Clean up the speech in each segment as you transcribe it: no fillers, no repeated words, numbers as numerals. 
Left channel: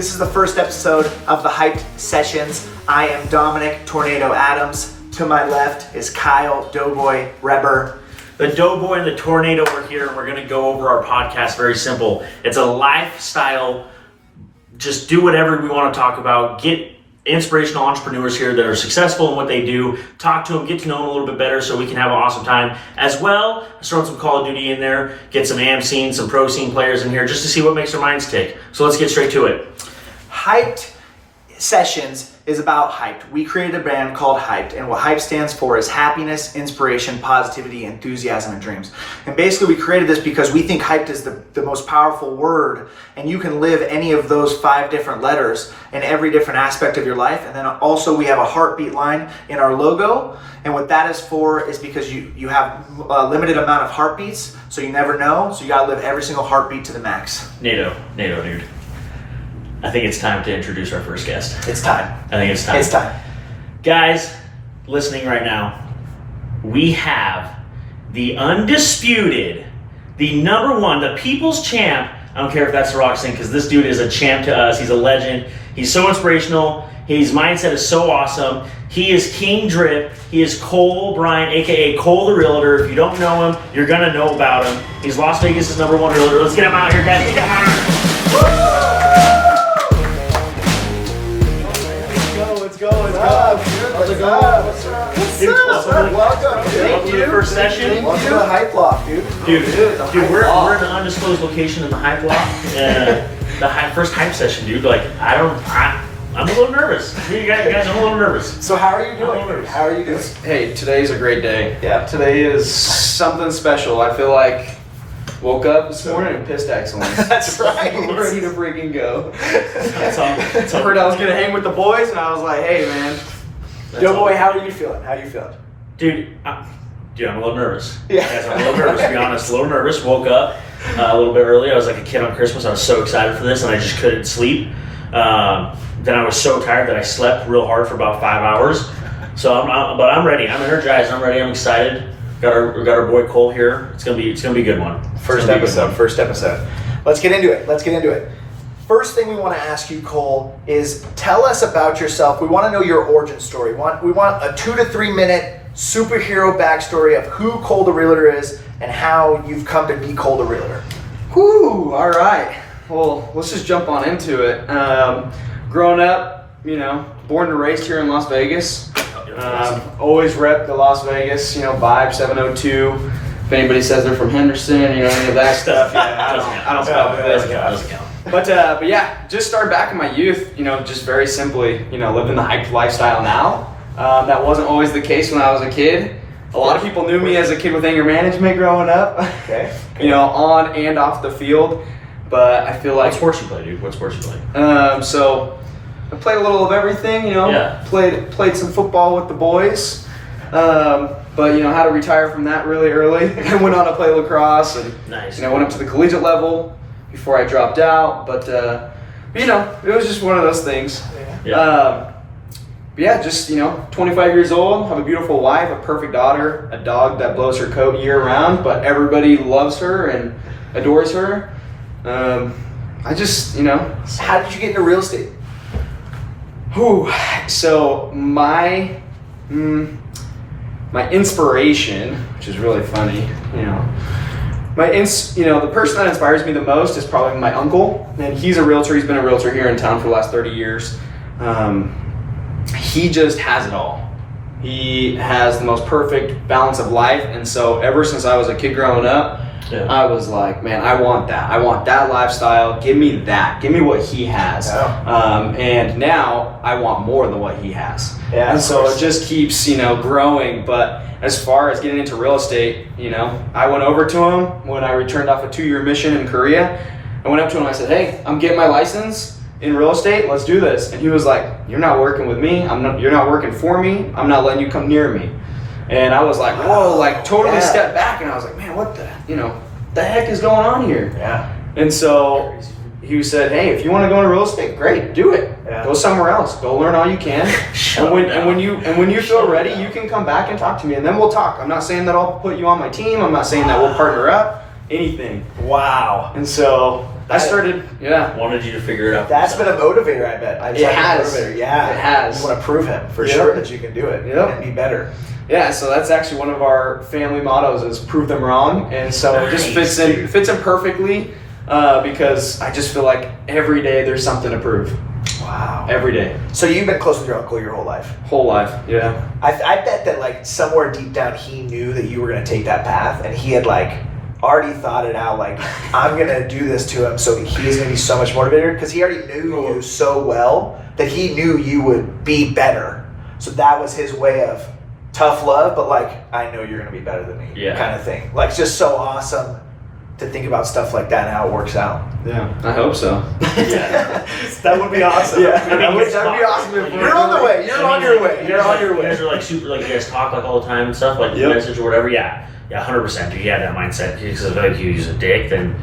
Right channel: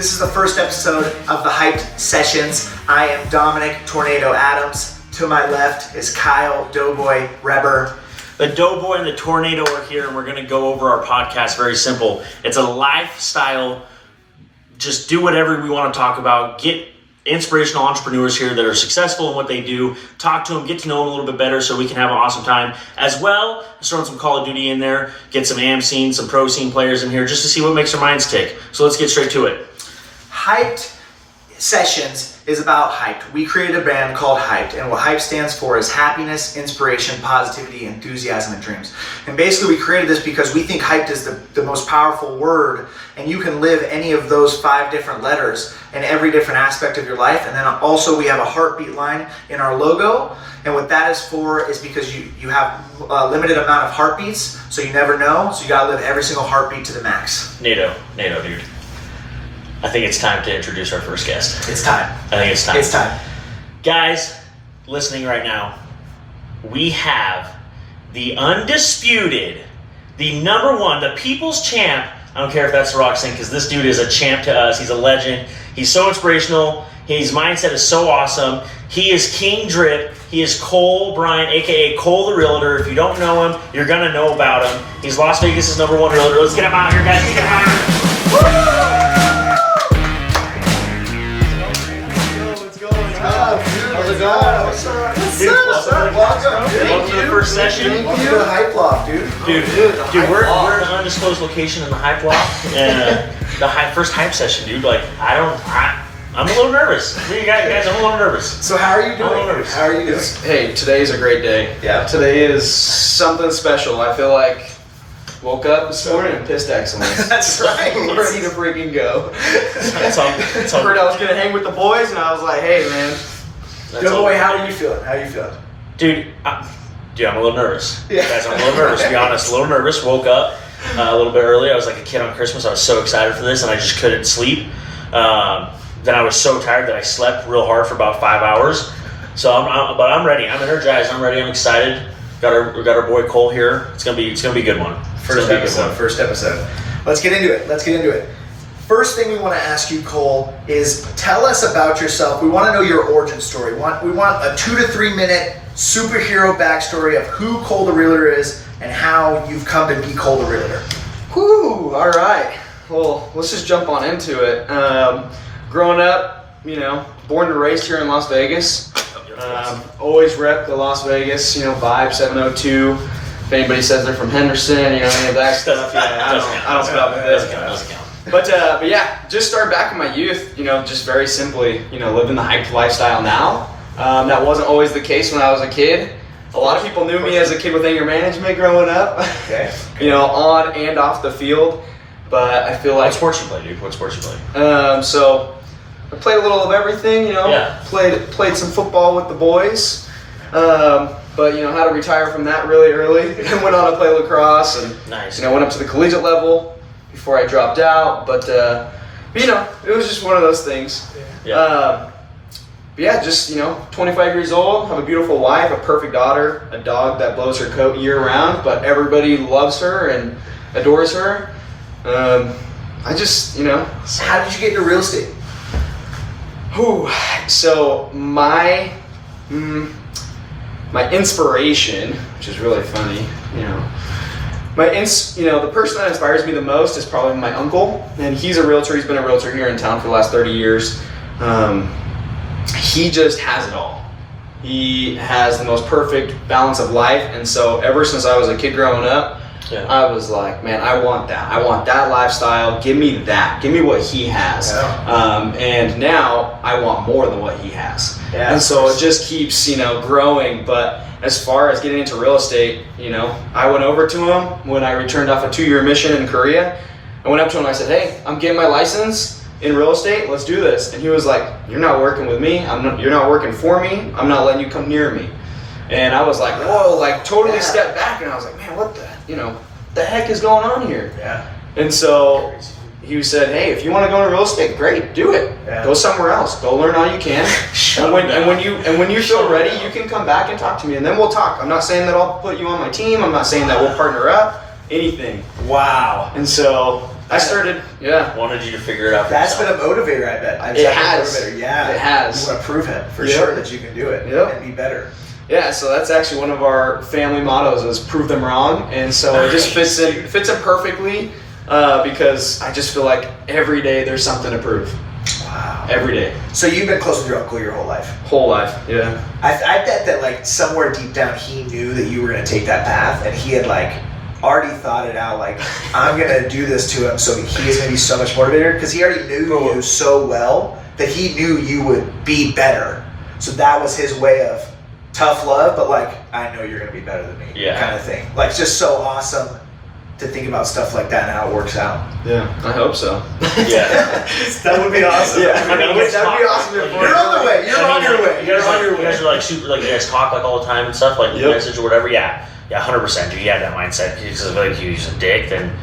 This is the first episode of the HiPED sessions. I am Dominic Tornado Adams. To my left is Kyle Doughboy Reber. The Doughboy and the Tornado are here, and we're going to go over our podcast. Very simple. It's a lifestyle. Just do whatever we want to talk about. Get inspirational entrepreneurs here that are successful in what they do. Talk to them, get to know them a little bit better so we can have an awesome time. As well, let's throw some Call of Duty in there, get some AM scene, some pro scene players in here just to see what makes their minds tick. So let's get straight to it. HiPED sessions is about HiPED. We created a brand called HiPED, and what HiPED stands for is happiness, inspiration, positivity, enthusiasm, and dreams. And basically we created this because we think HiPED is the most powerful word, and you can live any of those 5 different letters in every different aspect of your life. And then also we have a heartbeat line in our logo, and what that is for is because you have a limited amount of heartbeats, so you never know, so you gotta live every single heartbeat to the max. NATO, dude. I think it's time to introduce our first guest. It's time. I think it's time. It's time. Guys, listening right now, we have the undisputed, the number one, the people's champ. I don't care if that's the Rocks thing, because this dude is a champ to us. He's a legend. He's so inspirational. His mindset is so awesome. He is King Drip. He is Cole Bryan, a.k.a. Cole the Realtor. If you don't know him, you're going to know about him. He's Las Vegas' number one realtor. Let's get him out here, guys. Let's get him out here. How's it going? What's up? Welcome. Welcome to the first session. Welcome to the Hype Loft, dude. Dude, we're in an undisclosed location in the Hype Loft, and the first hype session, dude. Like, I'm a little nervous. Guys, I'm a little nervous. So how are you I'm a little doing? nervous. How are you doing? Hey, today's a great day. Yeah. Today is something special. I feel like woke up this morning and pissed excellence. That's right. Ready to freaking go. That's all. Heard I was gonna hang with the boys, and I was like, hey, man. Yo, boy, how are you feeling? How are you feeling? Dude, I'm a little nervous. Yeah. Guys, I'm a little nervous, to be honest. A little nervous. Woke up a little bit early. I was like a kid on Christmas. I was so excited for this, and I just couldn't sleep. Then I was so tired that I slept real hard for about 5 hours. So but I'm ready. I'm energized. I'm ready. I'm excited. Got our boy Cole here. It's gonna be a good one. First episode. Let's get into it. First thing we want to ask you, Cole, is tell us about yourself. We want to know your origin story. We want a 2 to 3 minute superhero backstory of who Cole the Realtor is and how you've come to be Cole the Realtor. Whew, all right. Well, let's just jump on into it. Growing up, born and raised here in Las Vegas. Always rep the Las Vegas, vibe 702. If anybody says they're from Henderson, any of that stuff, I don't stop with this. Doesn't count. But yeah, just started back in my youth, just very simply, living the hyped lifestyle now. That wasn't always the case when I was a kid. A lot of people knew me as a kid with anger management growing up, Okay. On and off the field. But I feel like... What sports you play, dude? What sports you play? So I played a little of everything, Yeah. Played some football with the boys. But had to retire from that really early. I went on to play lacrosse and Nice. went up to the collegiate level before I dropped out. But it was just one of those things. Yeah. But yeah, just 25 years old, have a beautiful wife, a perfect daughter, a dog that blows her coat year round, but everybody loves her and adores her. I just How did you get into real estate? So my inspiration, which is really funny, the person that inspires me the most is probably my uncle, and he's a realtor. He's been a realtor here in town for the last 30 years. He just has it all. He has the most perfect balance of life, and so ever since I was a kid growing up, I was like, man, I want that. I want that lifestyle. Give me that. Give me what he has. Yeah. And now I want more than what he has. Yeah, and so it just keeps, growing. But as far as getting into real estate, I went over to him when I returned off a 2-year mission in Korea. I went up to him and I said, hey, I'm getting my license in real estate. Let's do this. And he was like, you're not working with me. You're not working for me. I'm not letting you come near me. And I was like, whoa, totally stepped back. And I was like, man, what the heck is going on here? Yeah. And so he said, hey, if you want to go into real estate, great, do it. Yeah. Go somewhere else. Go learn all you can. and when you feel ready, you can come back and talk to me, and then we'll talk. I'm not saying that I'll put you on my team. I'm not saying that we'll partner up. Anything. Wow. And so I started, Wanted you to figure it out. That's been a motivator, I bet. It has. Motivator. Yeah. It has. You want to prove him for Yep. sure that you can do it and be better. Yeah, so that's actually one of our family mottos is prove them wrong, and so it just fits in perfectly because I just feel like every day there's something to prove. Wow. Every day. So you've been close with your uncle your whole life. Whole life, yeah. I bet that like somewhere deep down he knew that you were going to take that path, and he had like already thought it out. Like, I'm going to do this to him, so he's going to be so much motivated because he already knew you so well that he knew you would be better. So that was his way of tough love, but like, I know you're going to be better than me, kind of thing. Like, it's just so awesome to think about stuff like that and how it works out. Yeah, I hope so. Yeah. That would be awesome. Yeah, that would be awesome. You're on the way. You're on your way. You guys are like super, like you guys talk like all the time and stuff, like message or whatever. Yeah, 100%. Dude, you had that mindset because if like he was a dick, then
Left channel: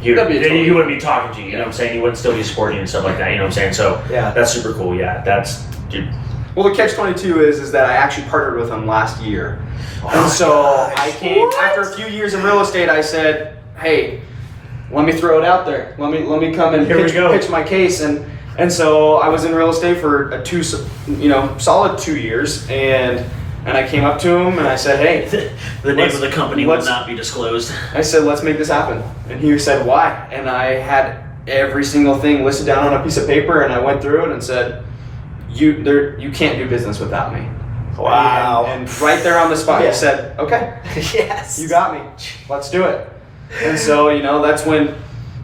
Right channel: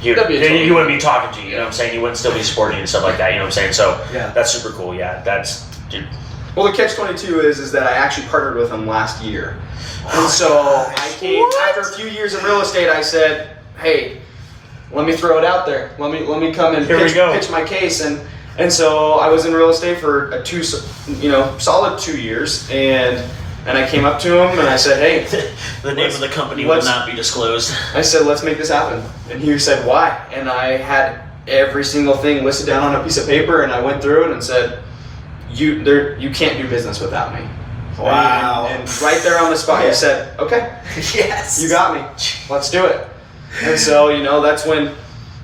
he wouldn't be talking to you. You know what I'm saying? He wouldn't still be supporting you and stuff like that. You know what I'm saying? So that's super cool. Yeah, that's dude. Well, the catch-22 is that I actually partnered with him last year. And so I came, after a few years in real estate, I said, hey, let me throw it out there. Let me come and pitch my case. And so I was in real estate for solid 2 years. And I came up to him and I said, hey. The name of the company will not be disclosed. I said, let's make this happen. And he said, why? And I had every single thing listed down on a piece of paper, and I went through it and said, you can't do business without me. Wow. And right there on the spot, you said, okay, yes, you got me. Let's do it. And so, that's when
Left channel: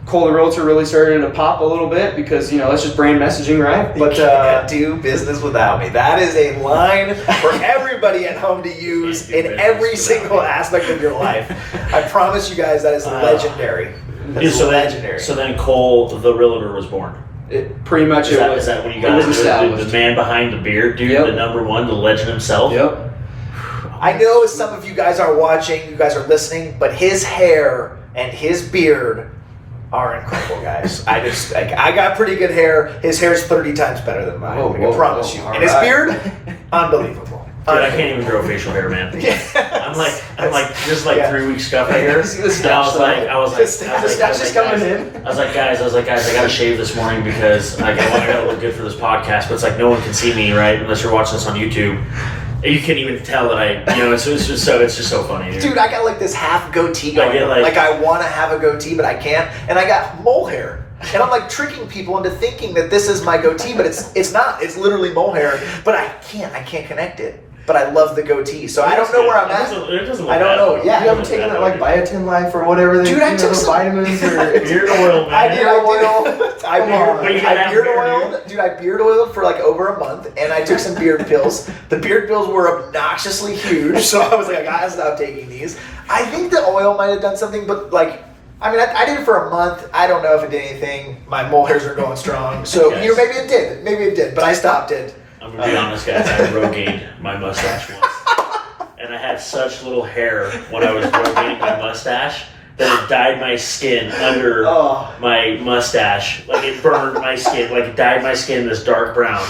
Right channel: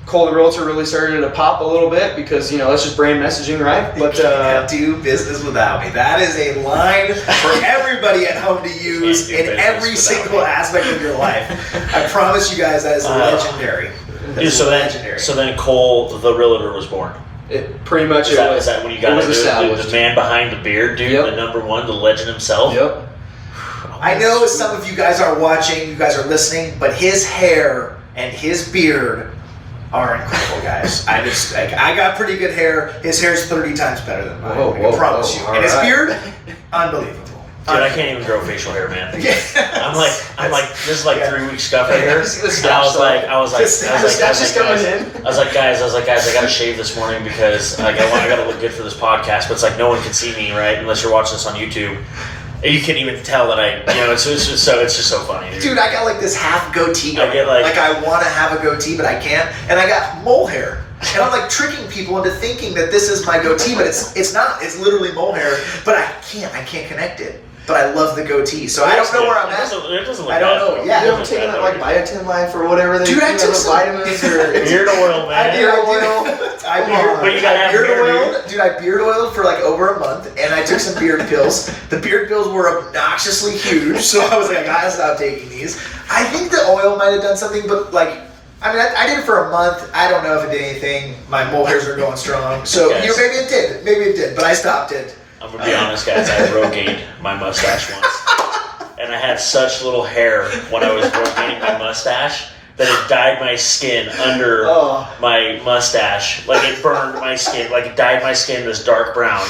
Cole the Realtor really started to pop a little bit because, that's just brand messaging, right? But you can't do business without me. That is a line for everybody at home to use in every single aspect of your life. I promise you guys that is legendary. Legendary. So then Cole the Realtor was born. It pretty much is that what you got? It was established. The man behind the beard, dude. The number one, the legend himself. Yep. I know some of you guys are watching, you guys are listening, but his hair and his beard are incredible, guys. I got pretty good hair. His hair's 30 times better than mine. I promise you. And his beard, unbelievable. Dude, I can't even grow facial hair, man. I'm like, this is like 3 weeks stuff right here. I was like, guys, I gotta shave this morning because I gotta look good for this podcast. But it's like no one can see me, right? Unless you're watching this on YouTube. You can't even tell that it's just so funny, dude. I got like this half goatee going. I want to have a goatee, but I can't. And I got mole hair. And I'm like tricking people into thinking that this is my goatee, but it's not. It's literally mole hair. But I can't connect it. But I love the goatee, so I don't know where I'm at. It doesn't look I don't know. Yeah, you haven't taken that like biotin life or whatever they I took those vitamins or beard oil, man. I beard oiled for like over a month, and I took some beard pills. The beard pills were obnoxiously huge, so I was like, I gotta stop taking these. I think the oil might have done something, but like, I did it for a month. I don't know if it did anything. My mole hairs are going strong, so maybe it did, but I stopped it. I'm gonna be honest, guys. I Rogained my mustache once, and I had such little hair when I was Rogaining my mustache that it dyed my skin under my mustache. Like it burned my skin, like it dyed my skin this dark brown.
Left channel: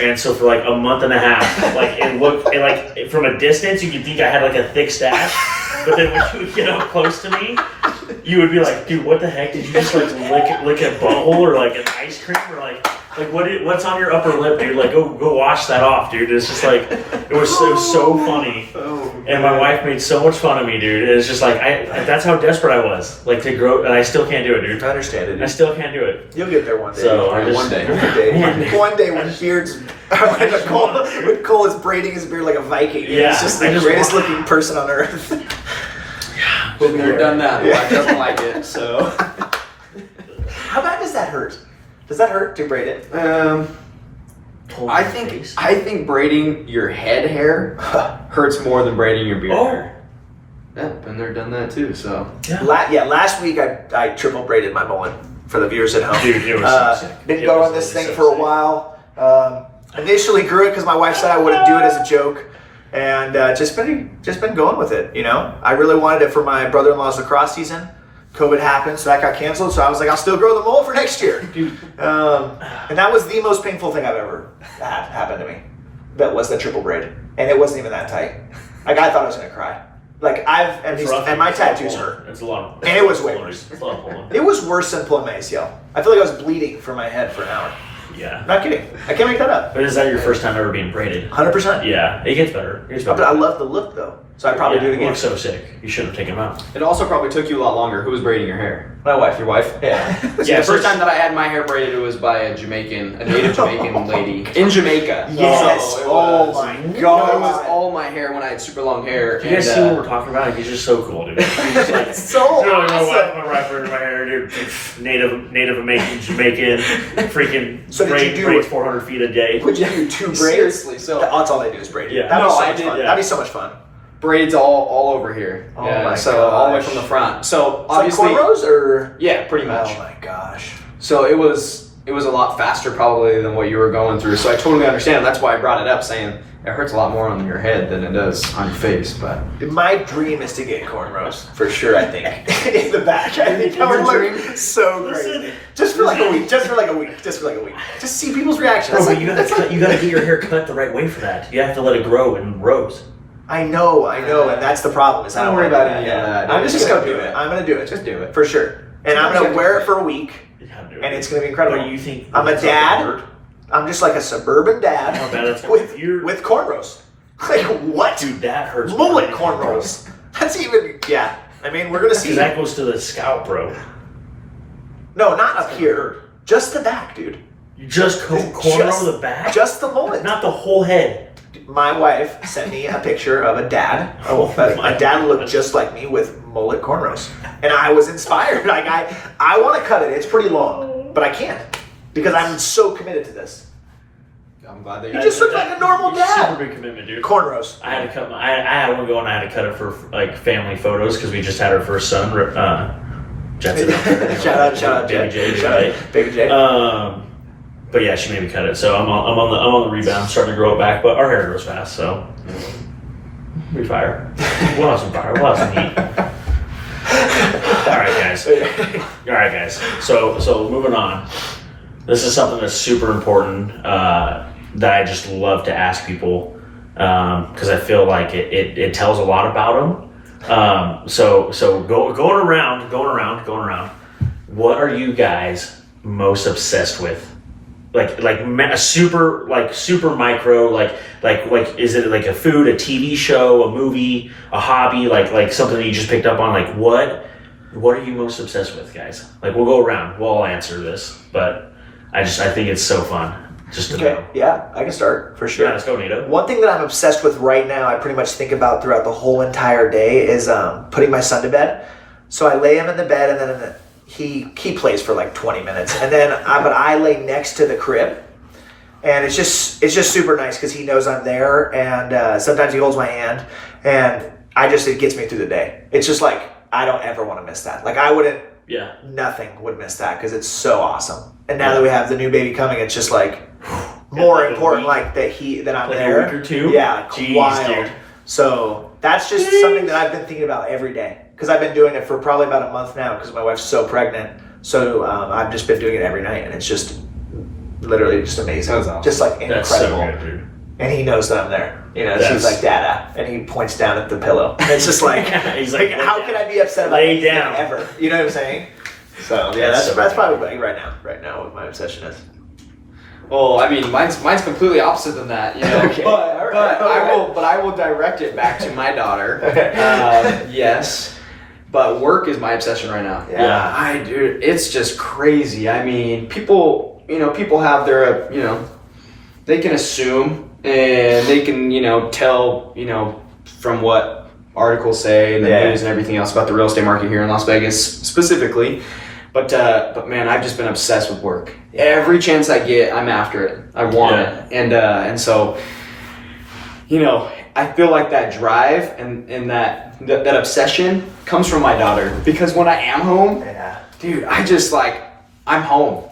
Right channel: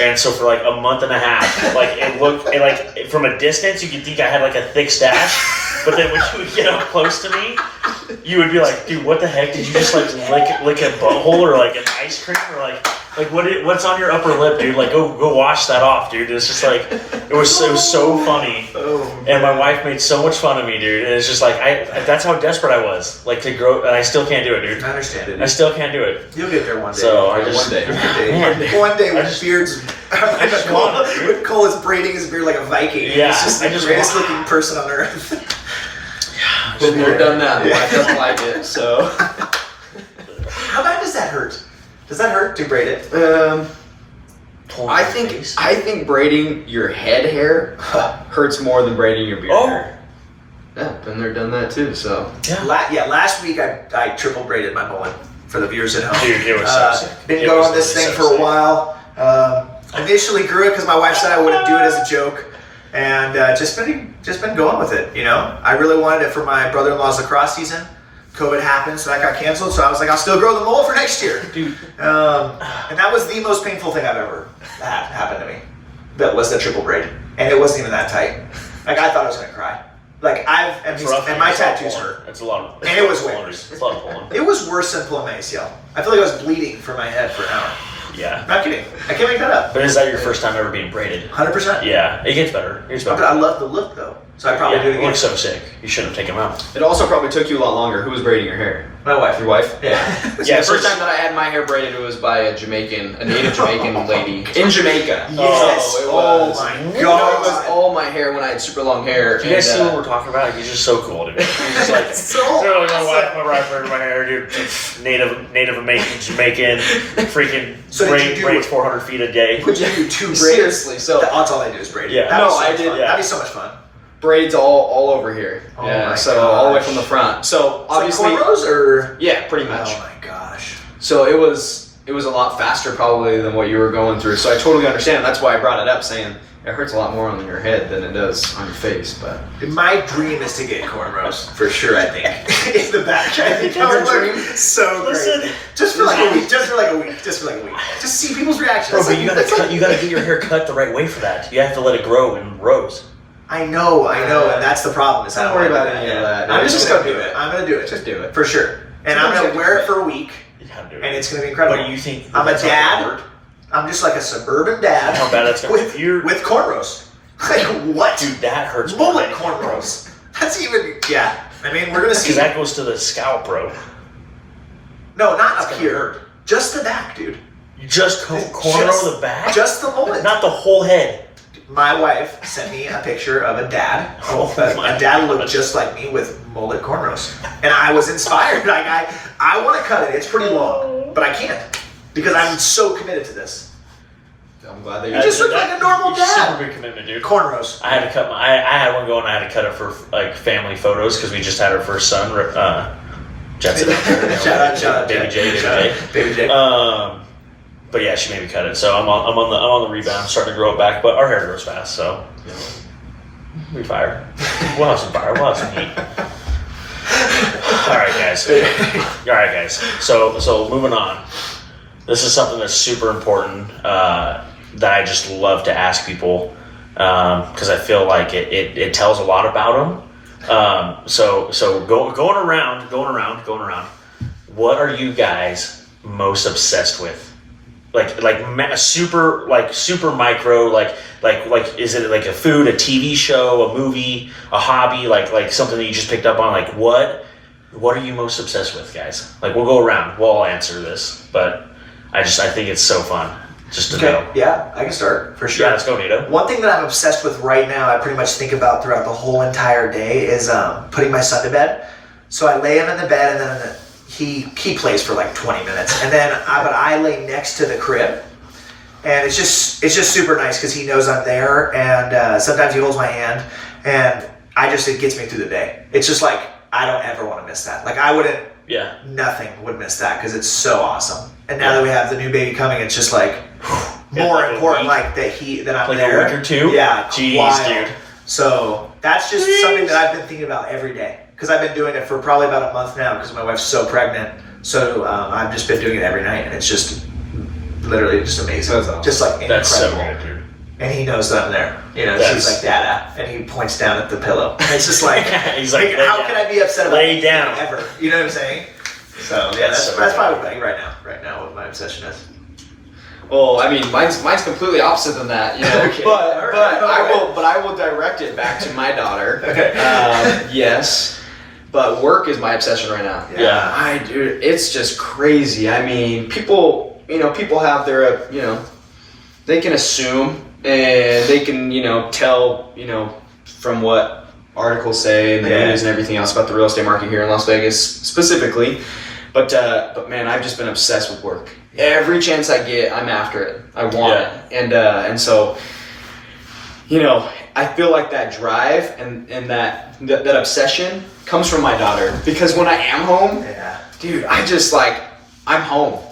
And so for like a month and a half, like it looked like from a distance you could think I had like a thick stash, but then when you would get up close to me, you would be like, dude, what the heck? Did you just like lick a butthole or like an ice cream or like what's on your upper lip, dude? Like go wash that off, dude. It's just like it was so funny. And my wife made so much fun of me, dude. And it's just like that's how desperate I was, like to grow, and I still can't do it, dude. I understand it. I still can't do it. You'll get there one day. So one day when beards. When Cole is braiding his beard like a Viking. Yeah, he's just the greatest looking person on earth. Been there, done that. Wife doesn't like it, so. How bad does that hurt? Does that hurt to braid it? I think braiding your head hair hurts more than braiding your beard hair. Yeah, been there, done that too. So last week I triple braided my mullet for the viewers at home. Dude, it was been going this thing for a while. Initially grew it because my wife said I wouldn't do it as a joke, and just been going with it. I really wanted it for my brother-in-law's lacrosse season. COVID happened, so that got canceled. So I was like, I'll still grow the mullet for next year. Dude. And that was the most painful thing I've ever had happen to me. That was the triple braid, and it wasn't even that tight. Like I thought I was gonna cry. Like and my tattoos hurt. It's a lot. And it was way worse. It's a lot of pulling. It was worse than pulling my ACL. I feel like I was bleeding from my head for an hour. Yeah. Not kidding. I can't make that up. But is that your first time ever being braided? 100%. Yeah, it gets better. But I love the look though, so I probably do it It again. looks so sick. You shouldn't have taken them out. It also probably took you a lot longer. Who was braiding your hair? My wife. Your wife? Yeah. See, the first time that I had my hair braided, it was by a native Jamaican lady in Jamaica. Yes. it was. Oh my No, god. it was all my hair when I had super long hair. Do you guys see what we're talking about? He's just so cool, dude. He's just like, so awesome. my wife braided my hair, dude. Native American, Jamaican, freaking So did you do braids it? 400 feet a day. Would you do 2 braids? Seriously, so That's all they do is braid. Yeah. That'd be No, so I much did- fun. yeah. That'd be so much fun. braids all over here. Oh yeah, my so all the way gosh. from the front. So It's obviously, like cornrows or? yeah, pretty much. Oh my gosh. So it was a lot faster probably than what you were going through. So I totally understand. And that's why I brought it up, saying it hurts a lot more on your head than it does on your face. But My dream is to get cornrows for sure. I think in the back. I think Your that would dream? look so Listen. great. Just for like a week. Just for like a week. Just see people's reactions. Bro, but you That's gotta, like- you gotta get your hair cut the right way for that. You have to let it grow in rows. I know, and that's the problem. Is I Don't don't worry wanna about do any of that. I'm Just just go gonna do do it. it. I'm gonna do it. just do it. For sure. And I'm Sometimes you gonna have to wear it commit. for a week, You have to do it. and it's gonna be incredible. But you think I'm a it's not gonna dad. hurt? I'm just like a suburban dad How bad it's gonna be. with cornrows. Like what? Dude, that hurts. Mullet cornrows. That's even I mean, we're gonna see. Because that goes to the scalp, bro. No, not It's up gonna here. hurt. Just the back, dude. You just cornrow Just- the back? Just the mullet. Not the whole head. My wife sent me a picture of a dad. Oh my a dad looked gosh. just like me with mullet cornrows, and I was inspired. Like I want to cut it. It's pretty long, but I can't because I'm so committed to this. I'm glad that You just look like a normal Super dad. big commitment, dude. Cornrows. I had to cut I had one going. I had to cut it for like family photos because we just had our first son, Jensen. Shout out, Baby J. Baby J. But yeah, she made me cut it. So I'm on the rebound. I'm starting to grow it back, but our hair grows fast, so we fire. We'll have some fire. We'll have some heat. All right, guys. So moving on. This is something that's super important that I just love to ask people because I feel like it tells a lot about them. So going around. What are you guys most obsessed with? Super micro, like is it like a food, a TV show, a movie, a hobby, like something that you just picked up on? Like what are you most obsessed with, guys? Like we'll go around, we'll all answer this, but I think it's so fun just to know. Yeah, I can start for sure. Yeah, let's go, Nato. One thing that I'm obsessed with right now, I pretty much think about throughout the whole entire day, is putting my son to bed. So I lay him in the bed, and then he plays for like 20 minutes, and then I lay next to the crib, and it's just super nice because he knows I'm there, and sometimes he holds my hand, and it gets me through the day. It's just like I don't ever want to miss that. Like I wouldn't. Yeah. Nothing would miss that because it's so awesome. And now that we have the new baby coming, it's just like more like a important, week. like that I'm Like there. a week or two? Yeah, Jeez, wild. dude. So that's just something that I've been thinking about every day because I've been doing it for probably about a month now because my wife's so pregnant. So I've just been doing it every night, and it's just literally just amazing. That's awesome. Just like incredible. That's so good, dude. And he knows that I'm there. You know, That's- she's like, Dada. And he points down at the pillow. And it's just like, He's like, how can I be upset about lay anything down. ever? You know what I'm saying? So, yeah, That's that's so probably right now what my obsession is. Well, I mean, mine's completely opposite than that, you know. Okay. But All right. I will direct it back to my daughter. Okay. Yes, but work is my obsession right now. Yeah. Dude, it's just crazy. I mean, people have their, they can assume and they can, tell, from what articles say and the Yeah. news and everything else about the real estate market here in Las Vegas specifically. But man, I've just been obsessed with work. Every chance I get, I'm after it. I want it. And so, I feel like that drive and that obsession comes from my daughter. Because when I am home, Yeah. dude, I'm home.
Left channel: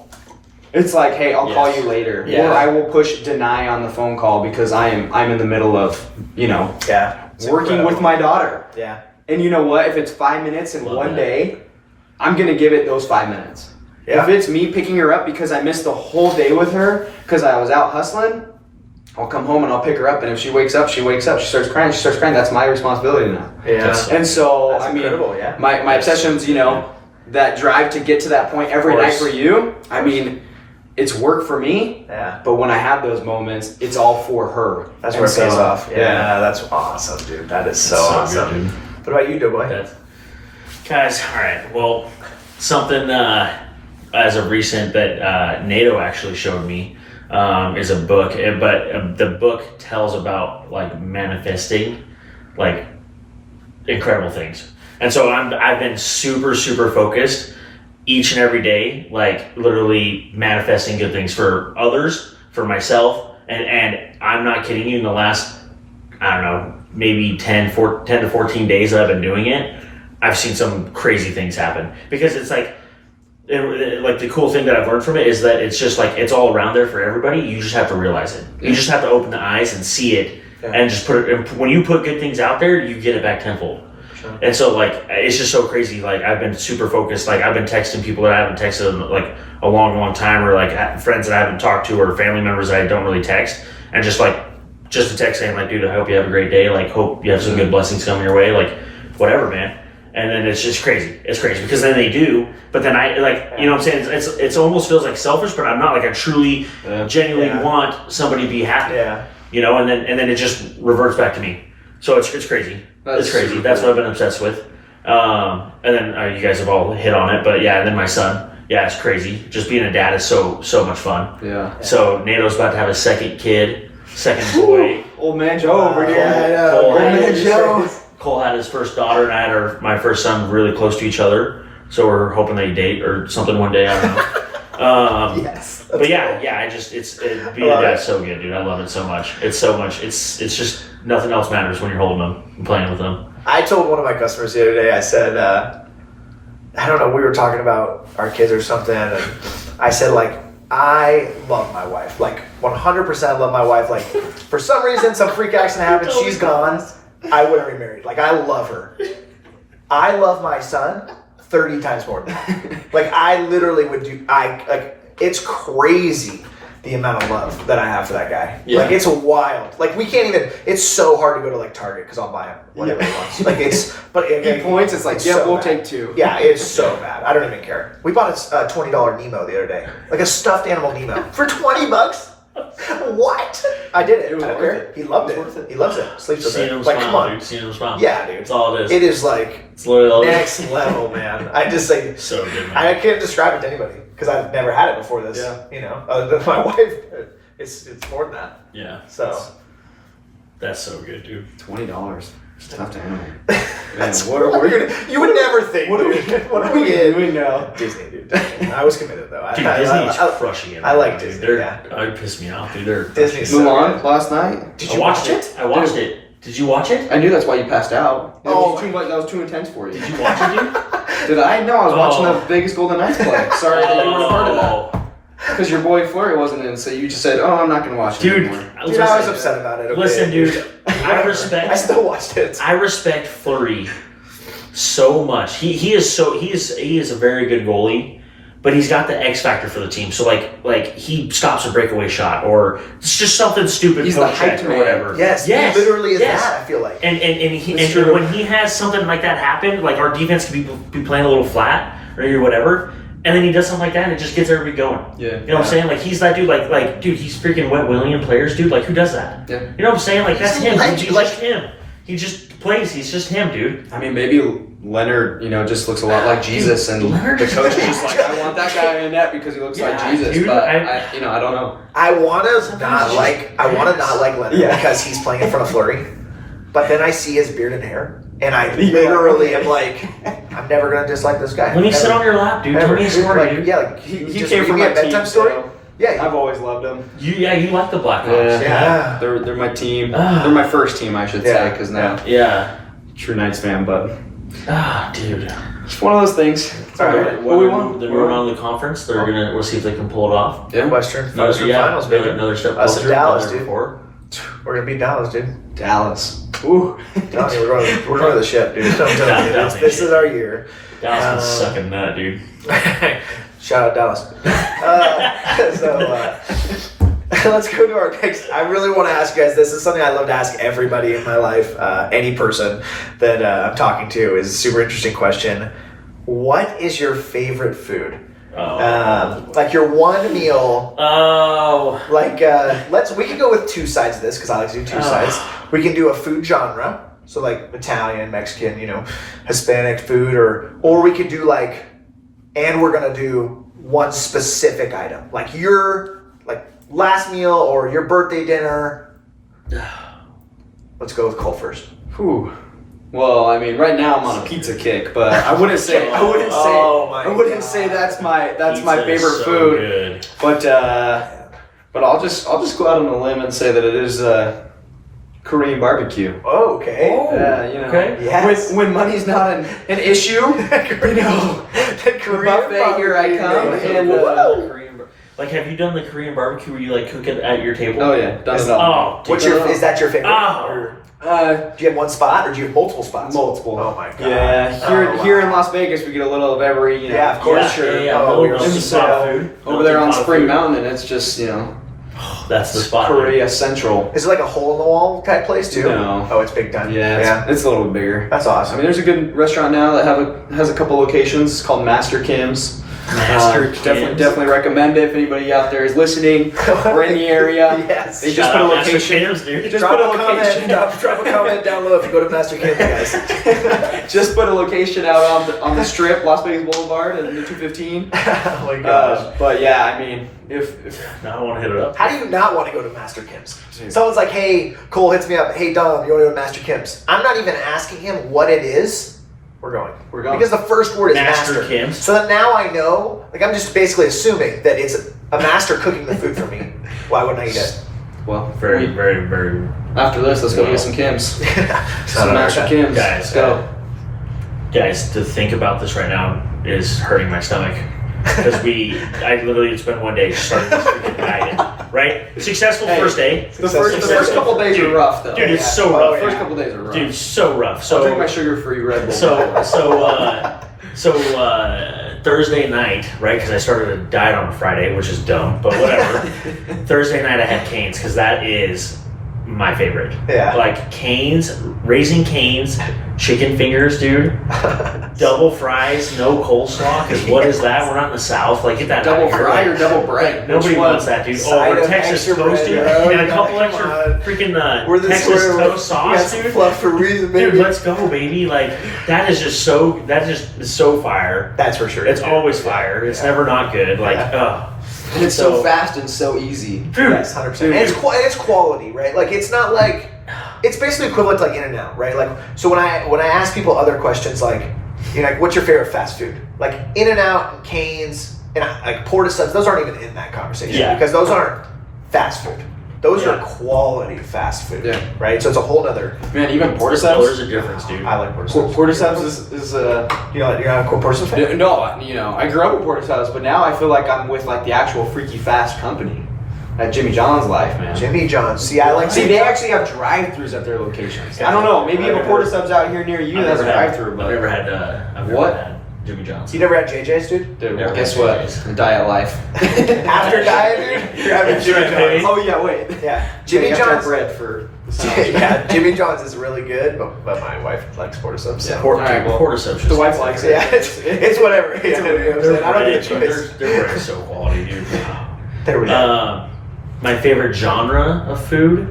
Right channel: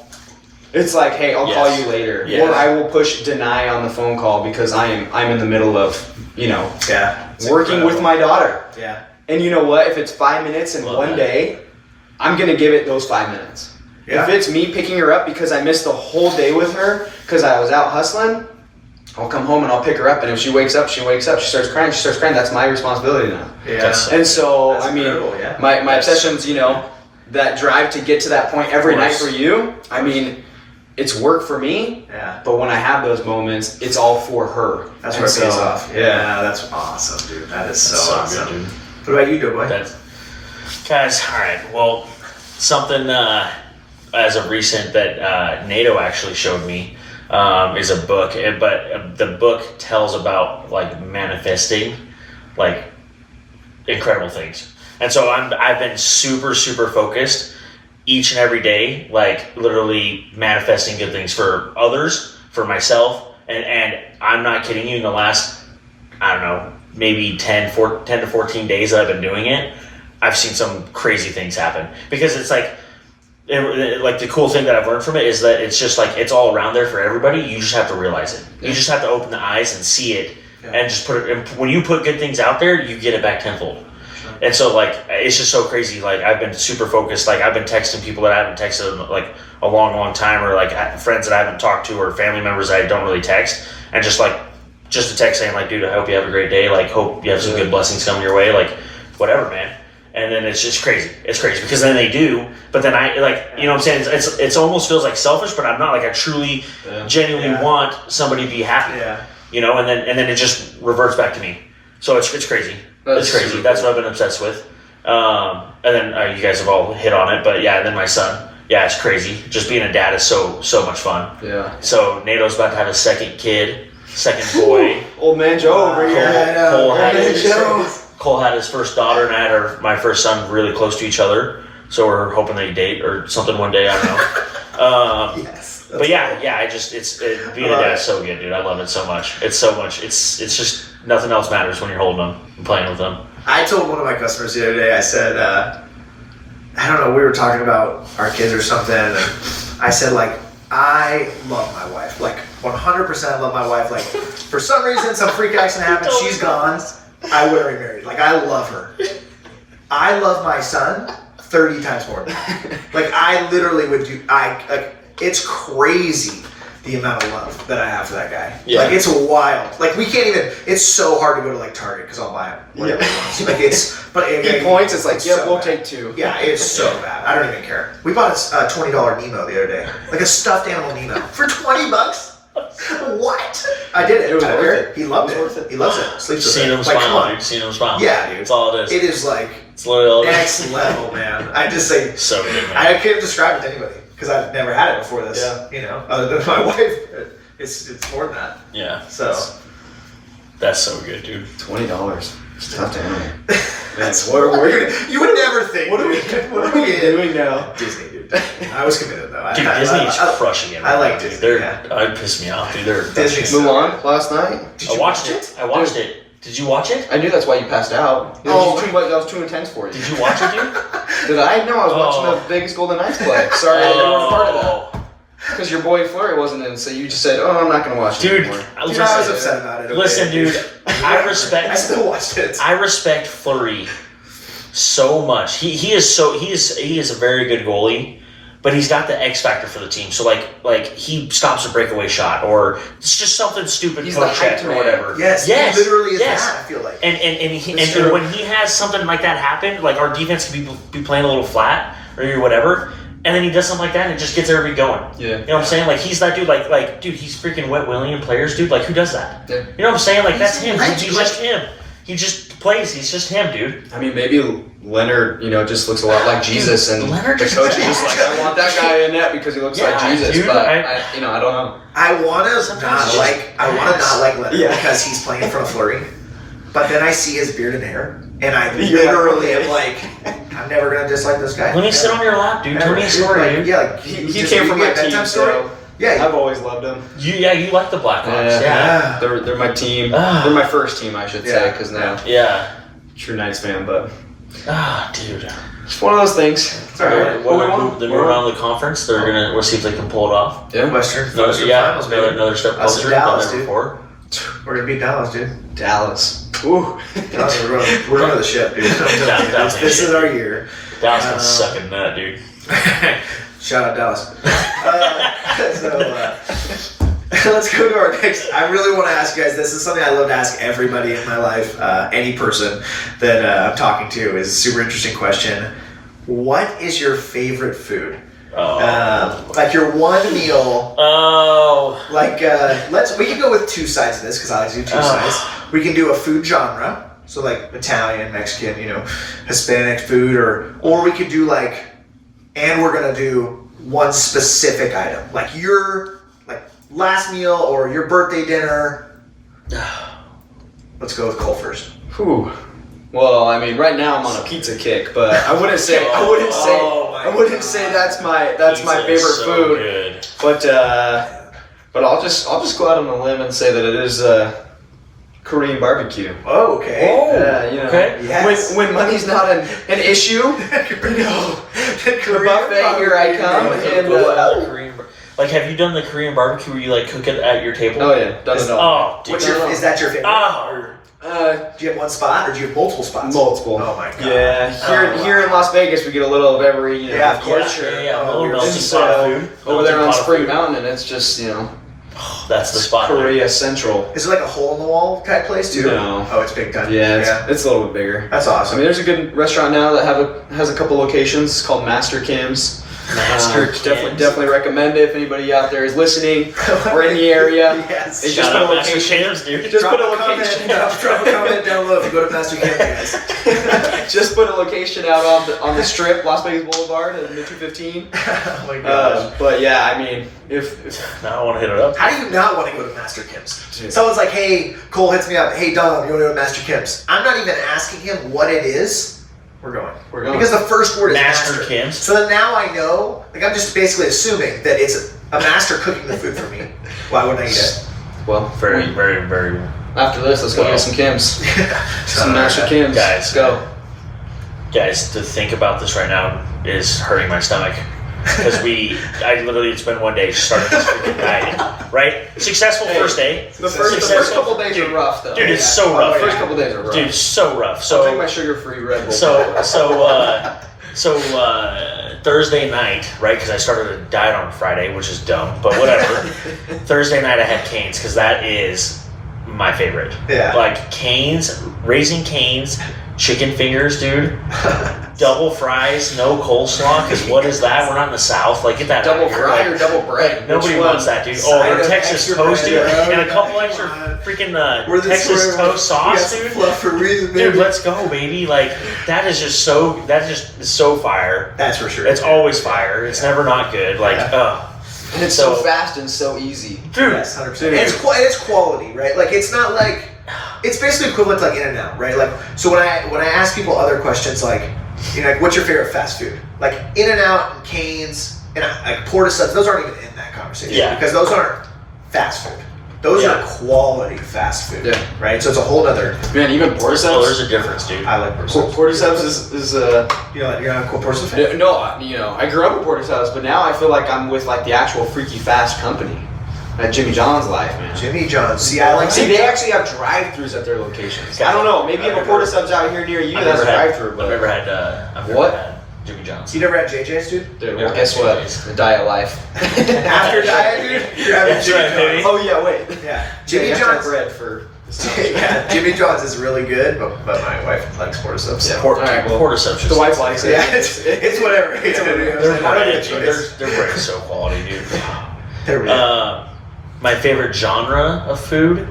It's like, hey, I'll call you later. Yeah. Or I will push deny on the phone call because I'm in the middle of, Yeah. It's working with incredible. my daughter. Yeah. And you know what? If it's 5 minutes in Love one that. day, I'm going to give it those 5 minutes. Yeah. If it's me picking her up because I missed the whole day with her because I was out hustling, I'll come home and I'll pick her up, and if she wakes up, she wakes up. She starts crying. That's my responsibility now. Yeah. And so, That's I mean, incredible, yeah. my obsessions, you know, that drive to get to that point every night for you. I mean, it's work for me. Yeah. But when I have those moments, it's all for her. That's And where it pays so, off. Yeah, that's awesome, dude. That is so That's awesome. good, dude. What about you, Doughboy? Guys, all right. Well, something as of recent that NATO actually showed me is a book, but the book tells about like manifesting, like incredible things. And so I've been super focused each and every day, like literally manifesting good things for others, for myself, and I'm not kidding you. In the last, I don't know, maybe 10 to 14 days that I've been doing it, I've seen some crazy things happen, because it's like, like the cool thing that I've learned from it is that it's just like, it's all around there for everybody. You just have to realize it. You just have to open the eyes and see it, and just put it. And when you put good things out there, you get it back tenfold. And so like, it's just so crazy. Like I've been super focused. Like I've been texting people that I haven't texted in like a long time, or like friends that I haven't talked to, or family members that I don't really text, and just a text saying like, dude, I hope you have a great day. Like, hope you have some good blessings coming your way. Like, whatever, man. And then it's just crazy. It's crazy because then they do, but then I like, you know what I'm saying? It's almost feels like selfish, but I'm not. Like I truly, genuinely want somebody to be happy. Yeah. You know, and then it just reverts back to me. So it's crazy. It's crazy. That's what I've been obsessed with. And then you guys have all hit on it, but yeah. And then my son, yeah, it's crazy. Just being a dad is so much fun. Yeah. So NATO's about to have a second boy. Old man Joe over here. Yeah, Old man Joe. Cole had his first daughter, and I had my first son really close to each other. So we're hoping they date or something one day. I don't know. Yes. But yeah, being a dad's so good, dude. I love it so much. It's so much. It's just nothing else matters when you're holding them and playing with them. I told one of my customers the other day, I said, I don't know, we were talking about our kids or something, and I said, like, I love my wife. Like, 100% love my wife. Like, for some reason, some freak accident happened, she's gone. I wouldn't remarry. Like, I love her. I love my son 30 times more. Like, I literally would do, it's crazy the amount of love that I have for that guy. Yeah. Like, it's wild. Like, we can't even, it's so hard to go to, like, Target, because I'll buy him whatever he wants. Like, it's, but He points, it's like, it's yep, so we'll bad. take two. Yeah, it's so bad. I don't even care. We bought a $20 Nemo the other day. Like a stuffed animal Nemo. For $20? What? I did it. It was I don't worth care. it. He loved It it. was worth it. He loves it. Sleeps with Seeing it. him Like, come smile, on. dude. Seeing him smile. Yeah, dude. That's all it is. It is like It's literally next level, man. I just say, so good, man. I can't describe it to anybody because I've never had it before this. Yeah. You know, other than my wife. It's more than that. Yeah. So That's so good, dude. $20. Stuffed animal. Man, that's what are we? you would never think. What are we doing now? Disney, dude. I was committed though. Dude, Disney's crushing it. I like right now, dude. Disney, They're, yeah. It pissed me off, dude. They're Disney's crushing it. Mulan last night. Did I you watched watch it. I watched it. Did you watch it? I knew that's why you passed out. That Oh. was too intense for you. Did you watch it, dude? Did I? No, I was watching the Vegas Golden Knights play. Sorry that you weren't a part of that. Oh. Because your boy Flurry wasn't in, so you just said, "Oh, I'm not going to watch it Dude, anymore." Dude, I was upset about it. Okay? Listen, dude. I I still watched it. I respect Fleury so much. He is a very good goalie, but he's got the X factor for the team. So like he stops a breakaway shot, or it's just something stupid. He's the poke check hyped or man. whatever. Yes, he literally is that, I feel like. And It's and true. when he has something like that happen, like our defense can be playing a little flat or whatever. And then he does something like that, and it just gets everybody going. Yeah. You know what I'm saying? Like, he's that dude, like, dude, he's freaking wet willing players, dude. Like, who does that? Yeah. You know what I'm saying? Like, that's him. He's He's just him. He just plays. He's just him, dude. I mean, maybe Leonard, just looks a lot like Jesus, and Leonard the just coach is looks just like like, I want that guy in net because he looks like Yeah, Jesus. dude, but I I don't know. I want to Sometimes not it's just like Leonard Yeah. because he's playing in front of Fleury. But then I see his beard and hair, and I Yeah. literally am like, I'm never gonna dislike this guy. Let me sit on your lap, dude. Tell me a story, Like, dude. yeah, like He just came from read my that team, bedtime story. so Yeah, I've always loved him. You like the Blackhawks. Yeah. They're my team. Ah. They're my first team, I should say, Yeah. because now Yeah. true Knights fan, but Dude. it's one of those things. It's all right. What, we the won. new round of the conference, we'll see if they can pull it off. Yeah. Western Finals, baby. Another step Us closer and Dallas, than dude. before. We're gonna beat Dallas, dude. Dallas. Ooh. Dallas, we're going to the ship, dude. I'm telling you, Dallas this is our year. Dallas been sucking nut, dude. Shout out Dallas. Let's go to our next. I really want to ask you guys. This is something I love to ask everybody in my life. Any person that I'm talking to is a super interesting question. What is your favorite food? Like your one meal. Like we can go with two sides of this because I like to do two sides. We can do a food genre, so like Italian, Mexican, Hispanic food, or we could do like, and we're gonna do one specific item, like your last meal or your birthday dinner. Let's go with Cole first. Whew. Well, I mean, right now I'm on a pizza kick, but I wouldn't say that's my favorite food. Good. But I'll just go out on a limb and say that it is Korean barbecue. Oh, okay. Okay. Yes. When money's not an issue, the buffet, here I come. And like, have you done the Korean barbecue where you like cook it at your table? oh yeah, done it all. Oh, Is that your favorite? Oh. Do you have one spot or do you have multiple spots? Multiple. Oh my god. Yeah. Here in Las Vegas, we get a little of every. Yeah, of course. Yeah. And so over there on Spring Mountain, it's just that's the spot. Korea Central. Is it like a hole in the wall type place too? No. Oh, it's big time. Yeah, it's a little bit bigger. That's awesome. I mean, there's a good restaurant now that has a couple locations. It's called Master Kim's. Definitely recommend it if anybody out there is listening or in the area. Yes. They just put a location. Put a location. Drop a comment down below if you go to Master Kim, guys. Just put a location out on the strip, Las Vegas Boulevard, and the 215. Oh my gosh. But yeah, I mean, if now I want to hit it up. How do you not want to go to Master Kim's? Someone's like, hey, Cole hits me up. Hey, Dom, you want to go to Master Kim's? I'm not even asking him what it is. We're going. Because the first word is master. Kim's. So then now I know, I'm just basically assuming that it's a master cooking the food for me. Why wouldn't I eat it? Well, very, very, very. After this, let's go get some Kim's. Some Master Kim's. Guys, let's go. Guys, to think about this right now is hurting my stomach. Because I literally, it's been one day starting this freaking diet, right? Successful first day. The first couple days are rough, though. Dude, it's so rough. The first couple days are rough. Dude, so rough. So I'll drink my sugar-free Red Bull. So Thursday night, right? Because I started a diet on Friday, which is dumb, but whatever. Thursday night I had Cane's because that is my favorite. Yeah. Like Cane's, Raising Cane's, chicken fingers, dude. Double fries, no coleslaw. Because what is that? We're not in the South. Like, get that double out of fry here. or double bread? Nobody wants that, dude. Or Texas toast, dude, and a couple extra freaking Texas toast sauce, dude. For reason, baby. Dude, let's go, baby. Like, that is just so fire. That's for sure. It's always fire. It's never not good. Like, and it's so fast and so easy. Dude, yes, 100%. And it's quality, right? Like, it's not like, it's basically equivalent to like In-N-Out, right? Like, so when I ask people other questions like, like, what's your favorite fast food? Like In-N-Out and Cane's and like Porta Subs, those aren't even in that conversation because those aren't fast food. Those are quality fast food, right? So it's a whole other. Man, even Porta Subs. There's a difference, dude. I like Porta Subs. Porta Subs is you're not a Porta Subs fan? No, I grew up with Porta Subs, but now I feel like I'm with like the actual freaky fast company. At Jimmy John's life, man. Jimmy John's. See, they actually have drive-thrus at their locations. I don't know. Maybe you have a Porta Subs out here near you that's a drive-thru, but I've never had Jimmy John's. You never had JJ's, dude? Dude, well, guess what? The diet life. After diet, dude, you're having Jimmy John's. Oh yeah, wait. Yeah, Jimmy John's bread for. Jimmy John's is really good, but my wife likes Porta Subs. Yeah, Porta Subs. The wife likes it. Yeah, it's whatever. It's whatever. Their bread is so quality, dude. My favorite genre of food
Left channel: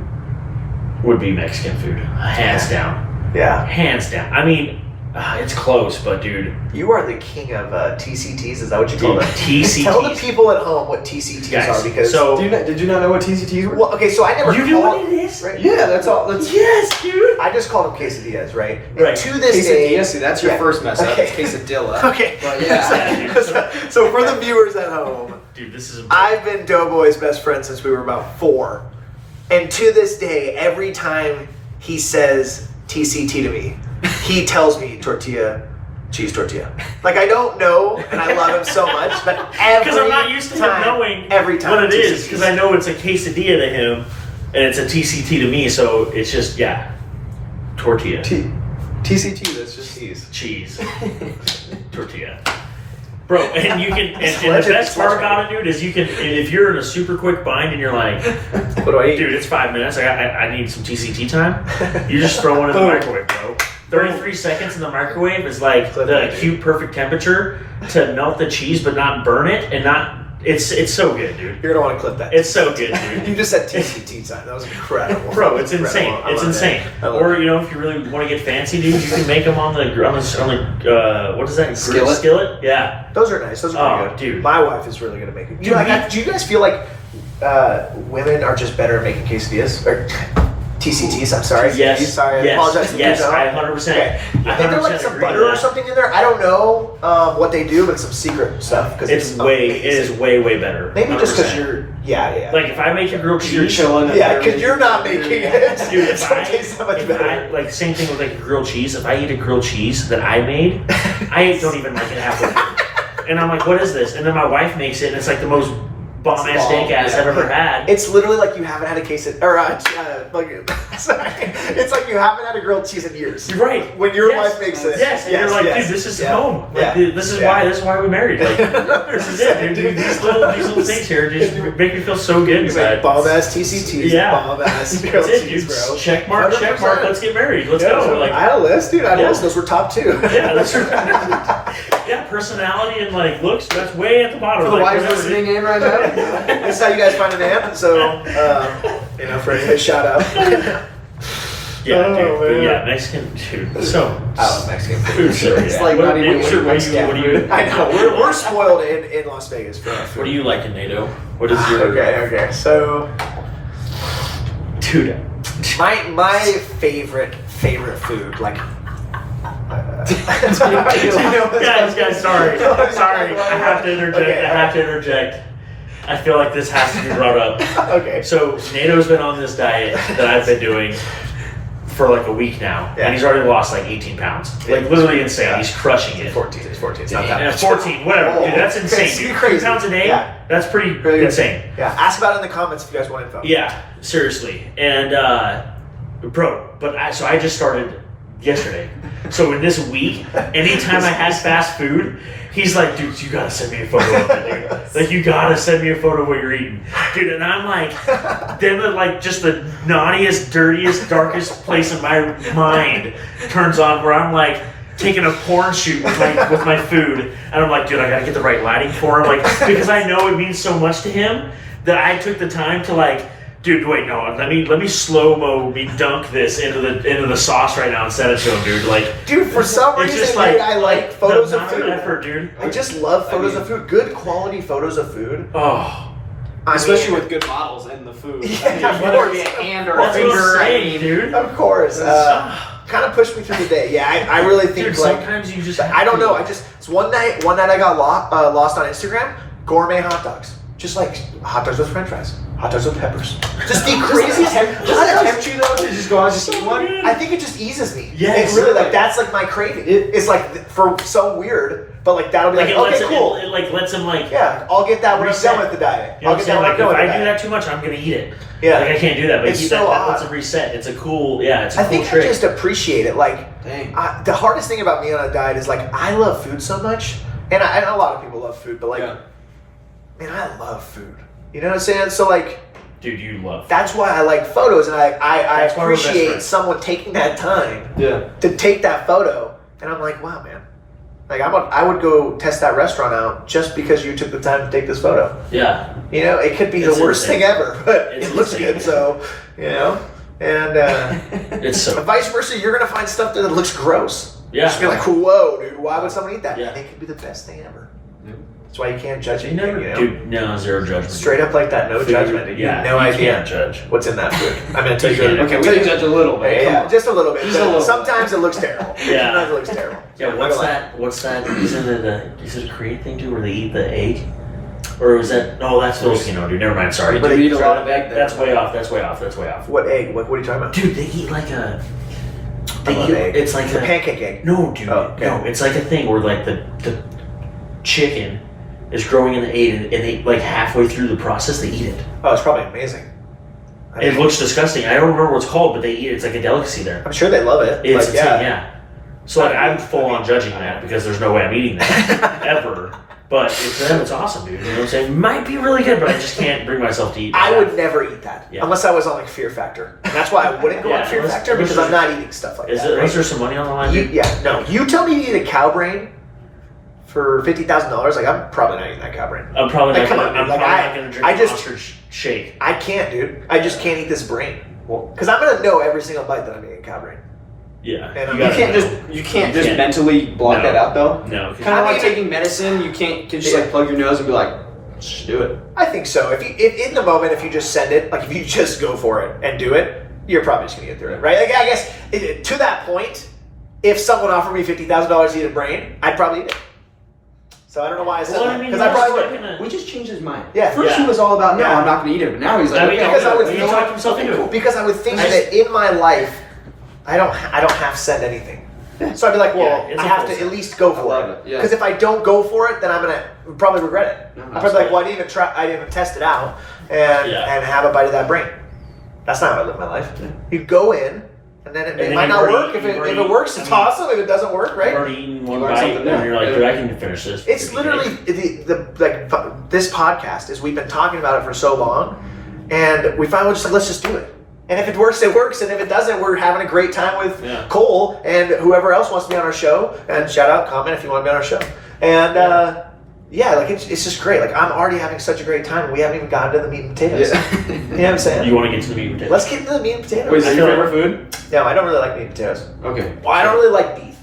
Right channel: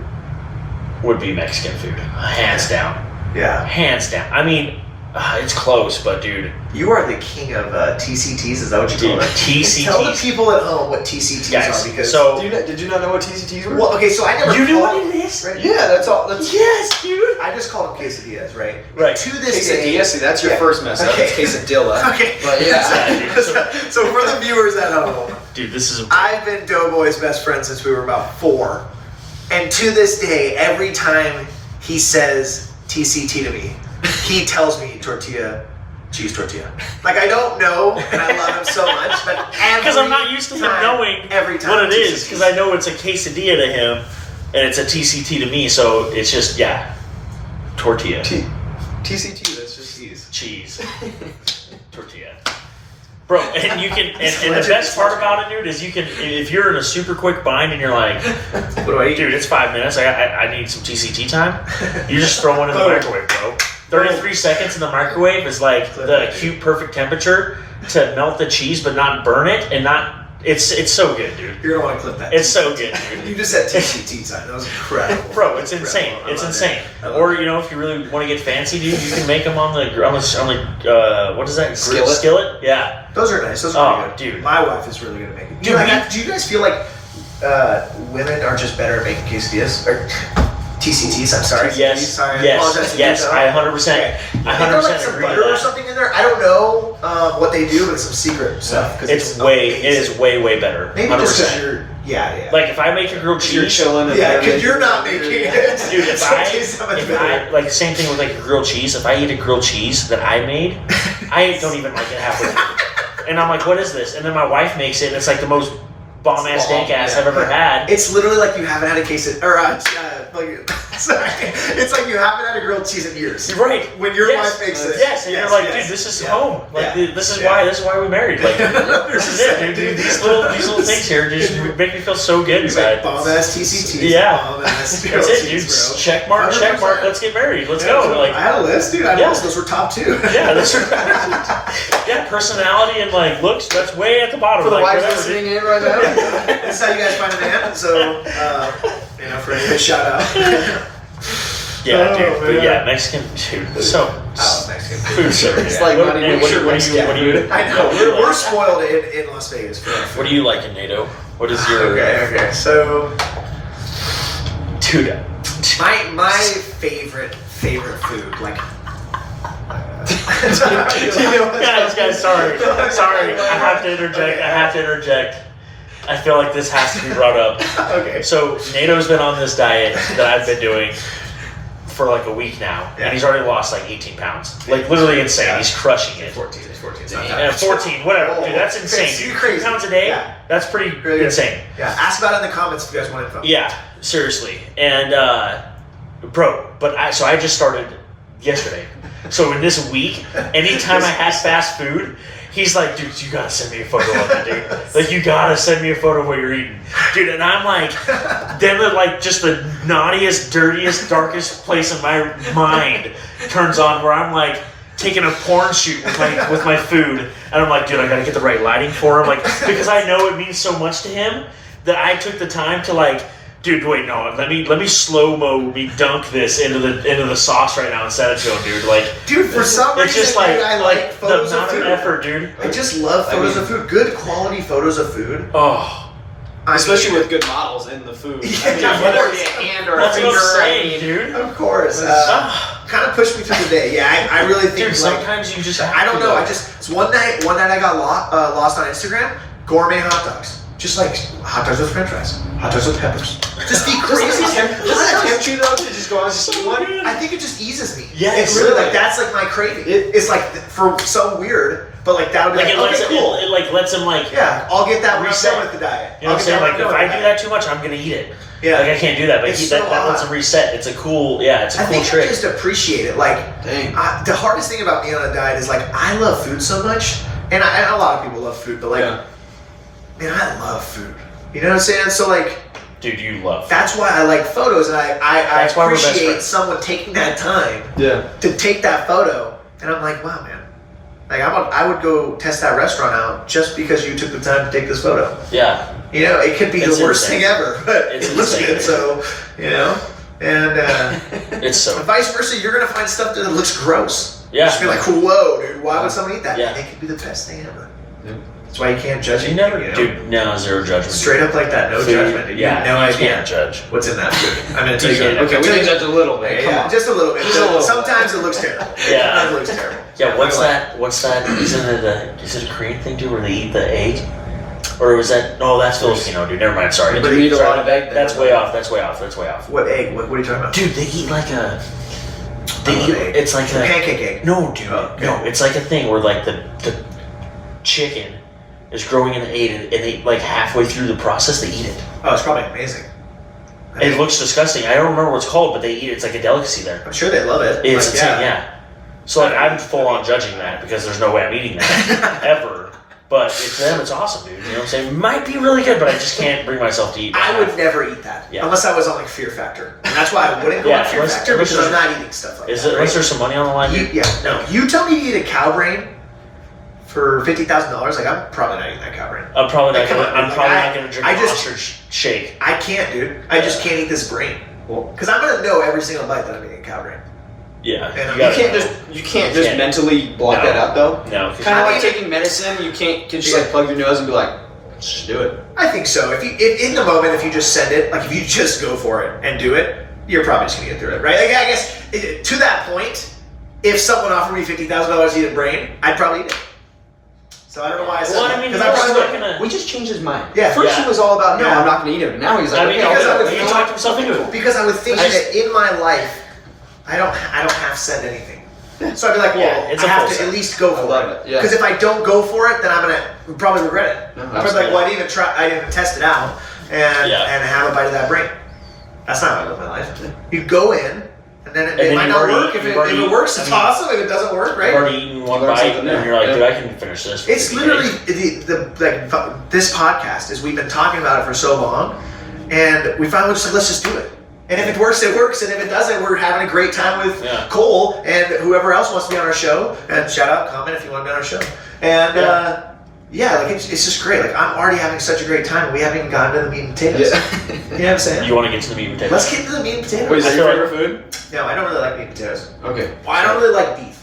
would be Mexican food, hands down. Yeah, hands down. I mean, it's close, but dude, you are the king of TCTs. Is that what you call them? TCTs. Tell the people at home what TCTs are, because did you not know what TCTs were? Well, okay, so I never. You knew what it is? Right? Yeah, that's all. Yes, dude. I just call them quesadillas, right? Right. To this quesadilla. See, that's your first mess up. Okay. It's quesadilla. Okay. But yeah. So for the viewers at home, dude, this is. I've been Doughboy's best friend since we were about 4, and to this day, every time he says TCT to me, he tells me tortilla. Cheese tortilla. Like, I don't know, and I love him so much, but because I'm not used to him knowing what it is, because I know it's a quesadilla to him, and it's a TCT to me, so it's just, tortilla. TCT, that's just cheese. Cheese. Tortilla. Bro, and you can, and the best part about it, dude, is you can, if you're in a super quick bind and you're like, What do I eat? dude, it's 5 minutes, I need some TCT time, you just throw one in the microwave, bro. 33 seconds in the microwave is like the acute perfect temperature to melt the cheese but not burn it and not, it's so good, dude. You're gonna want to clip that. It's so good, dude. You just said TCT time. That was incredible. Bro, it's insane. I It's love insane. that. I love Or that. you know, if you really want to get fancy, dude, you can make them on the what is that? Skillet? Skillet? Yeah. Those are nice. Those are Oh, pretty good. dude. My wife is really good at making. Dude, Do you guys feel like women are just better at making quesadillas or TCTs? I'm sorry. Yes. Sorry. I Yes. apologize. to Yes. you now. I 100%. Okay. I I think there's like 100% some agree butter with or that. something in there. I don't know what they do, but it's some secret stuff. Cause It's way. It is way better. Maybe just because 100%. you're. Yeah. Like if I make a grilled cheese, You're chilling. And Yeah, they're because you're not making making it. it. Dude, It's gonna taste so much better. like same thing with like a grilled cheese. If I eat a grilled cheese that I made, I don't even like it halfway through. And I'm like, what is this? And then my wife makes it, and it's like the most bomb ass steak ass I've ever had. It's literally like you haven't had a quesadilla, sorry. It's like you haven't had a grilled cheese in years. Right. When your Yes. wife makes it. Yes, and you're like, dude, this is home. Like, Yeah. this is why we married. Like, this is it, dude. These little things here just make me feel so good inside. Bomb ass TCTs. Yeah. Bomb ass That's grilled it, dude. cheese, bro. Check mark. 100%. Let's get married. Let's Yeah, go. Like, I had a list, dude. I had Yeah. a list. Those were top 2. yeah, that's yeah. Personality and like looks. That's way at the bottom. For the like, wives whatever, listening in right now. That's how you guys find a man. So, for a shout out. Yeah, Oh, dude. man. Yeah, Mexican, dude. So I love Mexican food. food so It's like not even sure Mexican food. I know. We're spoiled in Las Vegas for that food. What do you like in NATO? What is your Okay. So, dude? my favorite food, like. Guys, sorry. I have to interject. I feel like this has to be brought up. Okay. So NATO's been on this diet that I've been doing for like a week now, Yeah. and he's already lost like 18 pounds. Like literally insane. Yeah. He's crushing it. 14. It's not that Yeah, much. 14, whatever. Dude, that's insane. Crazy, Dude. crazy. 3 pounds a day? Yeah. That's pretty Pretty good. insane. Yeah. Ask about it in the comments if you guys want info. Yeah, seriously. And bro, so I just started yesterday. So in this week, anytime I had fast food, he's like, dude, you gotta send me a photo of it, dude. Like, you gotta send me a photo of what you're eating. Dude, and I'm like, then like just the naughtiest, dirtiest, darkest place in my mind turns on where I'm like taking a porn shoot with my food, and I'm like, dude, I gotta get the right lighting for him, like, because I know it means so much to him that I took the time to like, dude, wait, no, let me slow-mo me dunk this into the sauce right now and send it to him, dude. Like, Dude, for some it's reason, just dude, I like photos the of amount food. effort, dude. I just love photos of food. Good quality photos of food. Oh, Especially with good models in the food. Yeah, of whether it course. be a hand or a that's what I'm finger, saying, dude. Of course. Kind of pushed me through the day. Yeah, I really think Dude, like sometimes you just I don't have know. to. It's one night I got lost on Instagram. Gourmet hot dogs. Just like hot dogs with French fries, hot dogs with peppers. Just the crazy. Does it tempt you though to just go out and just eat one? I think it just eases me. Yes. It really like that's like my craving. It's like for so weird, but like that'll be Like, like, it lets okay, cool. it like lets him like. Yeah, I'll get that when I'm Reset. done with the diet. You know I'll what get I'm saying? that when Like, I'm done if with I the do diet. that too much, I'm gonna eat it. Yeah. Like, I can't do that, but It's that so lets odd. him reset. It's a cool, it's a I cool think trick. I just appreciate it. Like, Dang. the hardest thing about me on a diet is like I love food so much, and a lot of people love food, but like, Yeah. man, I love food. You know what I'm saying? So like, Dude, you love. that's why I like photos, and I That's why we're best appreciate friends. someone taking that time Yeah. to take that photo, and I'm like, wow, man. Like I would go test that restaurant out just because you took the time to take this photo. Yeah. You know, it could be It's the worst insane. thing ever, but It's it looks insane. good. So, you know, and It's so. vice versa, you're gonna find stuff that looks gross. Yeah. You're just gonna be like, whoa, dude, why would someone eat that? Yeah. And it could be the best thing ever. Yeah. That's why you can't judge You anything. never, You know? dude. No, zero judgment. Straight up like that, no Food, judgment. Dude. You Yeah, have no you idea can't judge. what's in that food. I'm gonna tell You you. can't. Okay, we can judge a little bit. Come Yeah, on. just a little bit. Just a little bit. Sometimes it looks terrible. Yeah. Sometimes it looks terrible. Yeah, what's that? Is it a Korean thing too, where they eat the egg? Or is that? No, that's Filipino, dude. Never mind. Sorry. But they eat a lot of egg there. That's way off. That's way off. What egg? What are you talking about? Dude, they eat like a. I love egg. It's like The a pancake egg. No, dude. Oh, okay. No, it's like a thing where like the chicken is growing in the egg, and they like halfway through the process they eat it. Oh, it's probably amazing. It looks disgusting. I don't remember what it's called, but they eat it. It's like a delicacy there. I'm sure they love it. It's Like, a thing, yeah. So like I'm full on judging that because there's no way I'm eating that ever. But for them, it's awesome, dude. You know what I'm saying? Might be really good, but I just can't bring myself to eat. I would never eat that Yeah. unless I was on like Fear Factor, and that's why I wouldn't go on Fear Factor because I'm not eating stuff like that. Is there some money on the line? No. You tell me you eat a cow brain for $50,000, like I'm probably not eating that cow brain. I'm probably Like, not. come on, I'm like, probably not gonna drink I a just- Monster shake. I can't, dude. I just can't eat this brain. Because I'm gonna know every single bite that I'm eating a cow brain. Yeah. And You can't just mentally block that out though. No. Kind of like taking medicine. You can't just like plug your nose and be like, just do it. I think so. If in the moment, if you just send it, like if you just go for it and do it, you're probably just gonna get through it, right? Like I guess to that point, if someone offered me $50,000 to eat a brain, I'd probably eat it. So I don't know why I said that. mean, Because I probably not would. gonna. We just changed his mind. Yeah. First he was all about, no, Yeah. I'm not going to eat it. But now he's like, I mean, okay, because I would he think- talked himself into it. Because I would think that in my life, I don't have to send anything. So I'd be like, well, Yeah, it's I a have full to set. at least go I for love it. it, yeah. Because if I don't go for it, then I'm gonna probably regret it. No, I'm probably like, fair. well, I didn't even try. I didn't even test it out and have a bite of that brain. That's not how I live my life. You go in, and then it then might you've not already- work. If you've it already- works, it's awesome. If it doesn't work, I've right? already eaten one learn bite, something new. and you're like, Yeah. dude, I can finish this. for It's 50 literally days. this podcast is we've been talking about it for so long, and we finally just like, let's just do it. And if it works, it works. And if it doesn't, we're having a great time with Cole and whoever else wants to be on our show. And shout out, comment if you want to be on our show. And like it's just great. Like I'm already having such a great time, and we haven't even gotten to the meat and potatoes. Yeah. You know what I'm saying? You want to get to the meat and potatoes? Let's get to the meat and potatoes. Wait, is that your favorite food? No, I don't really like meat and potatoes. Okay. Well, I don't really like beef.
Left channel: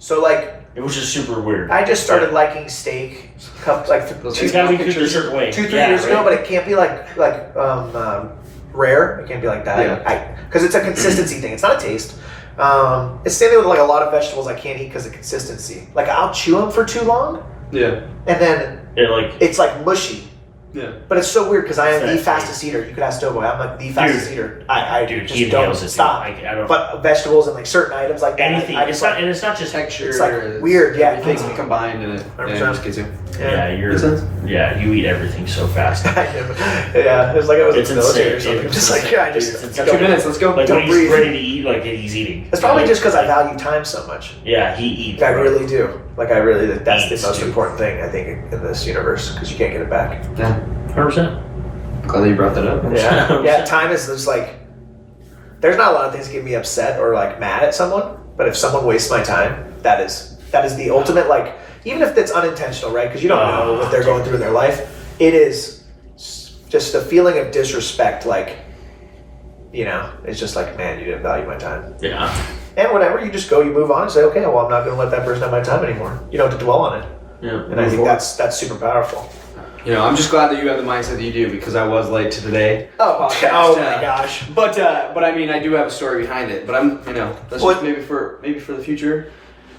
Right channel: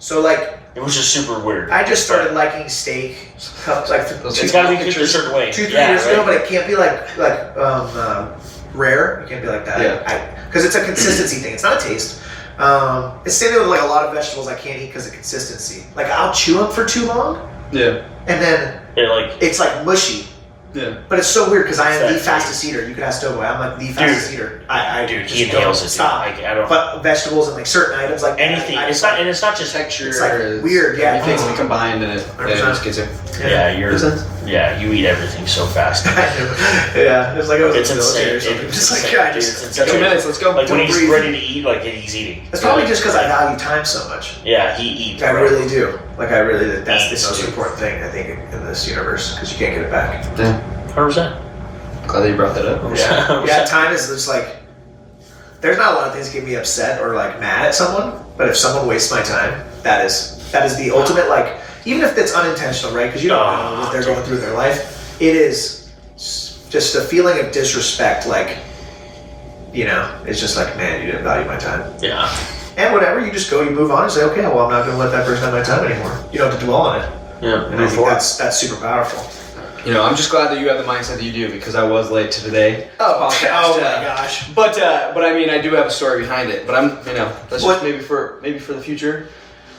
So like, It was just super weird. I just started liking steak. Like It's got to be cooked a certain way. 2-3 years ago, but it can't be like rare. It can't be like that. Yeah. Because it's a consistency thing. It's not a taste. It's same thing with like a lot of vegetables I can't eat because of consistency. Like I'll chew them for too long, Yeah. and then it's like mushy. Yeah. But it's so weird because I am the Exactly. fastest eater. You could ask Doughboy. I'm like the fastest eater. I Dude, just he inhales don't it. stop. Like, I don't. But vegetables and like certain items like that, Anything. I It's just not, like, and it's not just Texture. It's like is- weird, yeah. Everything's combined in it. Yeah, it 100%. just gets you. Yeah, you're. Makes sense. Yeah, you eat everything so fast. yeah, it was like I was in It's the military or insane. something. It's Just like insane. I just It's Got insane. 2 minutes. Let's go. Like Don't when he's breathe. ready to eat, like he's eating. It's probably just because I value time so much. Yeah, he eats. I bro. really do. Like I really, that's the Eats, most dude. important thing I think in this universe because you can't get it back. Yeah. 100%. Glad that you brought that up. Yeah, time is just like. There's not a lot of things that get me upset or like mad at someone, but if someone wastes my time, that is the ultimate like. Even if it's unintentional, right? Because you don't know what they're going through in their life. It is just a feeling of disrespect. Like, it's just like, man, you didn't value my time. Yeah. And whatever, you just go, you move on, and say, okay, well, I'm not going to let that person have my time anymore. You don't have to dwell on it. Yeah. And I think that's super powerful. I'm just glad that you have the mindset that you do because I was late to today. Podcast. Oh my gosh. But I mean, I do have a story behind it. But I'm, that's Well, just maybe for the future.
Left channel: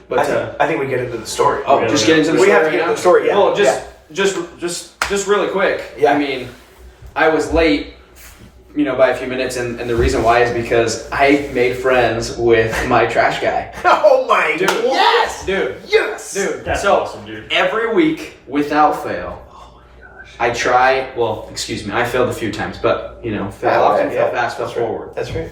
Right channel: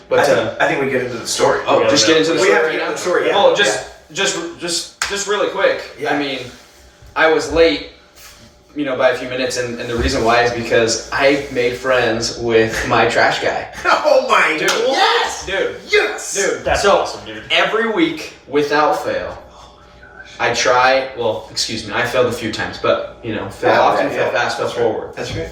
But I think we get into the story. oh, just get into the We story have to right get now. into the story, yeah. Well, just really quick. Yeah. I mean, I was late, by a few minutes, and the reason why is because I made friends with my trash guy. Oh my Dude. Yes! Dude. Yes! Dude, That's so awesome, dude. every week, without fail, I try. Well, excuse me, I failed a few times, but fail often, fail fast, fail forward. That's right.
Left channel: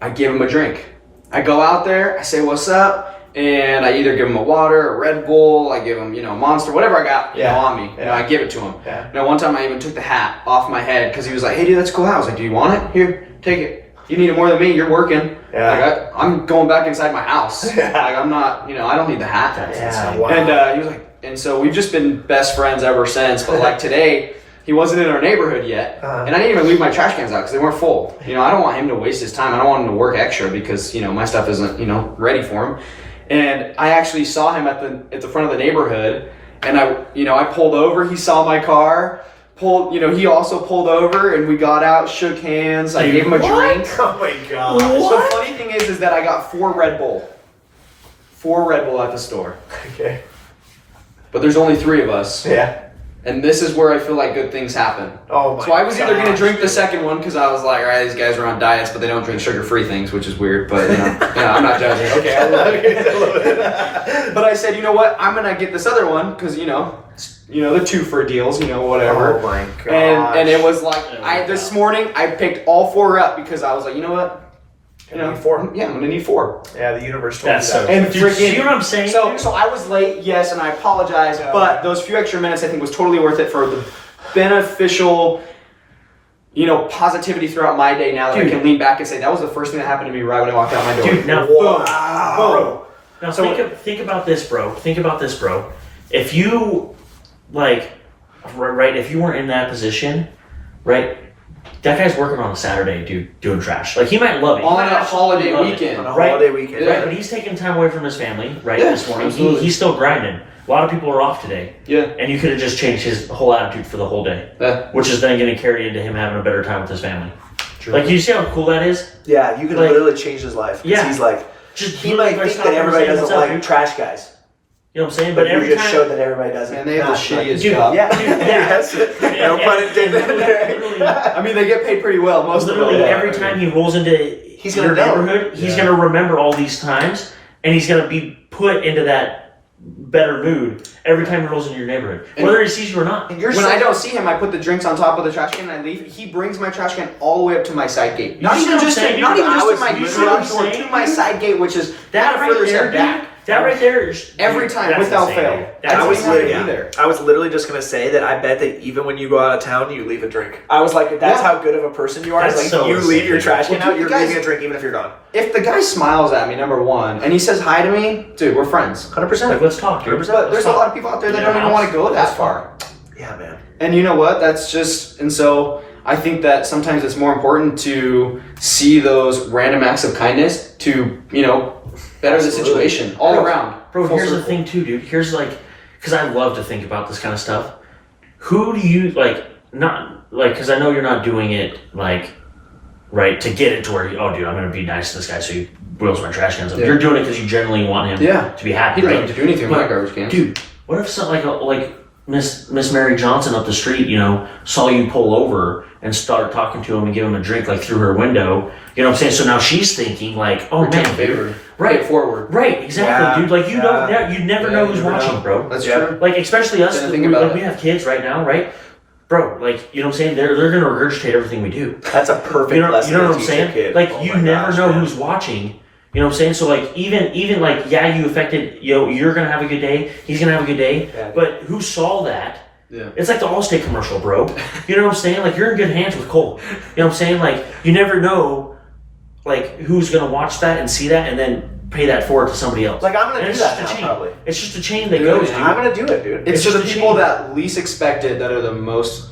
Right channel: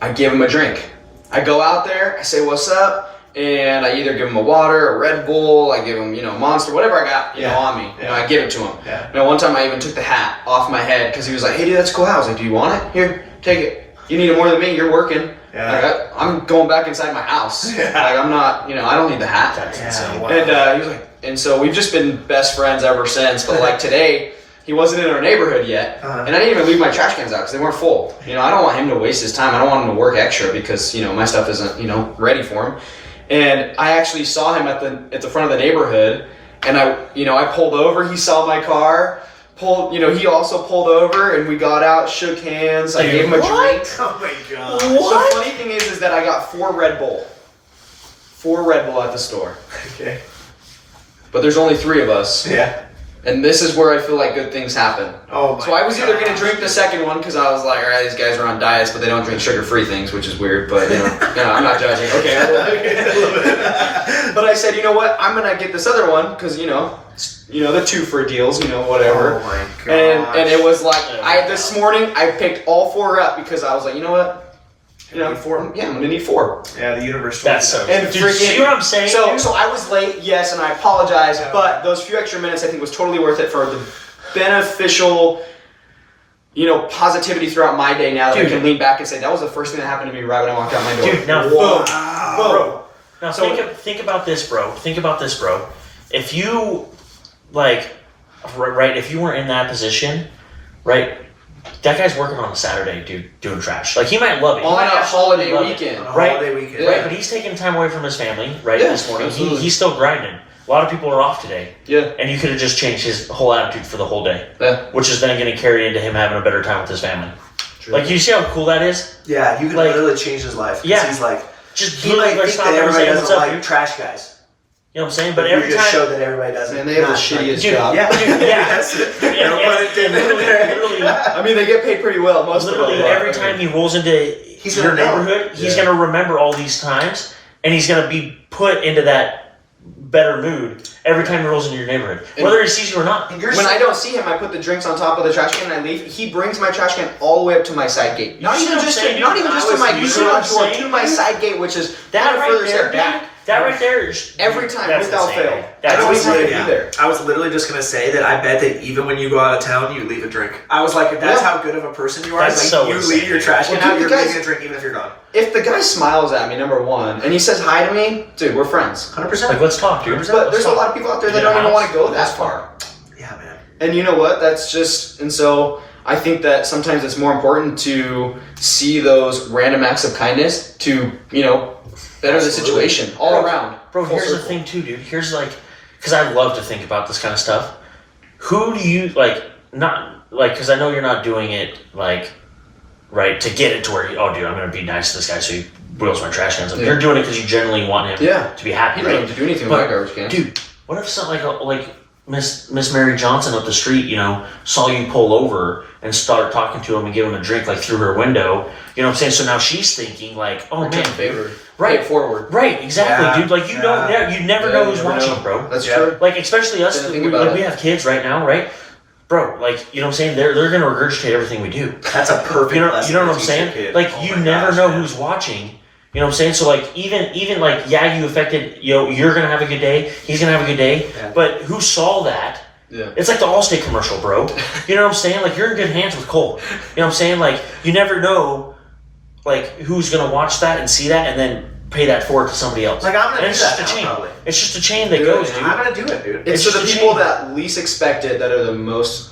I give him a drink. I go out there, I say what's up, and I either give him a water, a Red Bull, I give him, a Monster, whatever I got, on me. Yeah. I give it to him. Yeah. One time I even took the hat off my head because he was like, "Hey, dude, that's a cool hat." I was like, "Do you want it? Here, take it. You need it more than me. You're working." Yeah. Like I'm going back inside my house. Yeah. Like I'm not, I don't need the hat. That's Yeah, insane. wow. And he was like, and so we've just been best friends ever since. But like today, he wasn't in our neighborhood yet, and I didn't even leave my trash cans out because they weren't full. I don't want him to waste his time. I don't want him to work extra because my stuff isn't ready for him. And I actually saw him at the front of the neighborhood, and I pulled over. He saw my car. He also pulled over, and we got out, shook hands. I gave him a drink. Oh my god. The funny thing is that I got 4 Red Bull at the store. Okay. But there's only 3 of us. Yeah. And this is where I feel like good things happen. Oh my So I was either going to gosh. drink the second one because I was like, all right, these guys are on diets, but they don't drink sugar-free things, which is weird. But I'm not judging. Okay, I love it. But I said, you know what? I'm going to get this other one because the 2 for deals, whatever. Oh my And god. it was like this morning I picked all 4 up because I was like, you know what? You know, Need 4. Yeah, I'm gonna need 4. Yeah, the universe told That's you so. that. And Dude, freaking- you know what I'm saying? So I was late, yes, and I apologize, Yeah. but those few extra minutes I think was totally worth it for the beneficial, positivity throughout my day. Now that I Dude. can lean back and say that was the first thing that happened to me right when I walked out my door. Dude, now, Wow. Boom. now So- think about this, bro. Think about this, bro. If you, right, if you weren't in that position, right, that guy's working on a Saturday, dude, doing trash. Like, he might love it. He On might a absolutely holiday love it. weekend. On a Right. holiday weekend. Yeah. Right, but he's taking time away from his family, right, Yeah, this morning. absolutely. He's still grinding. A lot of people are off today. Yeah. And you could have just changed his whole attitude for the whole day, Yeah. which is then going to carry into him having a better time with his family. Like, you see how cool that is? Yeah, you can Like- literally change his life. 'Cause Yeah. he's like, Just he literally might by think stopping that and everybody saying, doesn't "What's up, like dude?" trash guys. You know what I'm saying? But But you every just time... showed that everybody doesn't. And they have the Not- shittiest Dude, job. Yeah, Dude, yeah. Yes. No pun intended. Literally, I mean, they get paid pretty well, most of literally them. every time he rolls into He's your gonna know. neighborhood, he's Yeah. going to remember all these times, and he's going to be put into that better mood every time he rolls into your neighborhood, And- whether he sees you or not. When I don't see him, I put the drinks on top of the trash can and I leave. He brings my trash can all the way up to my side gate. Not see even what I'm just saying? not even I just to was- my you see what I'm garage door, saying? to my side gate, which is That kind of right further there, step back. dude, that right there is... Every time, that's without insane, fail. dude. I That's don't even insane. have to be there. I was literally just gonna say that I bet that even when you go out of town, you leave a drink. I was like, if that's Yeah. how good of a person you are, That's like, so you insane, leave your dude. trash can Well, out, dude, you're the guys- leaving a drink even if you're gone. If the guy smiles at me, number one, and he says hi to me, dude, we're friends. 100%. Like, let's talk, dude. But there's a lot of people out there that Yeah, don't even want to go that's that far. Yeah, man. And you know what? That's just, and so I think that sometimes it's more important to see those random acts of kindness to, better the Absolutely. situation all around. Bro, Full here's the circle. thing too, dude. Here's because I love to think about this kind of stuff. Who do you because I know you're not doing it right, to get it to where, oh, dude, I'm going to be nice to this guy so he wheels my trash cans up. Yeah. You're doing it because you genuinely want him Yeah. to be happy, He doesn't right? have to do anything with my garbage cans. Dude, what if something like Miss Mary Johnson up the street, saw you pull over and start talking to him and give him a drink, through her window, you know what I'm saying? So now she's thinking, oh, Return man, a favor. Right. Pay it forward. Right, exactly, Yeah, dude. You don't, yeah. you never Yeah, know you who's never watching, know. bro. That's Yeah. true. Especially us, Didn't think about we it. have kids right now, right? Bro, you know what I'm saying? They're gonna regurgitate everything we do. That's a perfect You know lesson. what to I'm teach saying? a kid. You Oh my never gosh, know man. who's watching. You know what I'm saying? So even you affected, you're gonna have a good day. He's gonna have a good day. Yeah. But who saw that? Yeah. It's like the Allstate commercial, bro. You know what I'm saying? You're in good hands with Cole. You know what I'm saying? You never know, who's gonna watch that and see that and then pay that forward to somebody else. I'm gonna And do it's that just a now, chain. probably. It's just a chain that Dude, goes, yeah. dude. I'm gonna do it, dude. It's It's for the just a people shame. that least expect it that are the most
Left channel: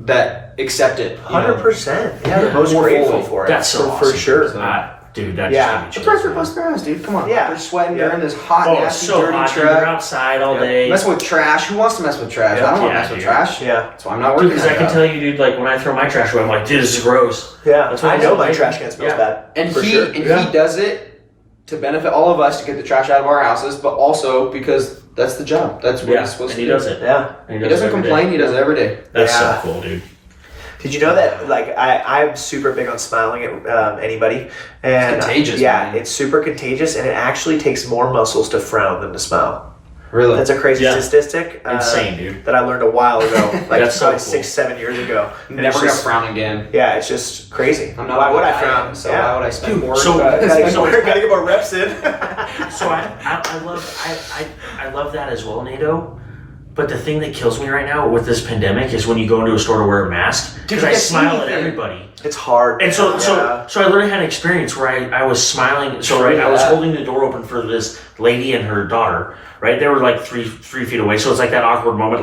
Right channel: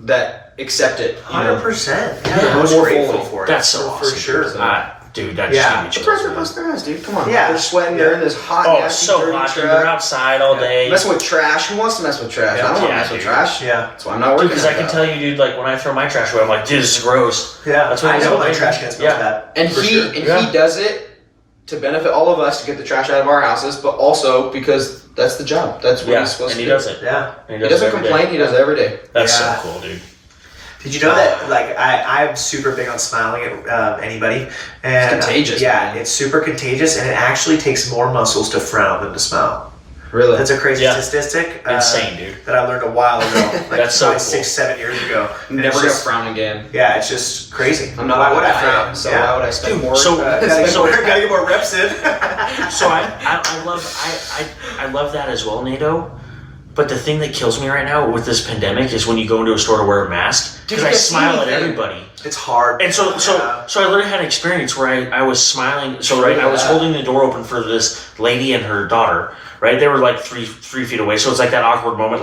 that accept it. 100%. Yeah, the Yeah. most More grateful fully. for it. That's so for awesome. sure. Dude, that Yeah. just The gave me pressure chills, bust their ass, dude. Come on. Yeah. They're sweating. They're Yeah. in this hot, man. Oh, nasty, so dirty hot, dude. You're truck. outside all day. Messing with trash. Who wants to mess with trash? I don't want to Yeah, mess with dude. trash. Yeah. That's why I'm not working. Because I that can job. tell you, dude, when I throw my trash away, I'm like, dude, this is gross. Yeah. That's what I I'm know saying, my dude. trash can smells Yeah. bad. And for he sure. Yeah. does it to benefit all of us to get the trash out of our houses, but also because that's the job. That's what Yeah, he's supposed and to he do. does it. Yeah. And He doesn't it every complain. day. He does it every day. That's Yeah. so cool, dude. Did you know that I'm super big on smiling at anybody, and It's contagious, yeah, man. it's super contagious, and it actually takes more muscles to frown than to smile. Really. That's a crazy Yeah. statistic. Insane, dude. That I learned a while ago, That's so probably cool. 6-7 years ago. And Never it's gonna just- frown again. Yeah, it's just crazy. I'm not. Why would I I frown? am, so Yeah. why would I spend Dude, more? so- Gotta get more reps in. So I love that as well, Nato. But the thing that kills me right now with this pandemic is when you go into a store to wear a mask. Dude, Because you I can't see smile at anything. everybody. It's hard. And so yeah. I literally had an experience where I was smiling. So I was holding the door open for this lady and her daughter. Right, they were 3 feet away. So it's that awkward moment.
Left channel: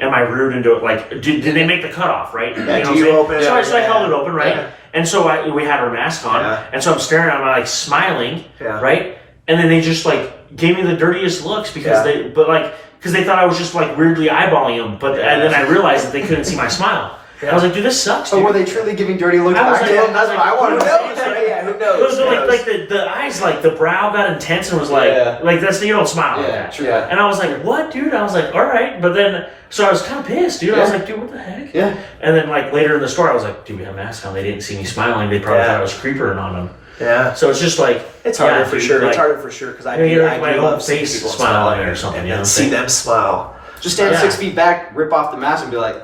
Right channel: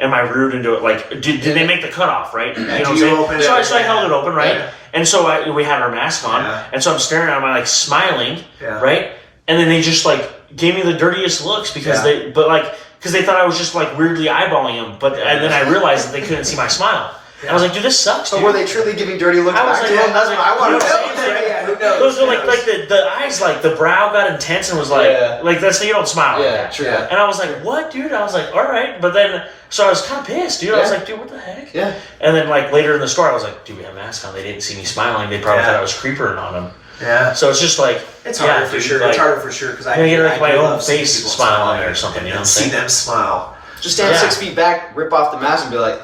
Am I rude into it? Did they make the cutoff? Right? Yeah, You know do what I'm you saying? open it? So I held it open. Right. Yeah. And so we had our mask on. Yeah. And so I'm staring at them, smiling. Yeah. Right. And then they just gave me the dirtiest looks because because they thought I was just weirdly eyeballing them. And then I realized that they couldn't see my smile. I was like, dude, this sucks. So Dude. were they truly giving dirty looks I was back to like- him? That's what I want to know. Yeah, who It knows? was Who knows? the eyes, the brow got intense and was Yeah. that's, you don't smile like Yeah, that. true. And I was like, what, dude? I was like, all right. But then, so I was kind of pissed, dude. I was Yeah. like, dude, what the heck? Yeah. And then later in the store, I was like, dude, we have masks on. They didn't see me smiling. They probably Yeah. thought I was creeping on them. Yeah. So it's just It's harder yeah, for dude, sure. It's harder for sure because I I get I my do own love seeing face people smile smile on it or something, and you know what I'm see saying? them smile. Just stand Yeah. 6 feet back, rip off the mask, and be like,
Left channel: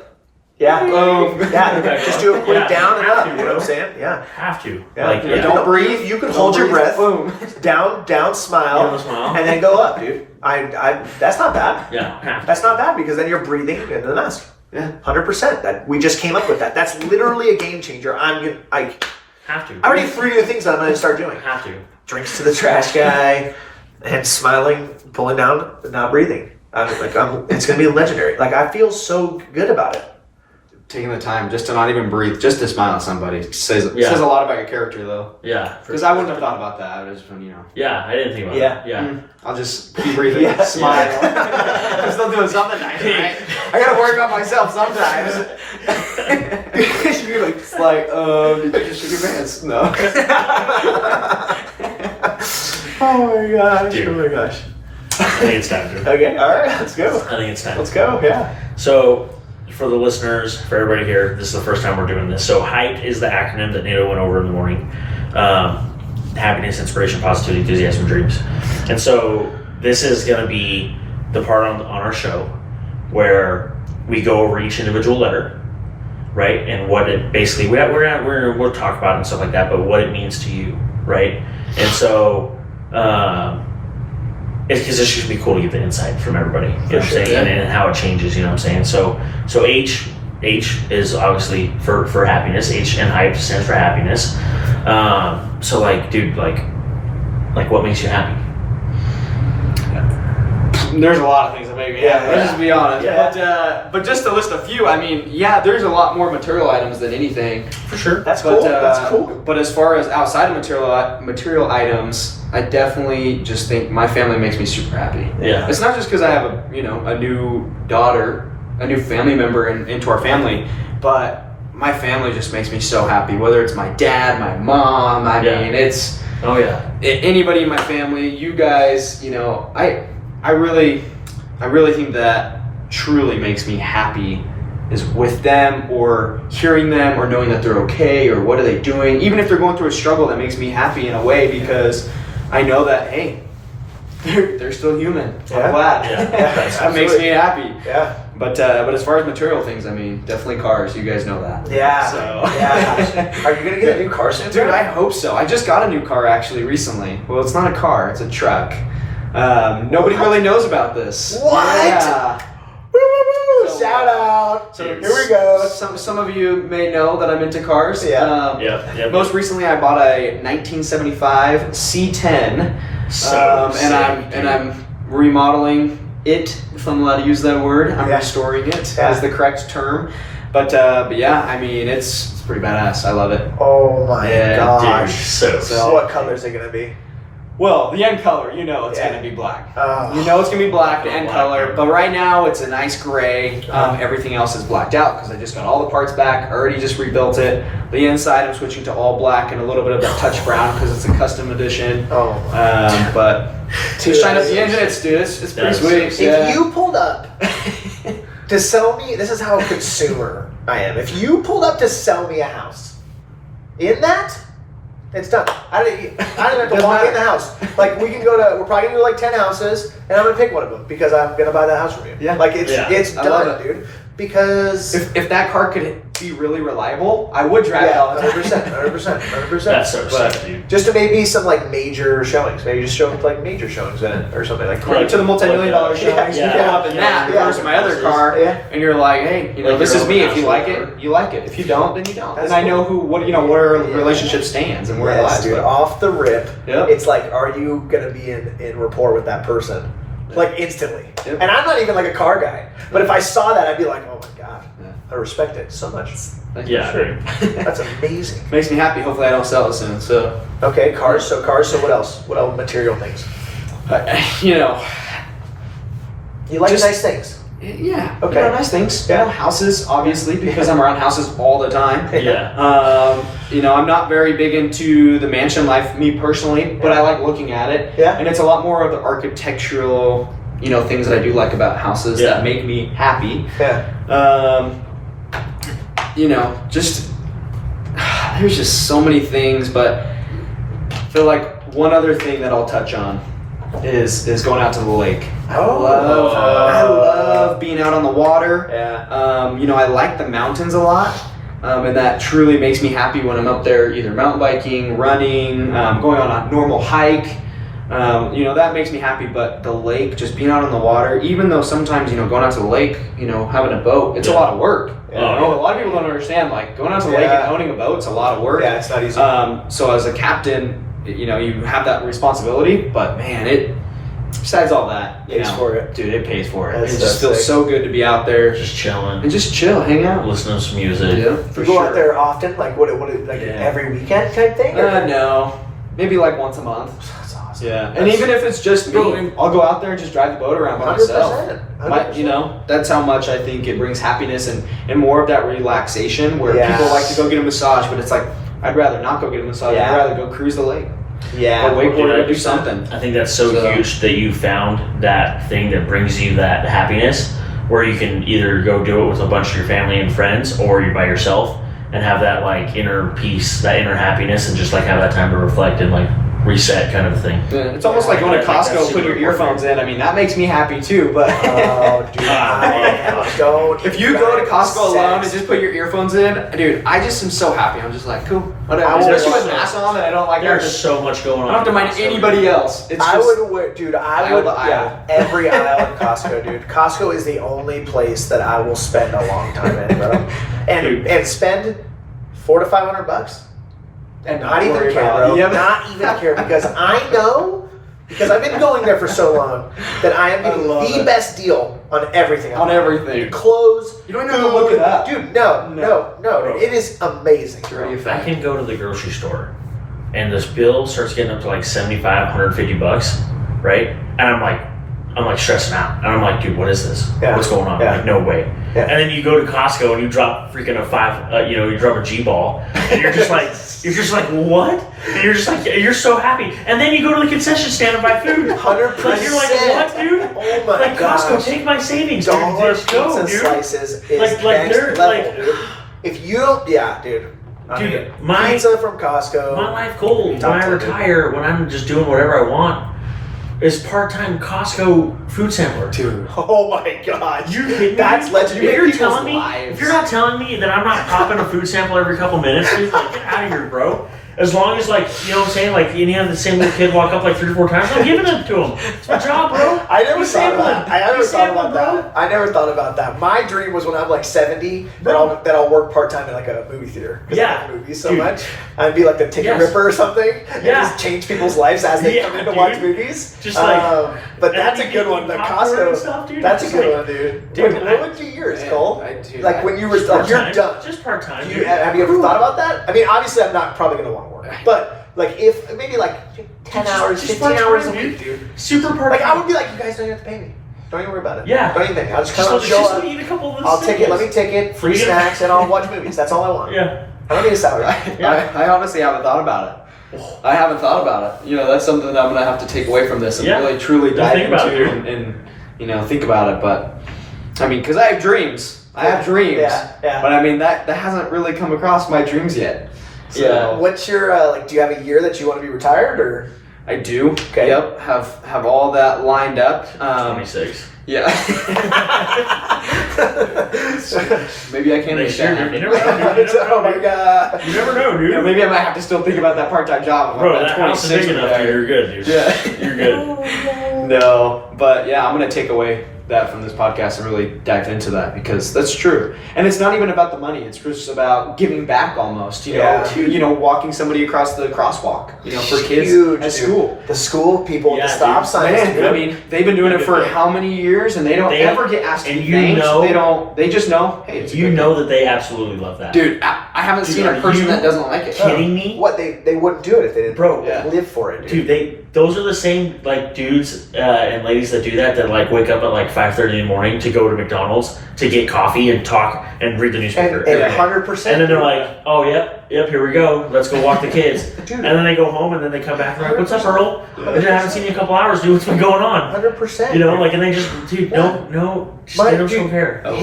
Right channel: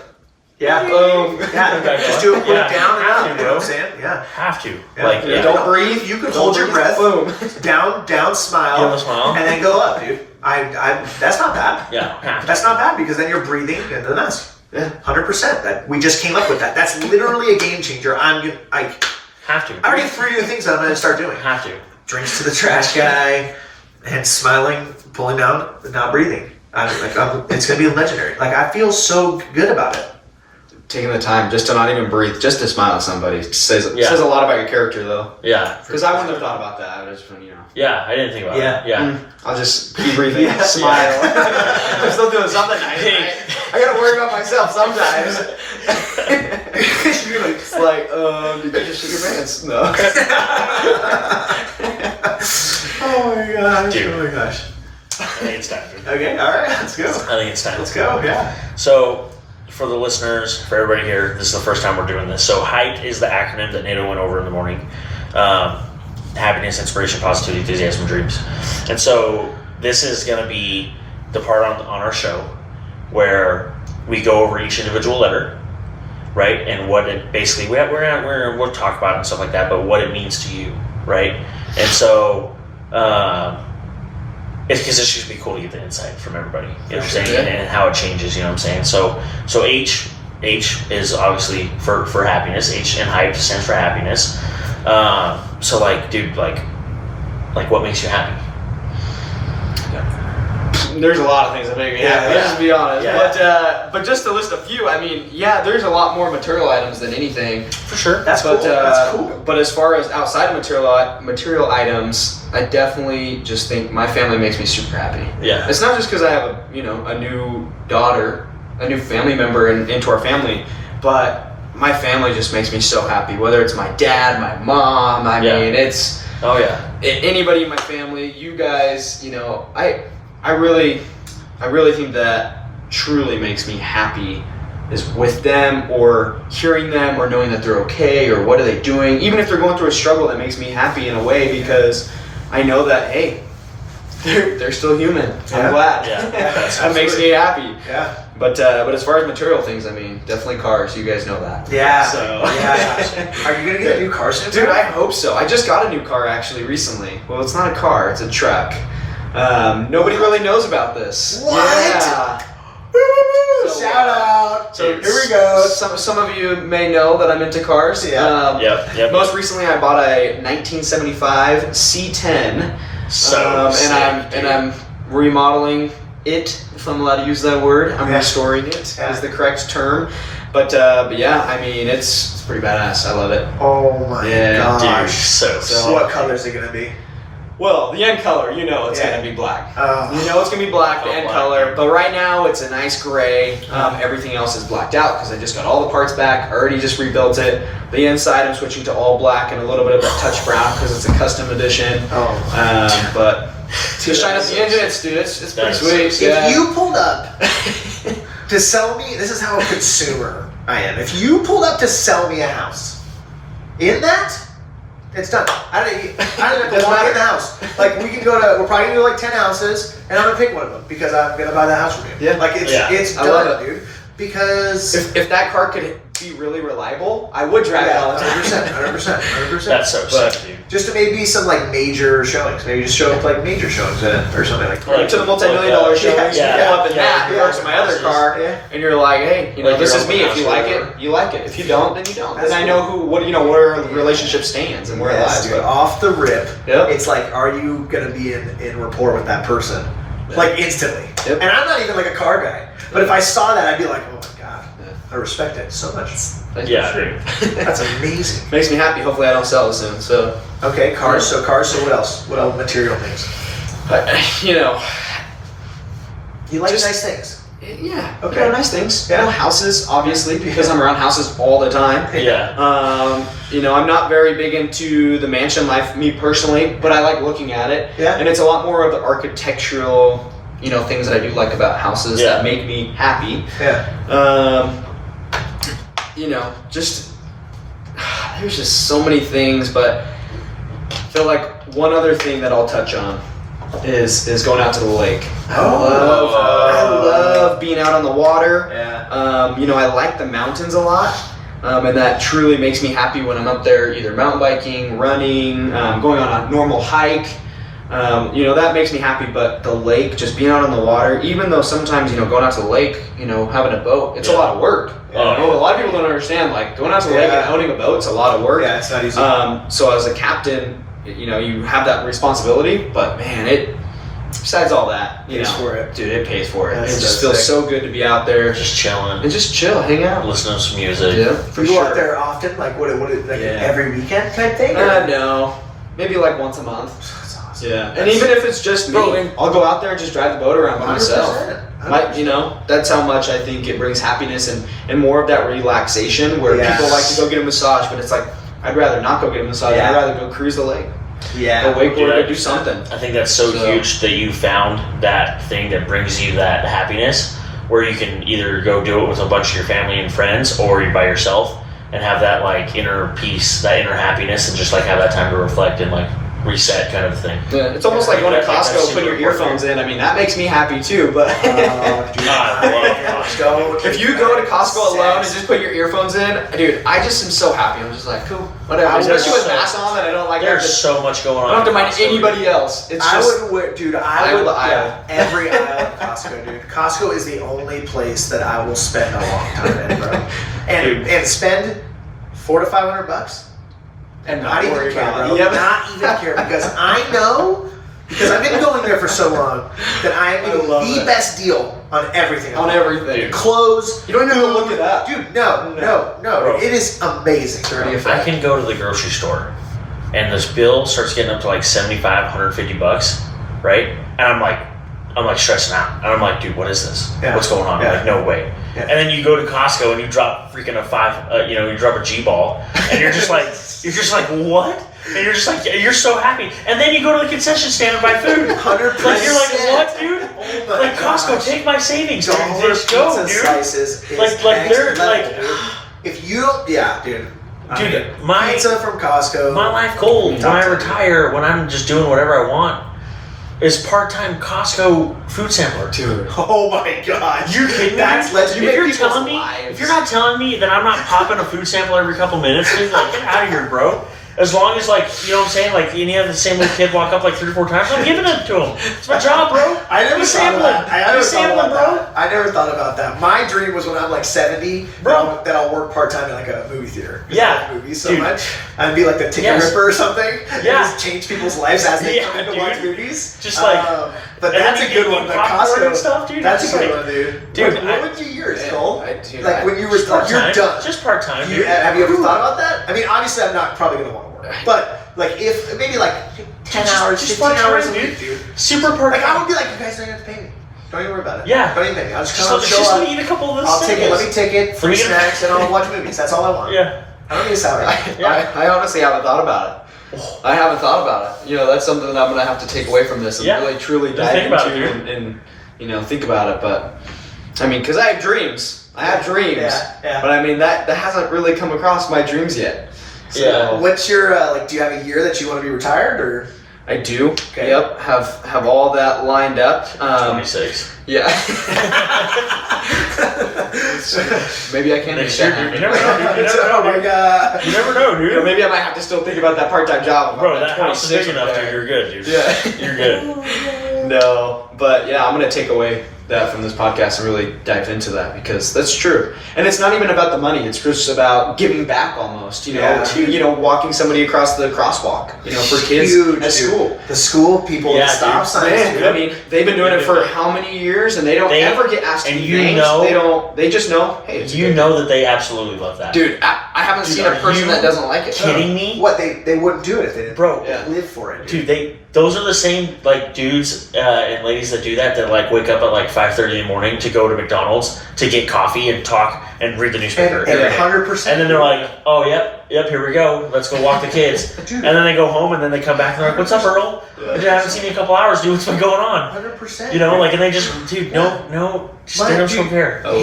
Yeah. Boom. Yeah. Just do a quick Yeah, down and you have up. to, You know what I'm saying? Yeah. Have to. Yeah. Like, Don't breathe. You can Don't hold your breathe. breath. Boom. Down, smile. Down, smile. And then go up, dude. That's not bad. Yeah, have to. That's not bad because then you're breathing and then that's Yeah. 100%. That we just came up with that. That's literally a game changer. I Have to. already have 3 new things that I'm going to start doing. Have to. Drinks to the trash guy, and smiling, pulling down, not breathing. It's going to be legendary. Like, I feel so good about it. Taking the time just to not even breathe, just to smile at somebody says a lot about your character, though. Yeah. Because I wouldn't have thought about that. I would just, you know. Yeah, I didn't think about Yeah. it. Yeah. I'll just keep breathing, smile. I'm still doing something nice, right? I gotta worry about myself sometimes. You're like, It's like, did you just shit your pants? No. oh my gosh. Dude. Oh my gosh. I think it's time, dude. Okay, all right, let's go. I think it's time. Let's go, yeah. So, for the listeners, for everybody here, this is the first time we're doing this. So, HiPED is the acronym that Nato went over in the morning. Happiness, inspiration, positivity, enthusiasm, dreams. And so, this is going to be the part on our show where we go over each individual letter, right? And what it basically, we'll talk about it and stuff like that, but what it means to you, right? And so, it's because it's just be cool to get the insight from everybody, you know what I'm saying, and how it changes, you know what I'm saying. So H is obviously for happiness. H and HiPED stands for happiness. So like, dude, like what makes you happy? There's a lot of things that make me happy. Let's just be honest. Yeah. But just to list a few, I mean, there's a lot more material items than anything. For sure. That's cool. That's cool. But as far as outside of material items, I definitely just think my family makes me super happy. Yeah. It's not just because I have a new daughter, a new family member into our family, but my family just makes me so happy. Whether it's my dad, my mom, I mean, it's anybody in my family. You guys, I really think that truly makes me happy is with them or hearing them or knowing that they're okay or what are they doing. Even if they're going through a struggle, that makes me happy in a way because I know that, hey, they're still human. I'm glad. Yeah. That makes me happy. Yeah. But as far as material things, I mean, definitely cars. You guys know that. Yeah. So. Yeah. Are you gonna get a new car soon? Dude, I hope so. I just got a new car actually recently. Well, it's not a car, it's a truck. Nobody really knows about this. What? Yeah. Woo! So, Shout out. So here we go. Some of you may know that I'm into cars. Yeah. Yep. Most recently, I bought a 1975 C10, and I'm remodeling it. If I'm allowed to use that word, I'm restoring it is the correct term. But yeah, I mean it's pretty badass. I love it. Oh my gosh. Dude, So what color is it gonna be? Well, the end color, it's gonna be black. Oh. You know it's gonna be black, the end black, color. yeah. But right now it's a nice gray. Everything else is blacked out because I just got all the parts back. I already just rebuilt it. The inside I'm switching to all black and a little bit of that touch brown because it's a custom edition. Oh. But to shine up the engine, it's pretty sweet. If you pulled up to sell me, this is how a consumer I am. If you pulled up to sell me a house, in that, it's done. I don't even have to walk in the house. Like we're probably gonna do like 10 houses, and I'm gonna pick one of them because I'm gonna buy that house from you. Yeah. Like it's I done, love it. dude. Because if that car could be really reliable, I would drive it all the time. 100%. That's so But- sick, dude. Just to maybe some like major showings. Maybe just show up like major showings in it or something like that. Right, to the multi-million-dollar showings, Yeah. you pull up in that Yeah. versus my other car, Yeah. and you're like, hey, Like this your is own me. If house you or like it, whatever. you like it. If you don't, then you don't. That's and I know what our relationship stands and where it lies. Dude, But off the rip, Yep. it's like, are you gonna be in rapport with that person? Like instantly. Yep. And I'm not even like a car guy, but if I saw that, I'd be like, oh my god, Yeah. I respect it so much. Yeah, dude. That's amazing. Makes me happy. Hopefully, I don't sell it soon. So, Okay, cars. So what else? What else? Material things. but You like Just- nice things. yeah. Okay. Nice things. Yeah. Houses, obviously, because I'm around houses all the time. Yeah. I'm not very big into the mansion life, me personally, but I like looking at it. Yeah. And it's a lot more of the architectural, things that I do like about houses Yeah. that make me happy. Yeah. Just there's just so many things, but I feel like one other thing that I'll touch on is going out to the lake. I Oh. love being out on the water. Yeah. You know, I like the mountains a lot. And that truly makes me happy when I'm up there either mountain biking, running, going on a normal hike. You know, that makes me happy, but the lake, just being out on the water, even though sometimes, you know, going out to the lake, you know, having a boat, it's a lot of work. You know, a lot of people don't understand, like, going out to the lake and owning a boat's a lot of work. Yeah, it's not easy. So as a captain, you know, you have that responsibility, but man, besides all that, you Pays know, for it. dude, it pays for it. That's It just so feels sick. so good to be out there Just chilling. and just chill, hang out. Listen to some music. Yeah, for You go sure. out there often, like what like Yeah. every weekend type thing? No, maybe like once a month. That's awesome. Yeah, and even if it's just me, Bro, I'll go out there and just drive the boat around by myself. 100%. You know, that's how much I think it brings happiness and more of that relaxation where Yes. people like to go get a massage, but it's like, I'd rather not go get a massage. Yeah. I'd rather go cruise the lake. Yeah. Go wakeboard, Dude, go do something. I think that's so huge that you found that thing that brings you that happiness, where you can either go do it with a bunch of your family and friends, or you by yourself and have that like inner peace, that inner happiness, and just like have that time to reflect and like reset kind of thing. Yeah, it's almost like going to I think that's Costco, putting your super earphones in. I mean, that makes me happy too, but Dude, I love Costco. don't. if you go to Costco alone and just put your earphones in, dude, I just am so happy. I'm just like, cool, whatever. I Especially would- with masks on, and I don't like There's just, so much going on. I don't have to mind in Costco. anybody else. It's I just would wear, dude. I aisle would. to aisle. Yeah, every aisle at Costco, dude. Costco is the only place that I will spend a long time in, bro. And spend $400 to $500, and not even worry care, about bro. it. Yeah. Not even care because I know. Because I've been going there for so long that I am I getting love the it. best deal on everything. on everything. Clothes. You don't even have to look it up. Dude, no. Bro. It is amazing. It's already a I fact. can go to the grocery store, and this bill starts getting up to like $75, $150, right? And I'm like stressing out, and I'm like, dude, what is this? Yeah. What's going on? Yeah. Like, no way. Yeah. And then you go to Costco and you drop freaking you drop a G-ball, and you're just like, what? And you're just like, you're so happy. And then you go to the concession stand and buy food. 100%. Like, you're like, what, dude? Oh my Like, Costco, gosh. take my savings, dude. Dollar Let's go, pizza dude. slices is Like, next they're level, like, dude. If you don't, yeah, dude. dude, my Pizza from Costco. life goal when I retire, when I'm just doing whatever I want, is part-time Costco food sampler. Dude. Oh my god. You kidding me? That's legend. If You make you're people's telling me, lives. if you're not telling me that I'm not popping a food sample every couple minutes, dude, like, get out of here, bro. As long as, like, you know what I'm saying, like, you have the same little kid walk up like 3 or 4 times, I'm giving them to him. It's my job, bro. I never You thought about sampling. that. I never You thought sampling, about that. I never thought about that. My dream was when I'm like 70, Bro. that I'll work part time in like a movie theater. 'Cause I Yeah. love movies so Dude. much. I'd be like the ticket Yes. ripper or something. And Yeah. just change people's lives as they Yeah, come in to dude. watch movies. Just like- but and that's then a you good get one. Like popcorn Costco and stuff, dude. That's It's a good like- one, dude. Dude, what would you yours, Man, Cole? dude, Like when you were Just like you're part-time. done. Just part-time, You, dude. have you ever thought about that? I mean, obviously, I'm not probably gonna want to work, but like if maybe like 10 Just- hours, just 15 hours a part-time, week, dude. Super part-time. Like I would be like, you guys don't even have to pay me. Don't even worry about it. Yeah. Don't even pay me. I'll just Just come let and show me up. eat a couple of those I'll take it. Let things. me take it. Free Free- snacks and I'll watch movies. That's all I want. Yeah. I don't need a salary. I honestly haven't thought about it. I haven't thought about it. You know, that's something that I'm gonna have to take away from this and Yeah. really truly Just dive think about into it, and you know think about it. But I mean, because I have dreams. I have dreams. Yeah. But I mean that hasn't really come across my dreams yet. So Yeah. What's your like? Do you have a year that you want to be retired or? I do. Okay. Yep. Have all that lined up. 26. Yeah. Maybe I can make Next year, that dude. You happen. never know. dude. You never Oh know, my dude. god. You never know, You dude. know, maybe I might have to still think about that part-time job. If Bro, I'm that at house is 26 big or enough, dude. there. You're good, dude. Yeah. You're good. No, but yeah, I'm gonna take away that from this podcast and really dive into that because that's true. And it's not even about the money; it's just about giving back, almost. You know, Yeah. to walking somebody across the crosswalk. You know, for kids Huge, at dude. school. The school people, Yeah, the stop dude. signs. Man, dude. I mean, they've been doing it for how many years, and they don't They- ever get asked to and be you thanked. know- They don't. They just know. Hey, it's a You good know that they absolutely love that. thing. Dude, I haven't Dude, seen a are person you that doesn't like it. kidding me? What they wouldn't do it if they didn't. Bro, Yeah. live for it, dude. Dude, those are the same like dudes and ladies that do that like wake up at like 5:30 in the morning to go to McDonald's to get coffee and talk and read the newspaper. And every day. 100%. And then they're like, oh, yep, here we go. Let's go walk the kids. Dude. And then they go home and then they come back and they're like, what's up, Earl? I haven't seen you in a couple hours, dude. What's been going on? 100%. You know, like, and they just, dude, no, just My- they don't dude, compare. I love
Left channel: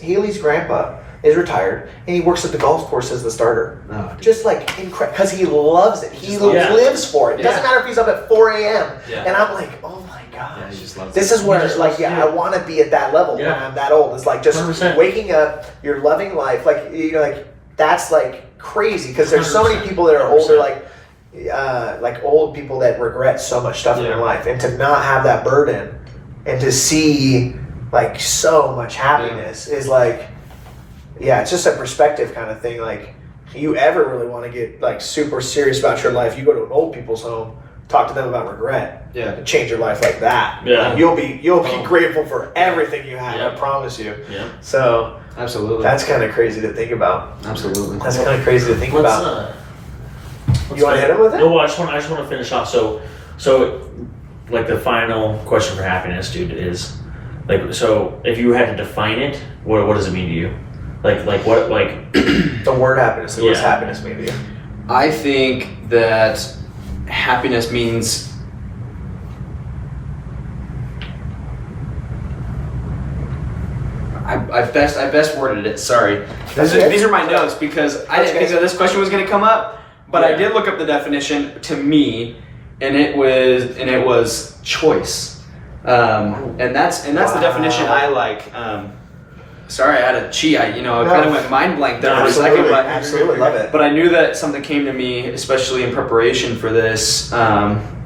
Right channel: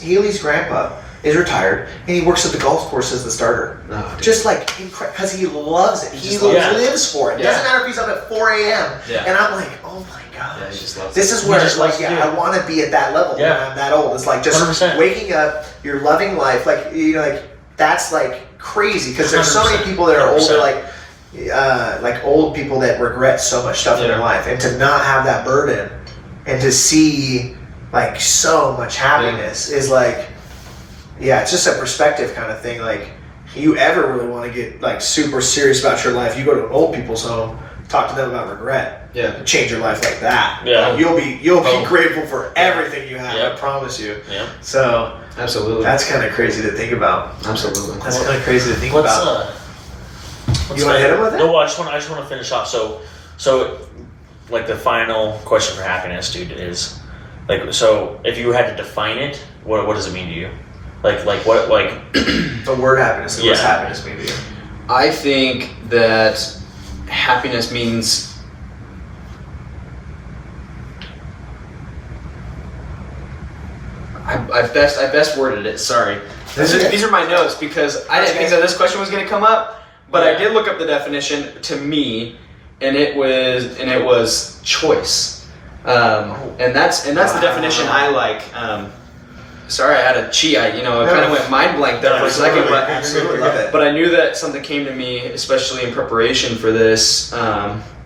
Haley's grandpa is retired, and he works at the golf course as the starter. Oh, dude. Just like incredible, because he loves it. He lives for it. It doesn't matter if he's up at 4 a.m. Yeah. And I'm like, oh my gosh. Yeah, he just loves This it. is where just like, loves it. I want to be at that level when I'm that old. It's like just 100%. waking up, you're loving life. Like, you know, like that's like crazy because there's so many 100%. people that are older, like old people that regret so much stuff in their Yeah. life, and to not have that burden and to see like so much happiness is like, it's just a perspective kind of thing. Like, you ever really want to get like super serious about your life, you go to an old people's home, talk to them about regret, and change your life like that. Yeah. You'll be grateful for everything you have. Yeah. I promise you. Yeah. So Absolutely. that's kind of crazy to think about. Absolutely. That's kind of crazy to think about. You want to hit him with it? No, I just want to finish off. So, like the final question for happiness, dude, is like, so if you had to define it, what does it mean to you? Like what, like The word happiness. What's happiness mean to you? I think that happiness means I best worded it. Sorry, these are my notes because I didn't think that this question was going to come up, but I did look up the definition to me, and it was choice, and that's the definition I like. Sorry, I had a cheat. I kind of went mind blank there for a second, but absolutely love it. But I knew that something came to me, especially in preparation for this,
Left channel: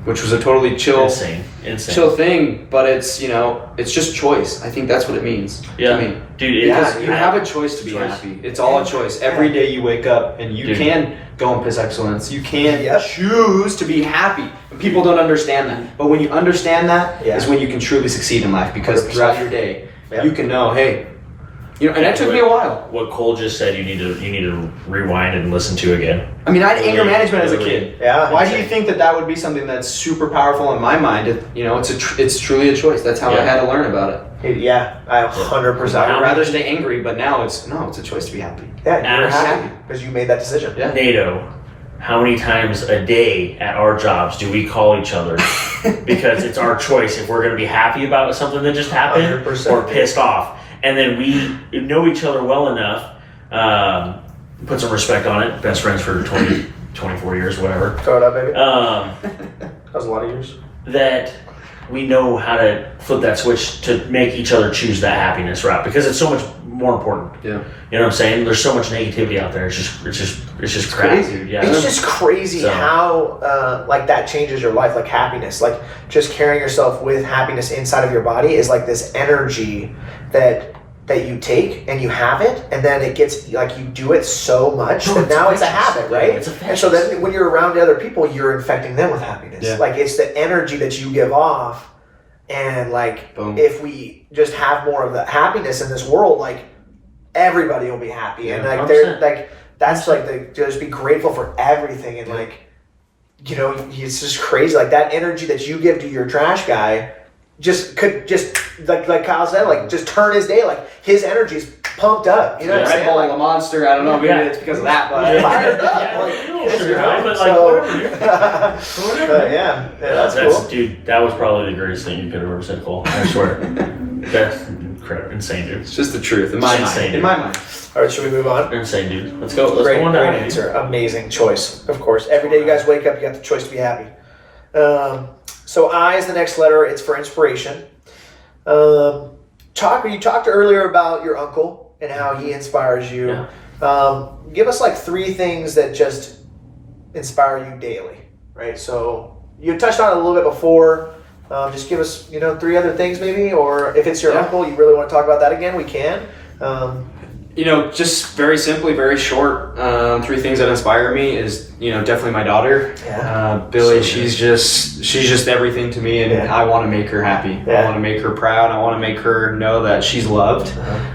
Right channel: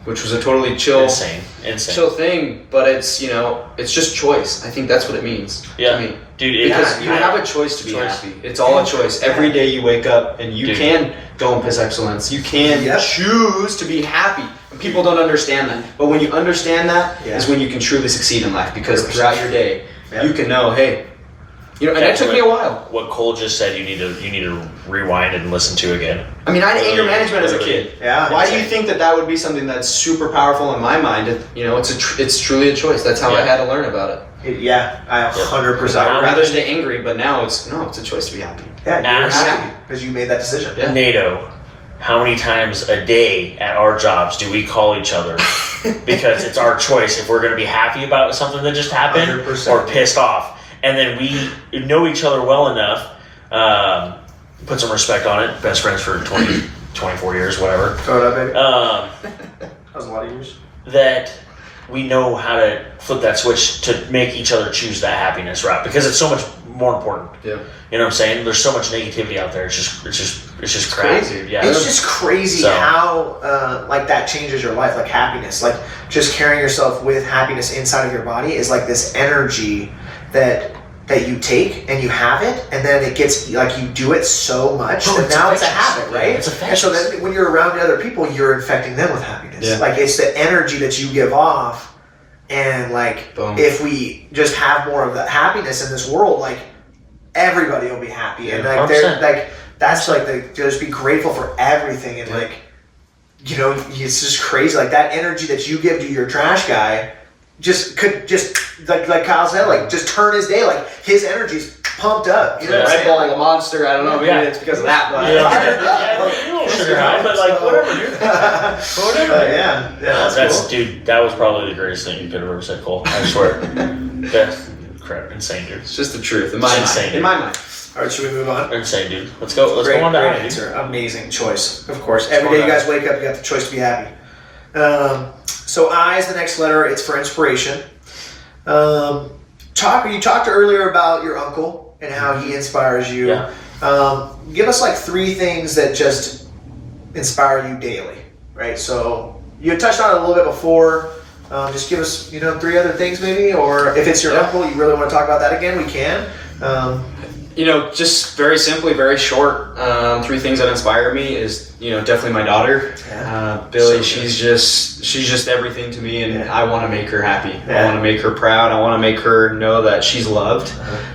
which was a totally chill thing. But it's just choice. I think that's what it means to me. Dude, because you have a choice to be happy. It's all a choice. Every day you wake up and you can go and piss excellence. You can choose to be happy. And people don't understand that. But when you understand that is when you can truly succeed in life, because throughout your day you can know, hey. And that took me a while. What Cole just said, you need to rewind and listen to again. I mean, I had anger management as a kid. Yeah. Why do you think that would be something that's super powerful in my mind? It's truly a choice. That's how I had to learn about it. Yeah, I 100%. I would rather stay angry, but now it's a choice to be happy. Yeah, you're Ask- happy because you made that decision. Yeah. NATO, how many times a day at our jobs do we call each other because it's our choice if we're going to be happy about something that just happened 100%. or pissed off? And then we know each other well enough, put some respect on it, best friends for 20, 24 years, whatever. Throw it up, baby. That was a lot of years. That we know how to flip that switch to make each other choose that happiness route, because it's so much more important. Yeah. You know what I'm saying? There's so much negativity out there. It's just crap, crazy. dude. Yeah. It's just crazy So- how like that changes your life, like happiness. Like just carrying yourself with happiness inside of your body is like this energy that you take and you have it, and then it gets like you do it so much that now it's a habit, right? It's and so then when you're around other people, you're infecting them with happiness. Yeah. Like it's the energy that you give off, and like Boom. if we just have more of that happiness in this world, like everybody will be happy, and like 100%. they're like that's like just be grateful for everything, and like it's just crazy, like that energy that you give to your trash guy. Could like Kyle said, like just turn his day, like his energy's pumped up. You know what I'm Red saying? Bull, Like, the Monster, I don't know, maybe it's because of that, but That's cool. Dude, that was probably the greatest thing you could have ever said, Cole. I swear. That's insane, dude. it's just the truth in my Insane. mind. In my mind. All right, should we move on? They're insane, dude. Let's go. Let's Great, go on to great happy. answer. Amazing choice, of course. Every day you guys wake up, you got the choice to be happy. So I is the next letter. It's for inspiration. You talked earlier about your uncle and how he inspires you. Yeah. Give us like 3 things that just inspire you daily, right? So you touched on it a little bit before. Just give us, 3 other things maybe, or if it's your uncle, you really want to talk about that again, we can. Just very simply, very short. 3 things that inspire me is, definitely my daughter, Billy. So she's just everything to me, and I want to make her happy. Yeah. I want to make her proud. I want to make her know that she's loved,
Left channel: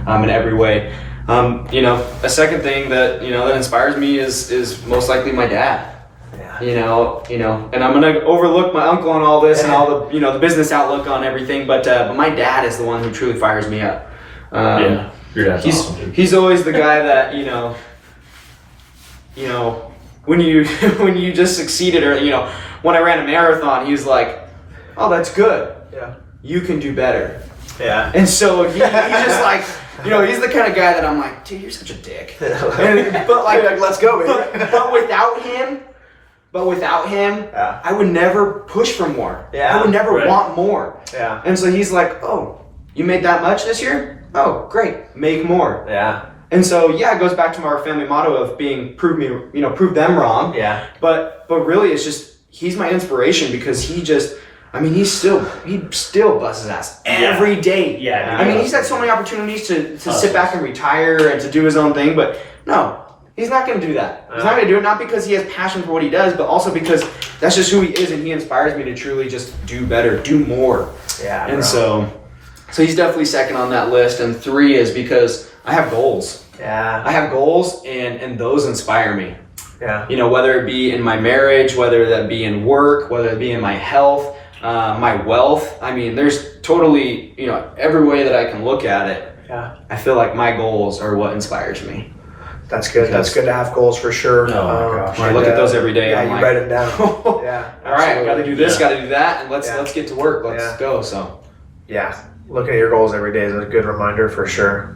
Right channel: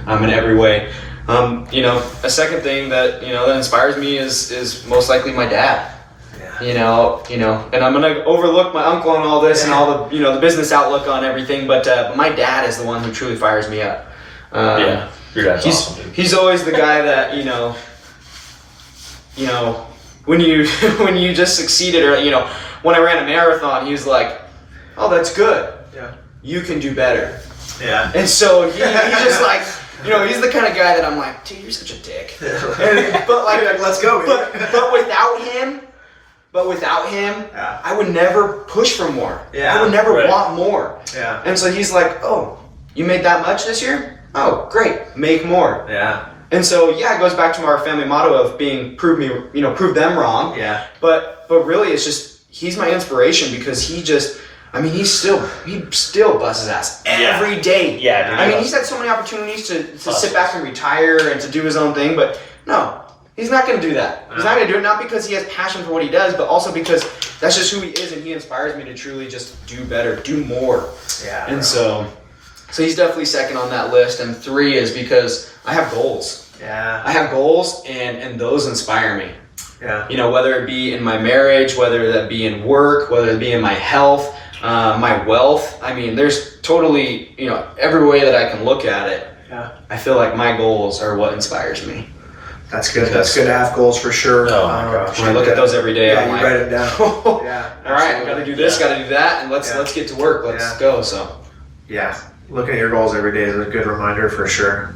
in every way. A second thing that that inspires me is most likely my dad. And I'm gonna overlook my uncle and all this and all the the business outlook on everything, but my dad is the one who truly fires me up. Yeah. Your dad's awesome, dude. He's always the guy that when you just succeeded, or when I ran a marathon, he was like, "Oh, that's good. Yeah. You can do better." Yeah. And so he just like You know, he's the kind of guy that I'm like, dude, you're such a dick. But like, let's go, baby. But without him, Yeah. I would never push for more. Yeah. I would never Right. want more. Yeah. And so he's like, oh, you made that much this year? Oh, great, make more. Yeah. And so yeah, it goes back to our family motto of being prove them wrong. Yeah. But really, it's just he's my inspiration because he still busts his ass every day. Yeah, dude. I mean, he's had so many opportunities to sit back and retire and to do his own thing, but no, he's not going to do that. He's not going to do it, not because he has passion for what he does, but also because that's just who he is, and he inspires me to truly just do better, do more. Yeah. And so he's definitely second on that list. And 3 is because I have goals. Yeah. I have goals, and those inspire me. Yeah. You know, whether it be in my marriage, whether that be in work, whether it be in my health, my wealth. I mean, there's totally, every way that I can look at it. Yeah. I feel like my goals are what inspires me. That's good. That's good to have goals for sure. Oh my gosh. When I look at those every day, yeah, I'm you like, write it down. all Yeah. right, I got to do this, Yeah. got to do that, and let's get to work. Let's go. So Yeah. Looking at your goals every day is a good reminder for sure.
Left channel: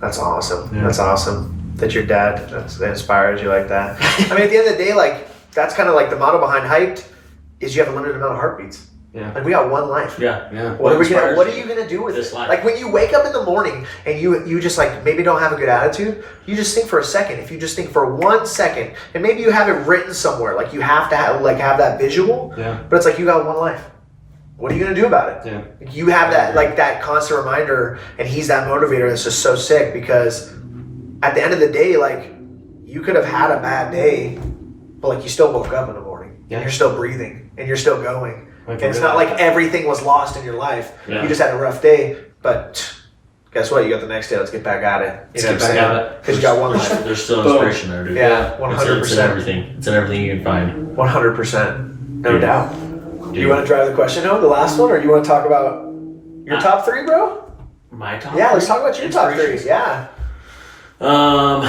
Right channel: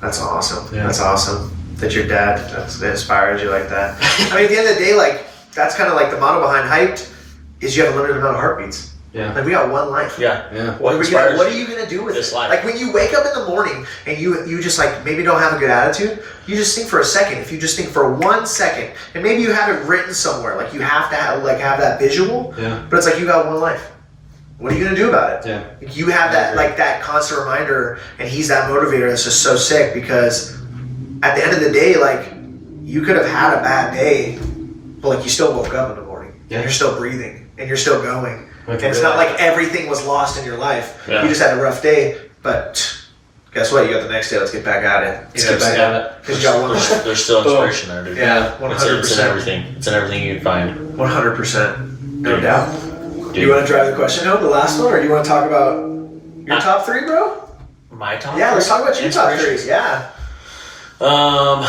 That's awesome. Yeah. That's awesome. That your dad that inspires you like that. I mean, at the end of the day, like that's kind of like the motto behind HiPED is you have a limited amount of heartbeats. yeah, Like we got one life. Yeah. What are inspires you gonna do with this it? life? Like when you wake up in the morning and you just like maybe don't have a good attitude, you just think for a second. If you just think for 1 second, and maybe you have it written somewhere, like you have to have that visual. Yeah. But it's like you got one life. What are you gonna do about it? Yeah. You have that constant reminder, and he's that motivator. That's just so sick because at the end of the day, like you could have had a bad day, but like you still woke up in the morning. Yeah. And you're still breathing and you're still going. Like, And it's not like that. everything was lost in your life. Yeah. You just had a rough day, but guess what? You got the next day. Let's get back at it. Let's get back at it. Because you got one life. There's still Boom. inspiration there, dude. Yeah, It's in 100%. everything. It's in everything you can find. 100%. No Dude. doubt. Dude. You want to drive the question home, the last one, or do you want to talk about your top 3, bro? My top Yeah, let's three? talk about your top 3. Inspirations? Yeah. All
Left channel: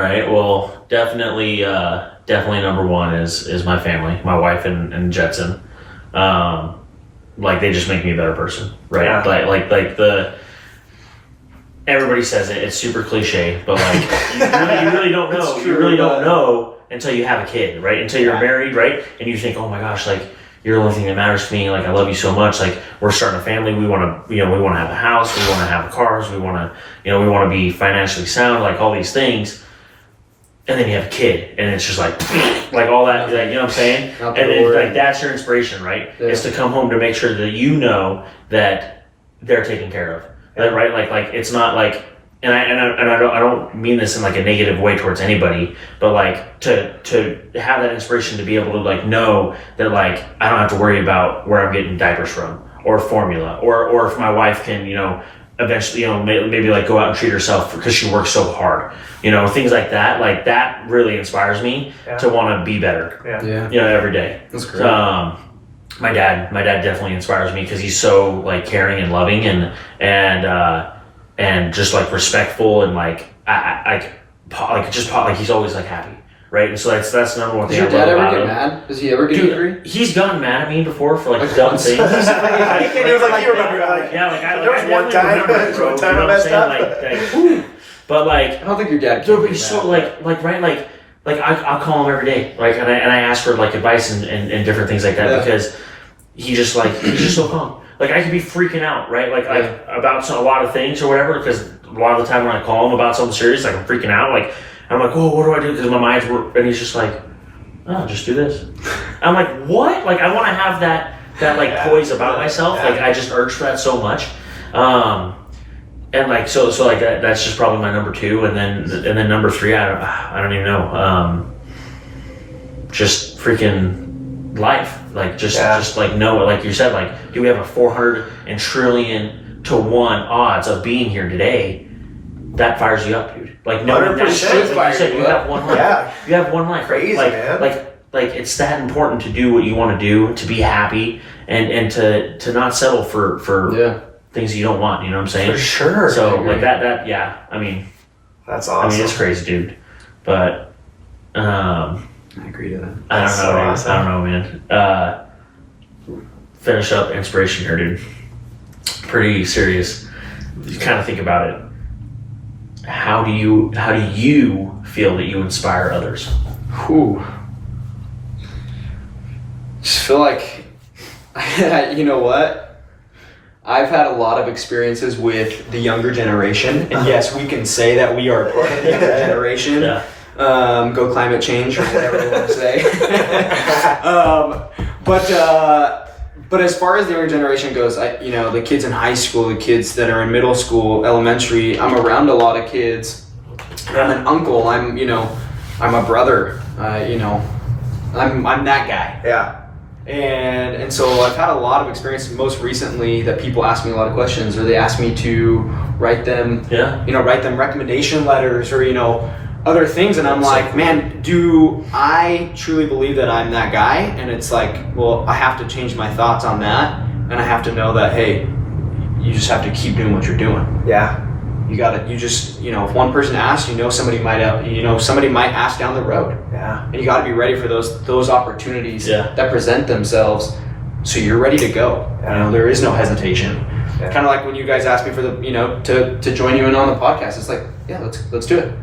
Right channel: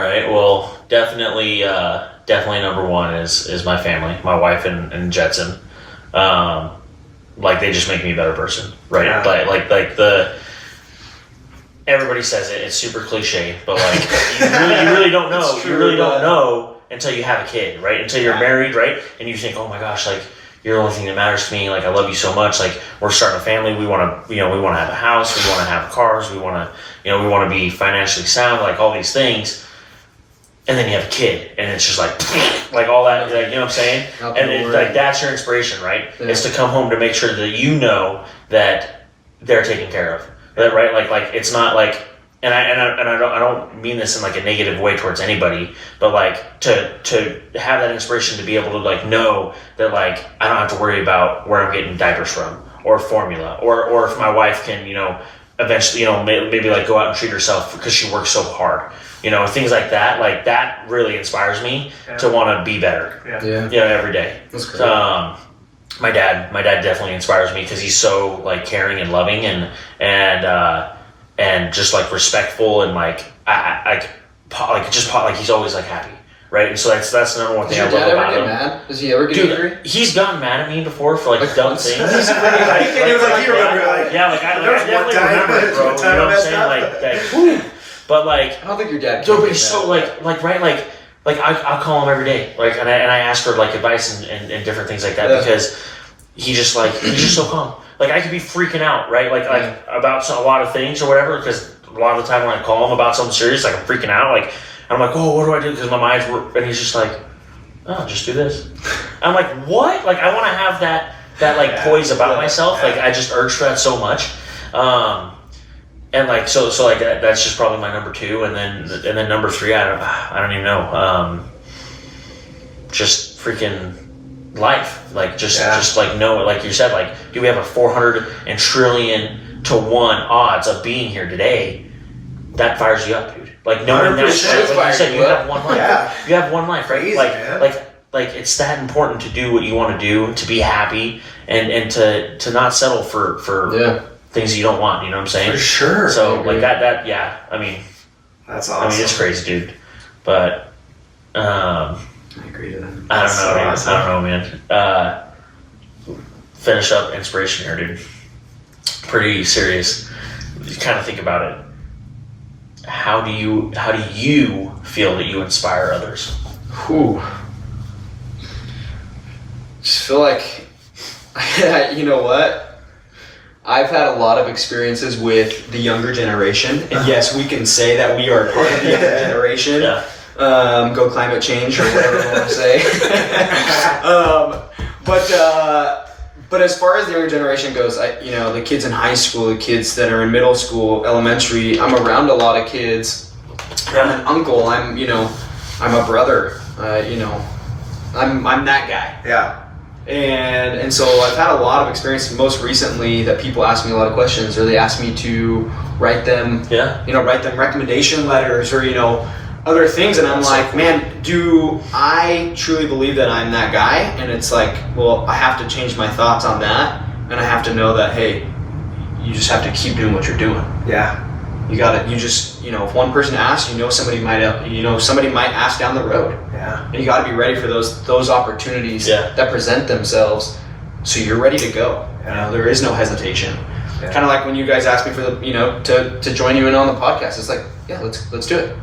right. Well, definitely number one is my family, my wife and Jetson. Like they just make me a better person, right? Yeah. Like the everybody says it. It's super cliche, but like you really don't know. It's true, You really but- don't know until you have a kid, right? Until you're Yeah. married, right? And you think, oh my gosh, like you're the only thing that matters to me. Like I love you so much. Like we're starting a family. We want to, we want to have a house. We want to have cars. We want to, we want to be financially sound. Like all these things. And then you have a kid, and it's just like all that, like, you know what I'm saying? Out And the it's door. like that's your inspiration, right? Yeah. Is to come home to make sure that you know that they're taken care of, right? Like it's not like, and I don't mean this in like a negative way towards anybody, but like to have that inspiration to be able to like know that like I don't have to worry about where I'm getting diapers from or formula or if my wife can eventually maybe like go out and treat herself because she works so hard, things like that. Like that really inspires me to want to be better, Yeah. every day. That's great. My dad definitely inspires me because he's so like caring and loving and just like respectful and like he's always like happy, right? And so that's the number one Does thing. your I dad love ever about get him. mad? Does he ever get angry? Dude, he's gotten mad at me before for like dumb once? things. He can't even like you remember. Yeah, like I There was one definitely time- remember it, there was bro. one You time know I what I'm messed saying? up. Like, but like, I don't think your dad. dude, can but get he's so mad. like I'll call him every day, like, and I ask for like advice and different things like that Yeah. because he's just so calm. Like I could be freaking out, right? Like about a lot of things or whatever. Because a lot of the time when I call him about something serious, like I'm freaking out, like I'm like, oh, what do I do? Because my mind's and he's just like, oh, just do this. I'm like, what? Like I want to have that like poise about myself. Like I just urge for that so much. And like so like that's just probably my number 2, and then number 3 I don't even know. Just freaking life, like just like know, like you said, like do we have a 400 and trillion to 1 odds of being here today? That fires you up, dude. Like knowing that 100% shit, like you said, you have one life. Yeah. You have one life, right? Crazy, man. Like it's that important to do what you want to do, to be happy, and to not settle for things you don't want. You know what I'm saying? For sure. So I agree. like that yeah. I mean, That's awesome. it's crazy, dude. But I agree to that. I don't That's know, so man. awesome. I don't know, man. Finish up inspiration here, dude. Pretty serious. You kind of think about it. how do you feel that you inspire others? Whew. Just feel like, you know what? I've had a lot of experiences with the younger generation, and yes, we can say that we are part of the younger generation. Yeah. Go climate change or whatever you want to say. But as far as the younger generation goes, the kids in high school, the kids that are in middle school, elementary, I'm around a lot of kids. I'm an uncle. I'm a brother. I'm that guy. Yeah. And so I've had a lot of experience most recently that people ask me a lot of questions, or they ask me to write them recommendation letters, or other things, and I'm like, man, do I truly believe that I'm that guy? And it's like, well, I have to change my thoughts on that, and I have to know that, hey, you just have to keep doing what you're doing. Yeah. If one person asks, somebody might ask down the road. Yeah. And you got to be ready for those opportunities that present themselves, so you're ready to go. Yeah. There is no hesitation. Yeah. Kind of like when you guys asked me for to join you in on the podcast. It's like, yeah, let's do it.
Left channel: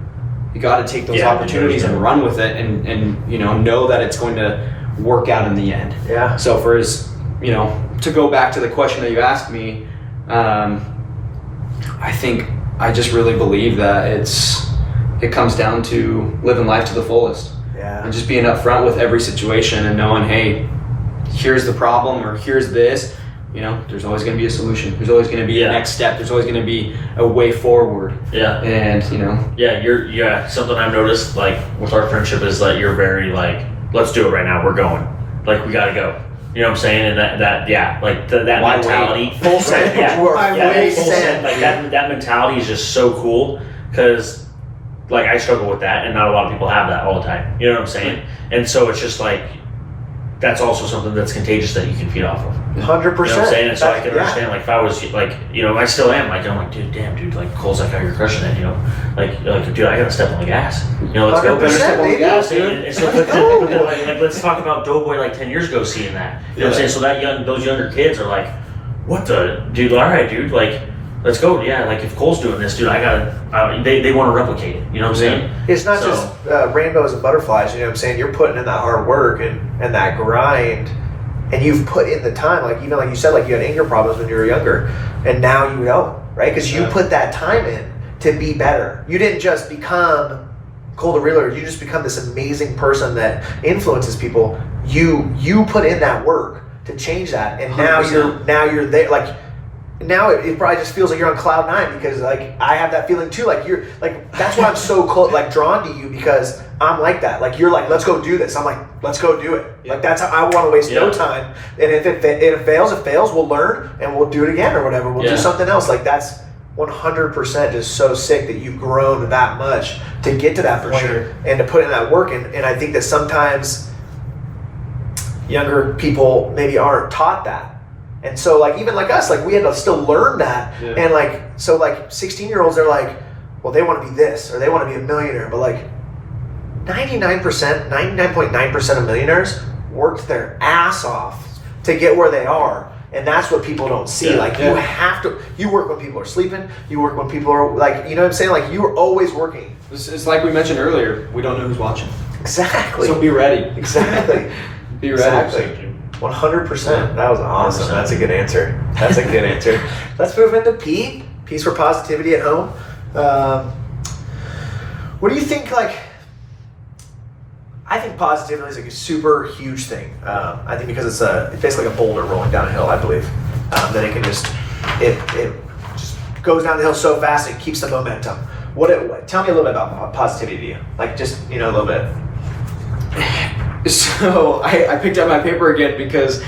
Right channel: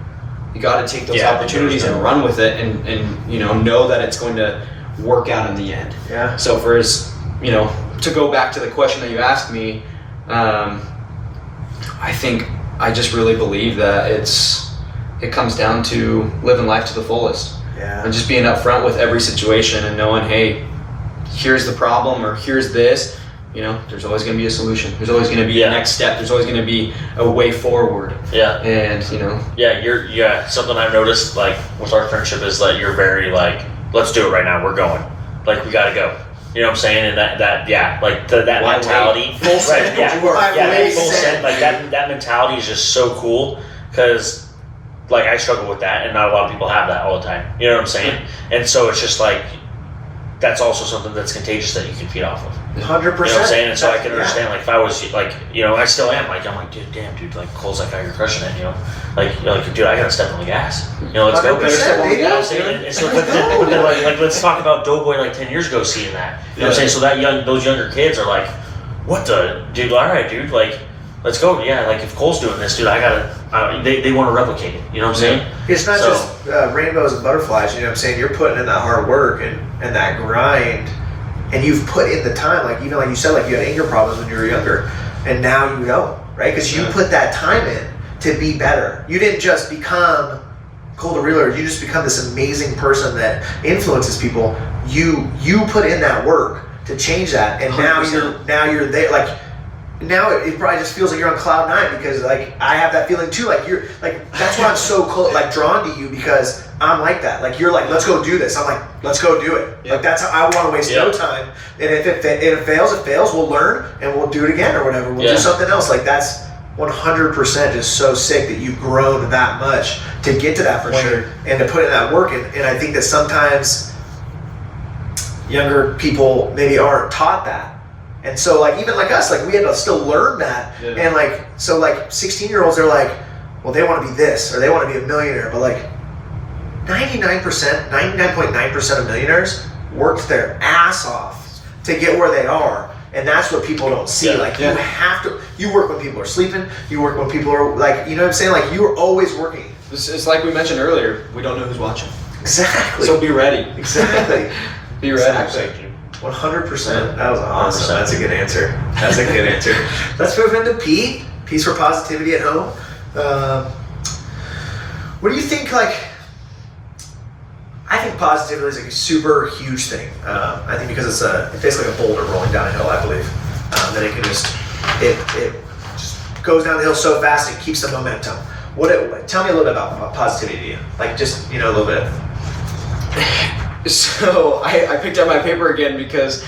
You got to take those opportunities and run with it, and know that it's going to work out in the end. Yeah. So to go back to the question that you asked me, I think I just really believe that it comes down to living life to the fullest. Yeah. And just being upfront with every situation and knowing, hey, here's the problem, or here's this. There's always going to be a solution. There's always going to be a next step. There's always going to be a way forward. Yeah. And something I've noticed, like, with our friendship is that you're very like, let's do it right now. We're going. Like, we got to go. You know what I'm saying? And that mentality. Full send. Full send. Like that mentality is just so cool, because like I struggle with that, and not a lot of people have that all the time. You know what I'm saying? And so it's just like, that's also something that's contagious that you can feed off of. 100%. You know what I'm saying? And so I can understand, like, if I was like, I still am, like, I'm like, dude, like, Cole's like how you're crushing it, like, dude, I gotta step on the gas. Let's go. Better step on the gas, dude. And so, like, let's talk about Doughboy like 10 years ago seeing that. You know what I'm saying? So those younger kids are like, what the, dude, all right, dude, like, let's go. Yeah, like, if Cole's doing this, dude, I gotta, they want to replicate it. You know what I'm saying? It's not just rainbows and butterflies, you know what I'm saying? You're putting in that hard work and that grind. And you've put in the time, like, even like you said, like, you had anger problems when you were younger, and now you know, right? Because you put that time in to be better. You didn't just become Cole the Realtor. You just become this amazing person that influences people. You put in that work to change that, and 100%. now you're there. Like, now it probably just feels like you're on cloud 9, because like I have that feeling too. Like, you're like, that's why I'm so like drawn to you, because I'm like that. Like, you're like, let's go do this. I'm like, let's go do it. Like, that's how I want to waste no time. And if it fails, it fails. We'll learn and we'll do it again or whatever. We'll do something else. Like, that's 100% just so sick that you've grown that much to get to that point and to put in that work. And I think that sometimes younger people maybe aren't taught that. And so, like, even like us, like, we had to still learn that. Yeah. And like, so like 16-year-olds are like, well, they want to be this, or they want to be a millionaire. But like 99.9% of millionaires worked their ass off to get where they are. And that's what people don't see. You have to, you work when people are sleeping, you work when people are like, you know what I'm saying? Like, you're always working. It's like we mentioned earlier, we don't know who's watching. Exactly. So be ready. Exactly. Be ready. Exactly. 100%. That was awesome. 100%. That's a good answer. That's a good answer. Let's move into P. P's for positivity at home. What do you think? Like, I think positivity is like a super huge thing. I think because it's basically like a boulder rolling down a hill. I believe. Then it can just goes down the hill so fast it keeps the momentum. Tell me a little bit about positivity. Like, just a little bit. So I picked up my paper again, because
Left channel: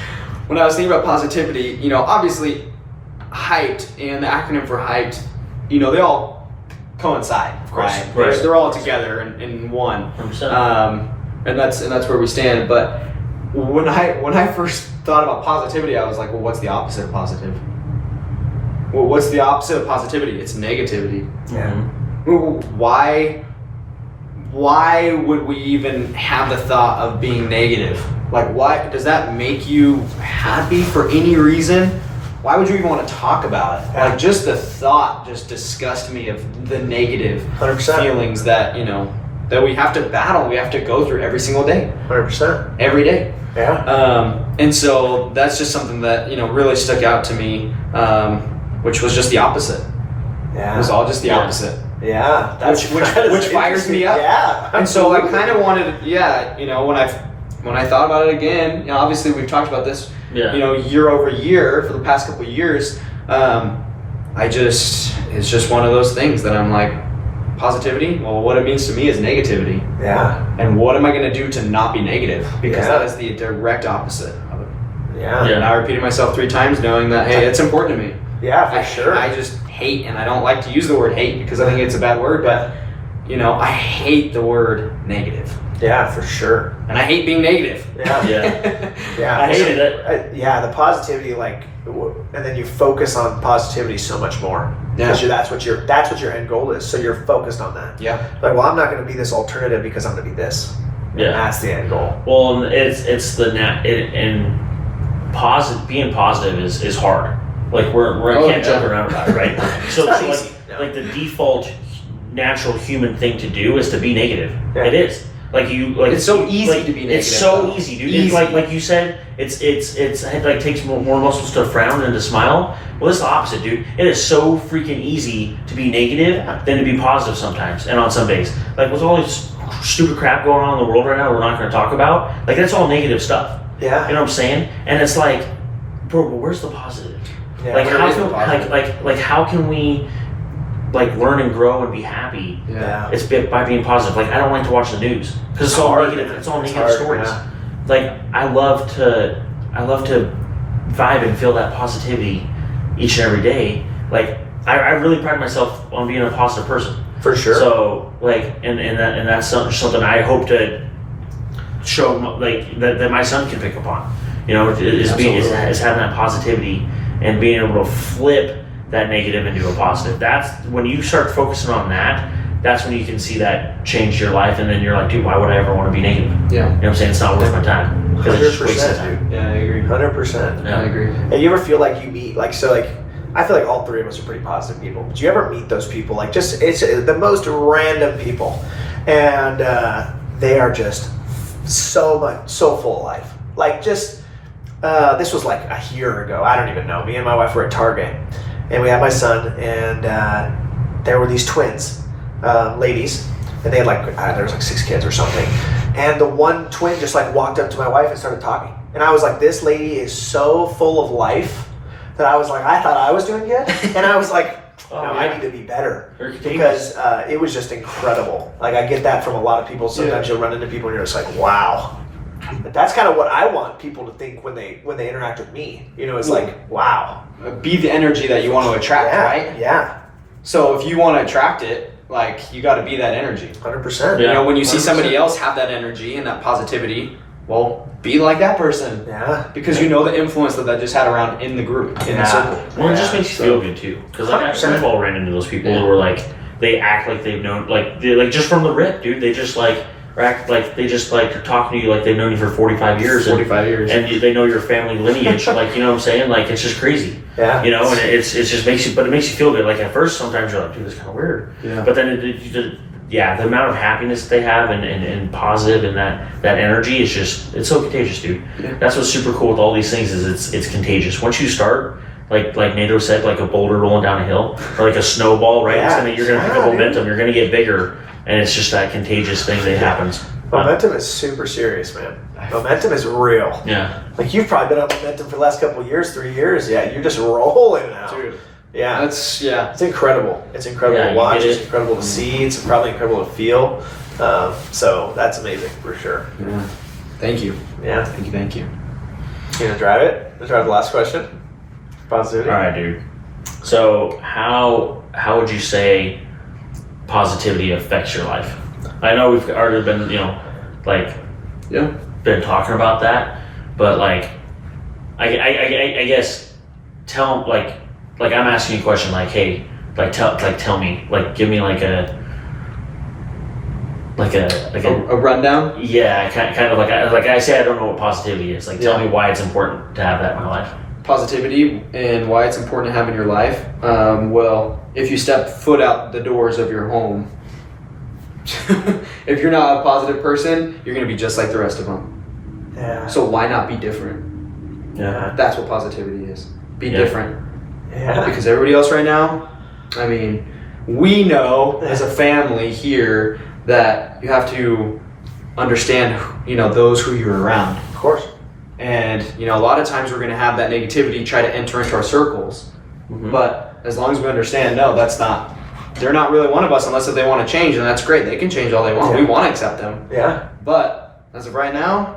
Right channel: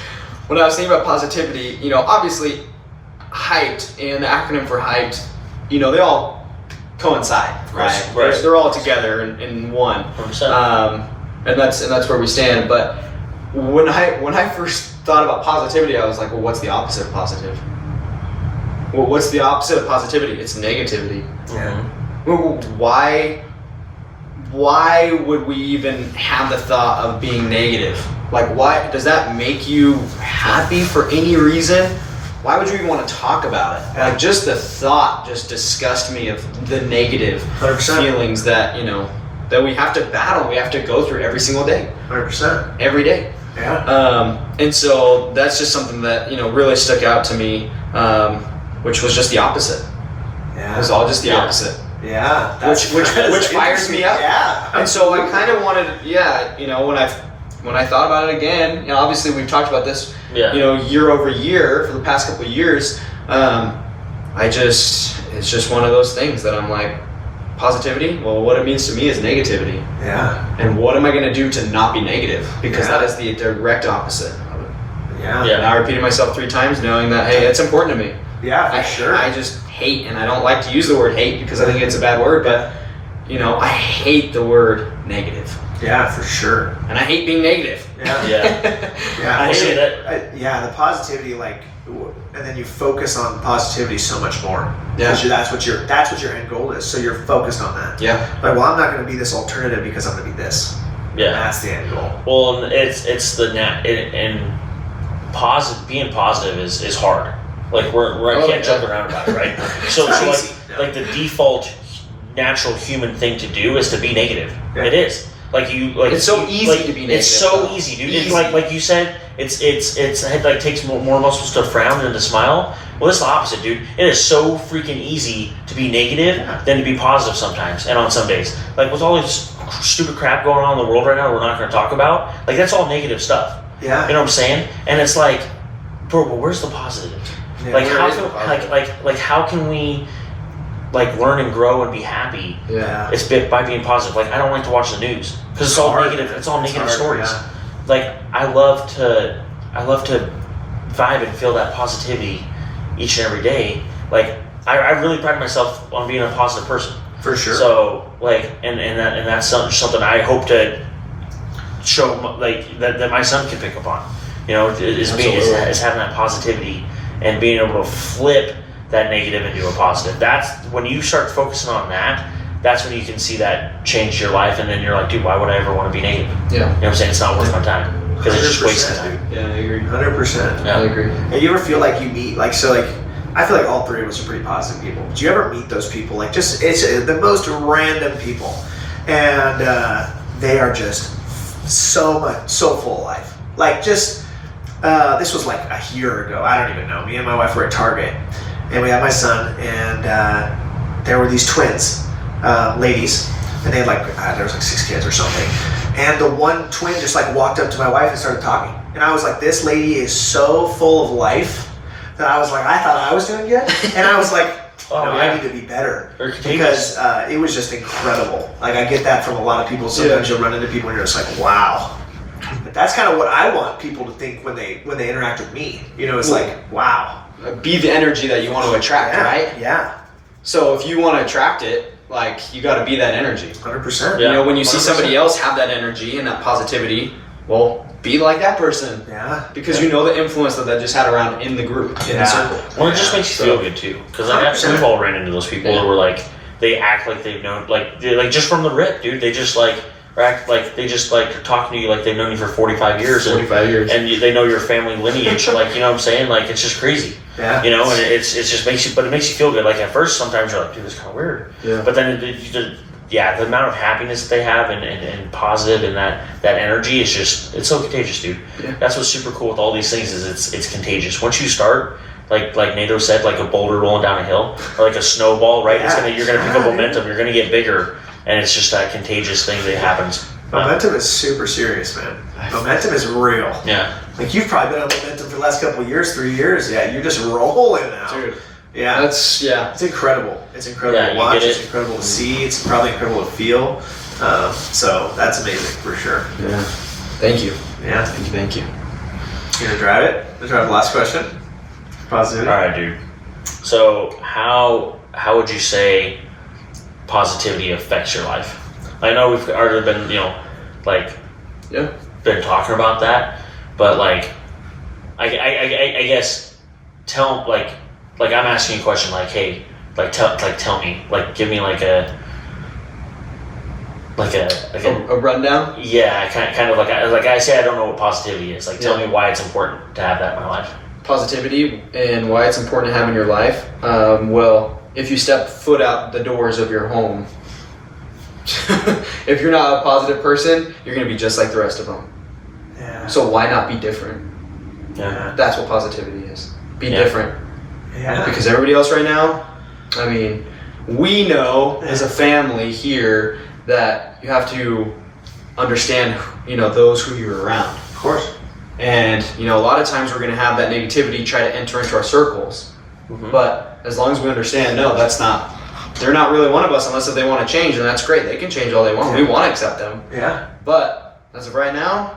when I was thinking about positivity, obviously HiPED and the acronym for HiPED, they all coincide, right? They're all together in one. And that's where we stand. But when I first thought about positivity, I was like, well, what's the opposite of positive? Well, what's the opposite of positivity? It's negativity. Yeah. Why would we even have the thought of being negative? Like, why does that make you happy for any reason? why would you even want to talk about it? Like, just the thought just disgusts me of the negative 100%. feelings that, you know, that we have to battle, we have to go through every single day. 100%. Every day. Yeah. And so that's just something that, you know, really stuck out to me, which was just the opposite. Yeah. It was all just the opposite. Yeah. Which fires me up. Yeah. And so I kind of wanted, you know, when I thought about it again, you know, obviously we've talked about this, you know, year over year for the past couple of years. It's just one of those things that I'm like, positivity, well, what it means to me is negativity. Yeah. And what am I going to do to not be negative? Because Yeah. that is the direct opposite of it. Yeah. And I repeated myself 3 times knowing that, hey, it's important to me. Yeah, for sure. I just hate, and I don't like to use the word hate because I think it's a bad word, but, you know, I hate the word negative. Yeah, for sure. And I hate being negative. Yeah. Yeah. Yeah. I hated it. Yeah, the positivity, like, and then you focus on positivity so much more. Yeah. Because that's what your end goal is. So you're focused on that. Yeah. Like, well, I'm not going to be this alternative because I'm going to be this. Yeah. And that's the end goal. Well, and it's the and being positive is hard. Like I can't joke around about it, right? So easy. like the default natural human thing to do is to be negative. Yeah. It is. It's so easy to be negative. It's so though. easy, dude. Easy. Like you said, it like takes more muscles to frown than to smile. Well, it's the opposite, dude. It is so freaking easy to be negative than to be positive sometimes, and on some days. Like with all this stupid crap going on in the world right now, we're not going to talk about. Like that's all negative stuff. Yeah. You know what I'm saying? And it's like, bro, but where's the positive? Yeah, like where how is the can positive? like how can we like learn and grow and be happy? Yeah. It's by being positive. Like I don't like to watch the news because it's all hard, negative. man. It's all It's negative hard, stories. yeah. Like I love to vibe and feel that positivity each and every day. Like I really pride myself on being a positive person. For sure. So like and that's something I hope to show like that my son can pick up on. You know, is having that positivity and being able to flip that negative into a positive. That's when you start focusing on that. That's when you can see that change your life, and then you're like, dude, why would I ever want to be negative? Yeah. You know what I'm saying? It's not worth my time because it's just wasting 100%, time. Yeah, I agree. 100%. Yeah. I agree. And you ever feel like you meet, like, so, like, I feel like all 3 of us are pretty positive people. But you ever meet those people? Like, just, it's the most random people. And they are just so full of life. Like, just, this was like a year ago. I don't even know. Me and my wife were at Target. And we had my son, and there were these twins, ladies. And they had like, there was like 6 kids or something. And the one twin just like walked up to my wife and started talking. And I was like, this lady is so full of life that I was like, I thought I was doing good. And I was like, I need to be better. Because it was just incredible. Like I get that from a lot of people. Sometimes you'll run into people and you're just like, wow. But that's kind of what I want people to think when they interact with me. You know, it's like, wow. Be the energy that you want to attract, right? Yeah. So if you want to attract it, like you got to be that energy. 100%. You know, when you see 100%. somebody else have that energy and that positivity, well, be like that person. Yeah. Because you know the influence that just had around in the group, in the circle. Well, it just makes you feel good too. Because like we've all ran into those people who were like, they act like they've known, like they're like just from the rip, dude. They just like or act like they just like are talking to you like they've known you for 45 years. 45 years. And they know your family lineage. Like, you know what I'm saying? Like, it's just crazy. Yeah. You know, and it just makes you, but it makes you feel good. Like, at first, sometimes you're like, dude, this is kind of weird. Yeah. But then, the amount of happiness they have and positive and that energy is just, it's so contagious, dude. Yeah. That's what's super cool with all these things is it's contagious. Once you start, like Nato said, like a boulder rolling down a hill or like a snowball, right? Yeah. You're gonna pick up momentum. You're gonna get bigger, and it's just that contagious thing that happens. Momentum is super serious, man. Momentum is real. Yeah. Like you've probably been on momentum for the last couple of years, 3 years. Yeah, you're just rolling now. Dude. Yeah. That's, yeah. It's incredible. It's incredible Yeah, to you watch. get It's it. incredible to see. It's probably incredible to feel. So that's amazing for sure. Yeah. Thank you. Yeah. Thank you. You gonna drive it? Let's drive the last question. Positivity. All right, dude. So how would you say positivity affects your life? I know we've already been, Yeah. been talking about that, but like, I guess tell like I'm asking you a question like, hey, tell me, like give me like a rundown? yeah, kind of like I say I don't know what positivity is. Like tell me why it's important to have that in my life. positivity and why it's important to have in your life, well, if you step foot out the doors of your home, if you're not a positive person, you're going to be just like the rest of them. Yeah. So why not be different? Yeah. That's what positivity is. Be Yeah. different. Yeah. Because everybody else right now, I mean, we know as a family here that you have to understand, those who you're around. Of course. And, a lot of times we're going to have that negativity try to enter into our circles. Mhm. But as long as we understand, no, they're not really one of us unless if they want to change, and that's great. They can change all they want. We want to accept them. Yeah. But as of right now,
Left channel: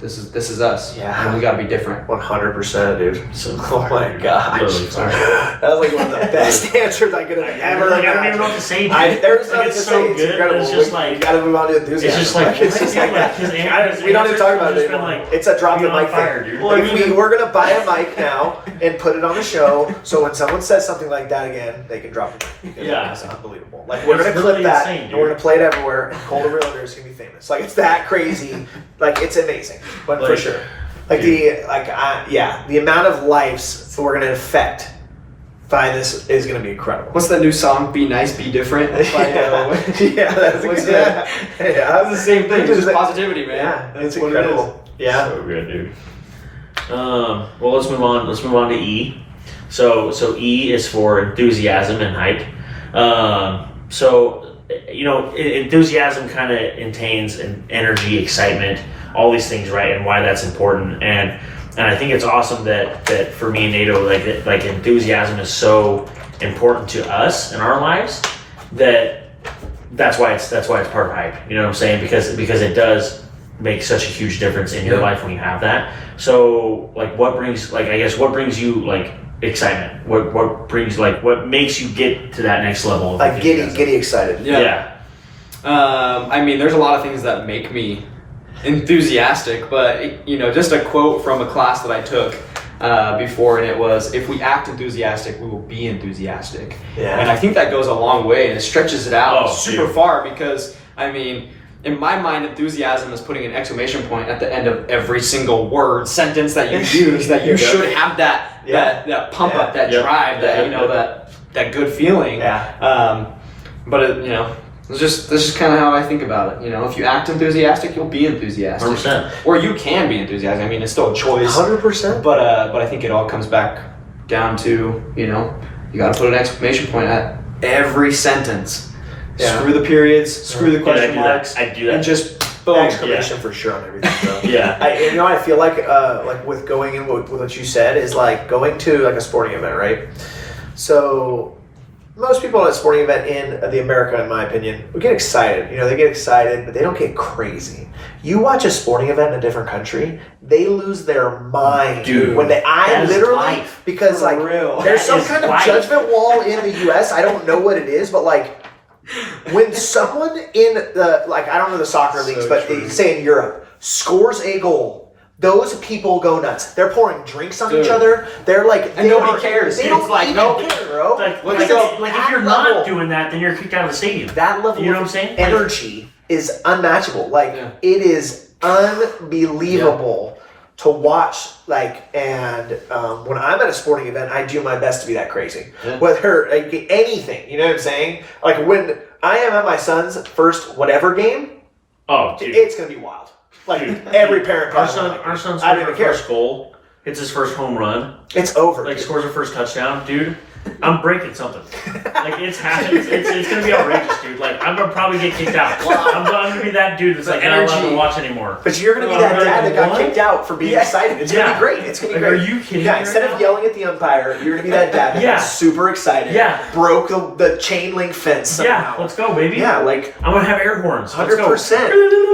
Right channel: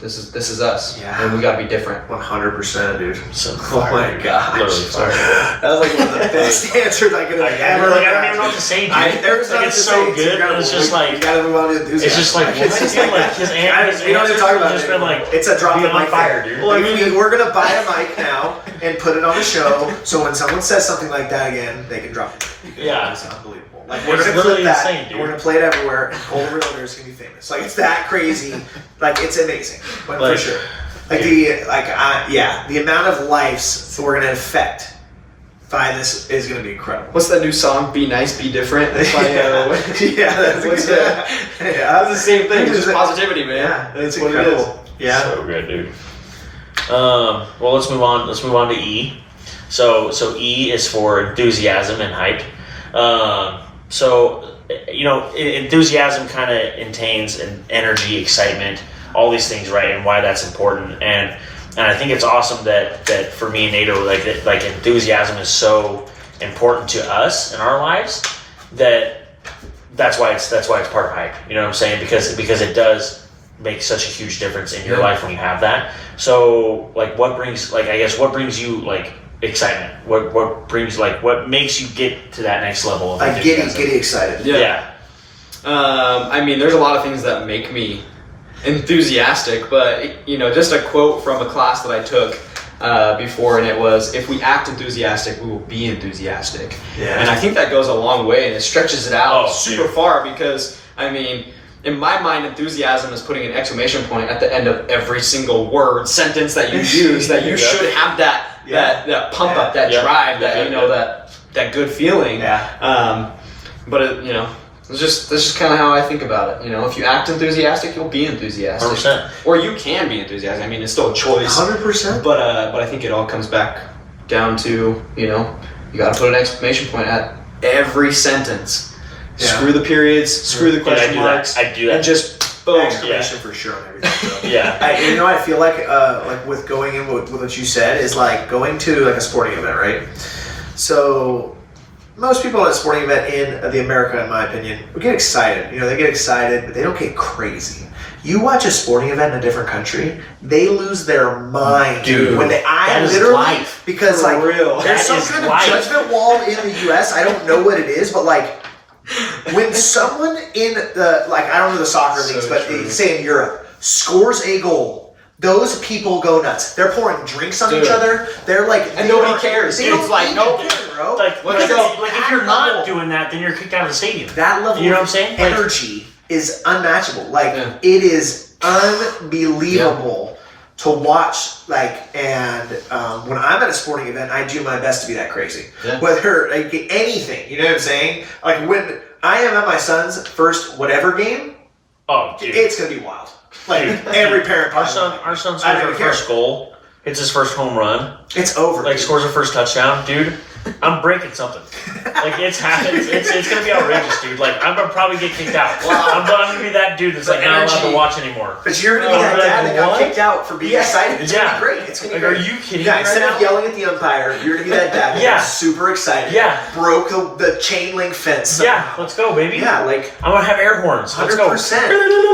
this is us. Yeah. And we got to be different. 100%, dude. So Oh my gosh. Literally fire. That was like one of the best answers I could have ever I don't even know what to say, dude. There's nothing It's to so say. good. Incredible. It's just We like gotta move on to enthusiasm. it's just like It's just like his we don't need to talk about just it been anymore. like It's a drop the be on mic fire, thing. dude. Well, we're gonna buy a mic now and put it on the show, so when someone says something like that again, they can drop it. Yeah. It's unbelievable. Like we're It's gonna literally clip that, insane, and we're dude. gonna play it everywhere. Call the realtors, gonna be famous. Like it's that crazy. Like it's amazing, but for Like, sure. Like the amount of lives that we're gonna affect by this is gonna be incredible. What's that new song? Be nice, be different. It's by, Yeah, that's what's that? Yeah, It's the same thing. It's just positivity, man. Yeah, That's it's what it is. incredible. Yeah. So good, dude. Well, let's move on. Let's move on to E. So E is for enthusiasm and hype. Enthusiasm kind of entails energy, excitement, all these things, right? And why that's important. And I think it's awesome that for me and Nato, like enthusiasm is so important to us in our lives that's why it's part of hype. You know what I'm saying? Because it does make such a huge difference in your life when you have that. So what brings you like excitement? What makes you get to that next level of Like enthusiasm? giddy excited. Yeah. There's a lot of things that make me enthusiastic, but just a quote from a class that I took before, and it was, if we act enthusiastic, we will be enthusiastic. Yeah. And I think that goes a long way, and it stretches it out super dude. far, because in my mind, enthusiasm is putting an exclamation point at the end of every single word, sentence that you use, that you should have that pump up, that drive, that good feeling. Yeah. This is just kind of how I think about it. If you act enthusiastic, you'll be enthusiastic. 100%. Or you can be enthusiastic. It's still a choice. 100%. But I think it all comes back down to, you got to put an exclamation point at every sentence. Yeah. Screw the periods, screw the question marks. I do that. And just boom. Exclamation for sure on everything. So. Yeah. I feel like with going in with what you said is like going to like a sporting event, right? So most people at a sporting event in America, in my opinion, would get excited. They get excited, but they don't get crazy. You watch a sporting event in a different country, they lose their mind, Dude, when that is literally life. because For real. there's some That is kind of life. judgment wall in the U.S. I don't know what it is, but when someone in the I don't know the soccer So leagues, but true. say in Europe scores a goal, those people go nuts. They're pouring drinks on Dude. each other. They're And nobody cares. They It's don't like, even nope. care, bro. Like Because if you're that not level- doing that, then you're kicked out of the stadium. that level You know of what I'm saying? energy is unmatchable. Yeah. It is unbelievable to watch. And when I'm at a sporting event, I do my best to be that crazy. Yeah. Whether anything, you know what I'm saying? When I am at my son's first whatever game, Oh, dude. it's gonna be wild. Dude. Every parent. Our probably. son I scores don't her care. first goal. Hits his first home run. It's over. Like dude. scores her first touchdown, dude. I'm breaking something. It's happening. It's gonna be outrageous, dude. I'm gonna probably get kicked out. I'm gonna be that dude that's The not allowed to energy. watch anymore. But you're gonna be that dad that got kicked out for being excited. It's gonna be great. It's gonna be Are great. you kidding Yeah, me instead right of now? yelling at the umpire, you're gonna be that dad that got super excited. Yeah. Broke the chain link fence somehow. Yeah, let's go, baby. Yeah, I'm gonna have air horns. Let's go. 100%.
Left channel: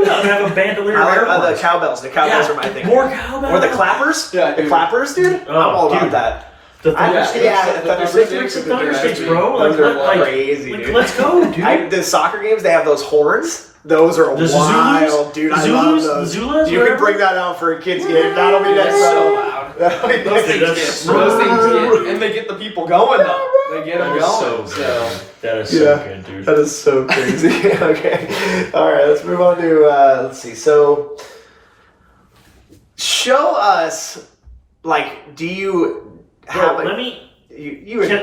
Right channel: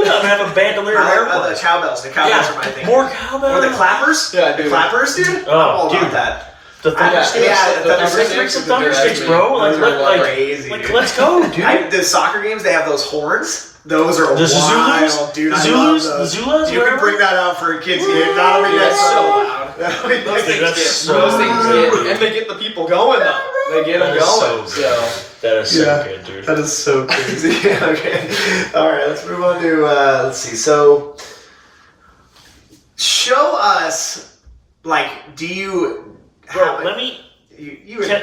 I'm gonna have a bandolier of I air like horns. the cowbells. The cowbells are my thing. More cowbells. Or the clappers. Yeah, the dude. clappers, dude. Oh, I'm all dude. about that. The thundersticks. Yeah, the the Thundersticks and thundersticks, bro. crazy. Let's go, dude. The soccer games, they have those horns. Those are The wild, Zulus? dude. The I Zulus? love those. The Zulus, You can whatever? bring that out for a kids game. That'll be That's next so level. loud. Those Those things That's get, so those things get, and they get the people going though. They get them That is going. so good. That is so good, dude. That is so crazy. Okay. All right, let's move on to, let's see. So, show us like, do you have Bro, a, let me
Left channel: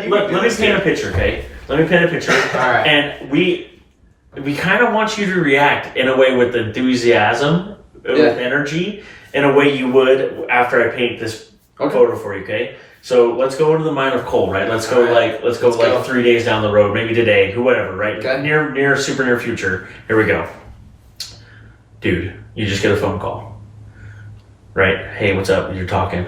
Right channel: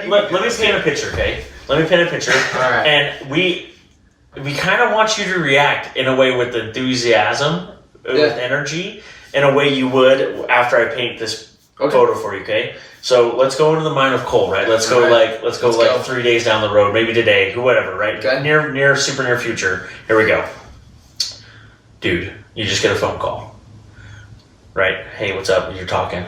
let me paint a picture, okay? Let me paint a picture. All right. And we kind of want you to react in a way with enthusiasm, with energy, in a way you would after I paint this photo for you, okay? So let's go into the mind of Cole, right? Let's go let's go 3 days down the road, maybe today, whoever, right? Okay. Near super near future. Here we go. Dude, you just get a phone call. Right? Hey, what's up? You're talking.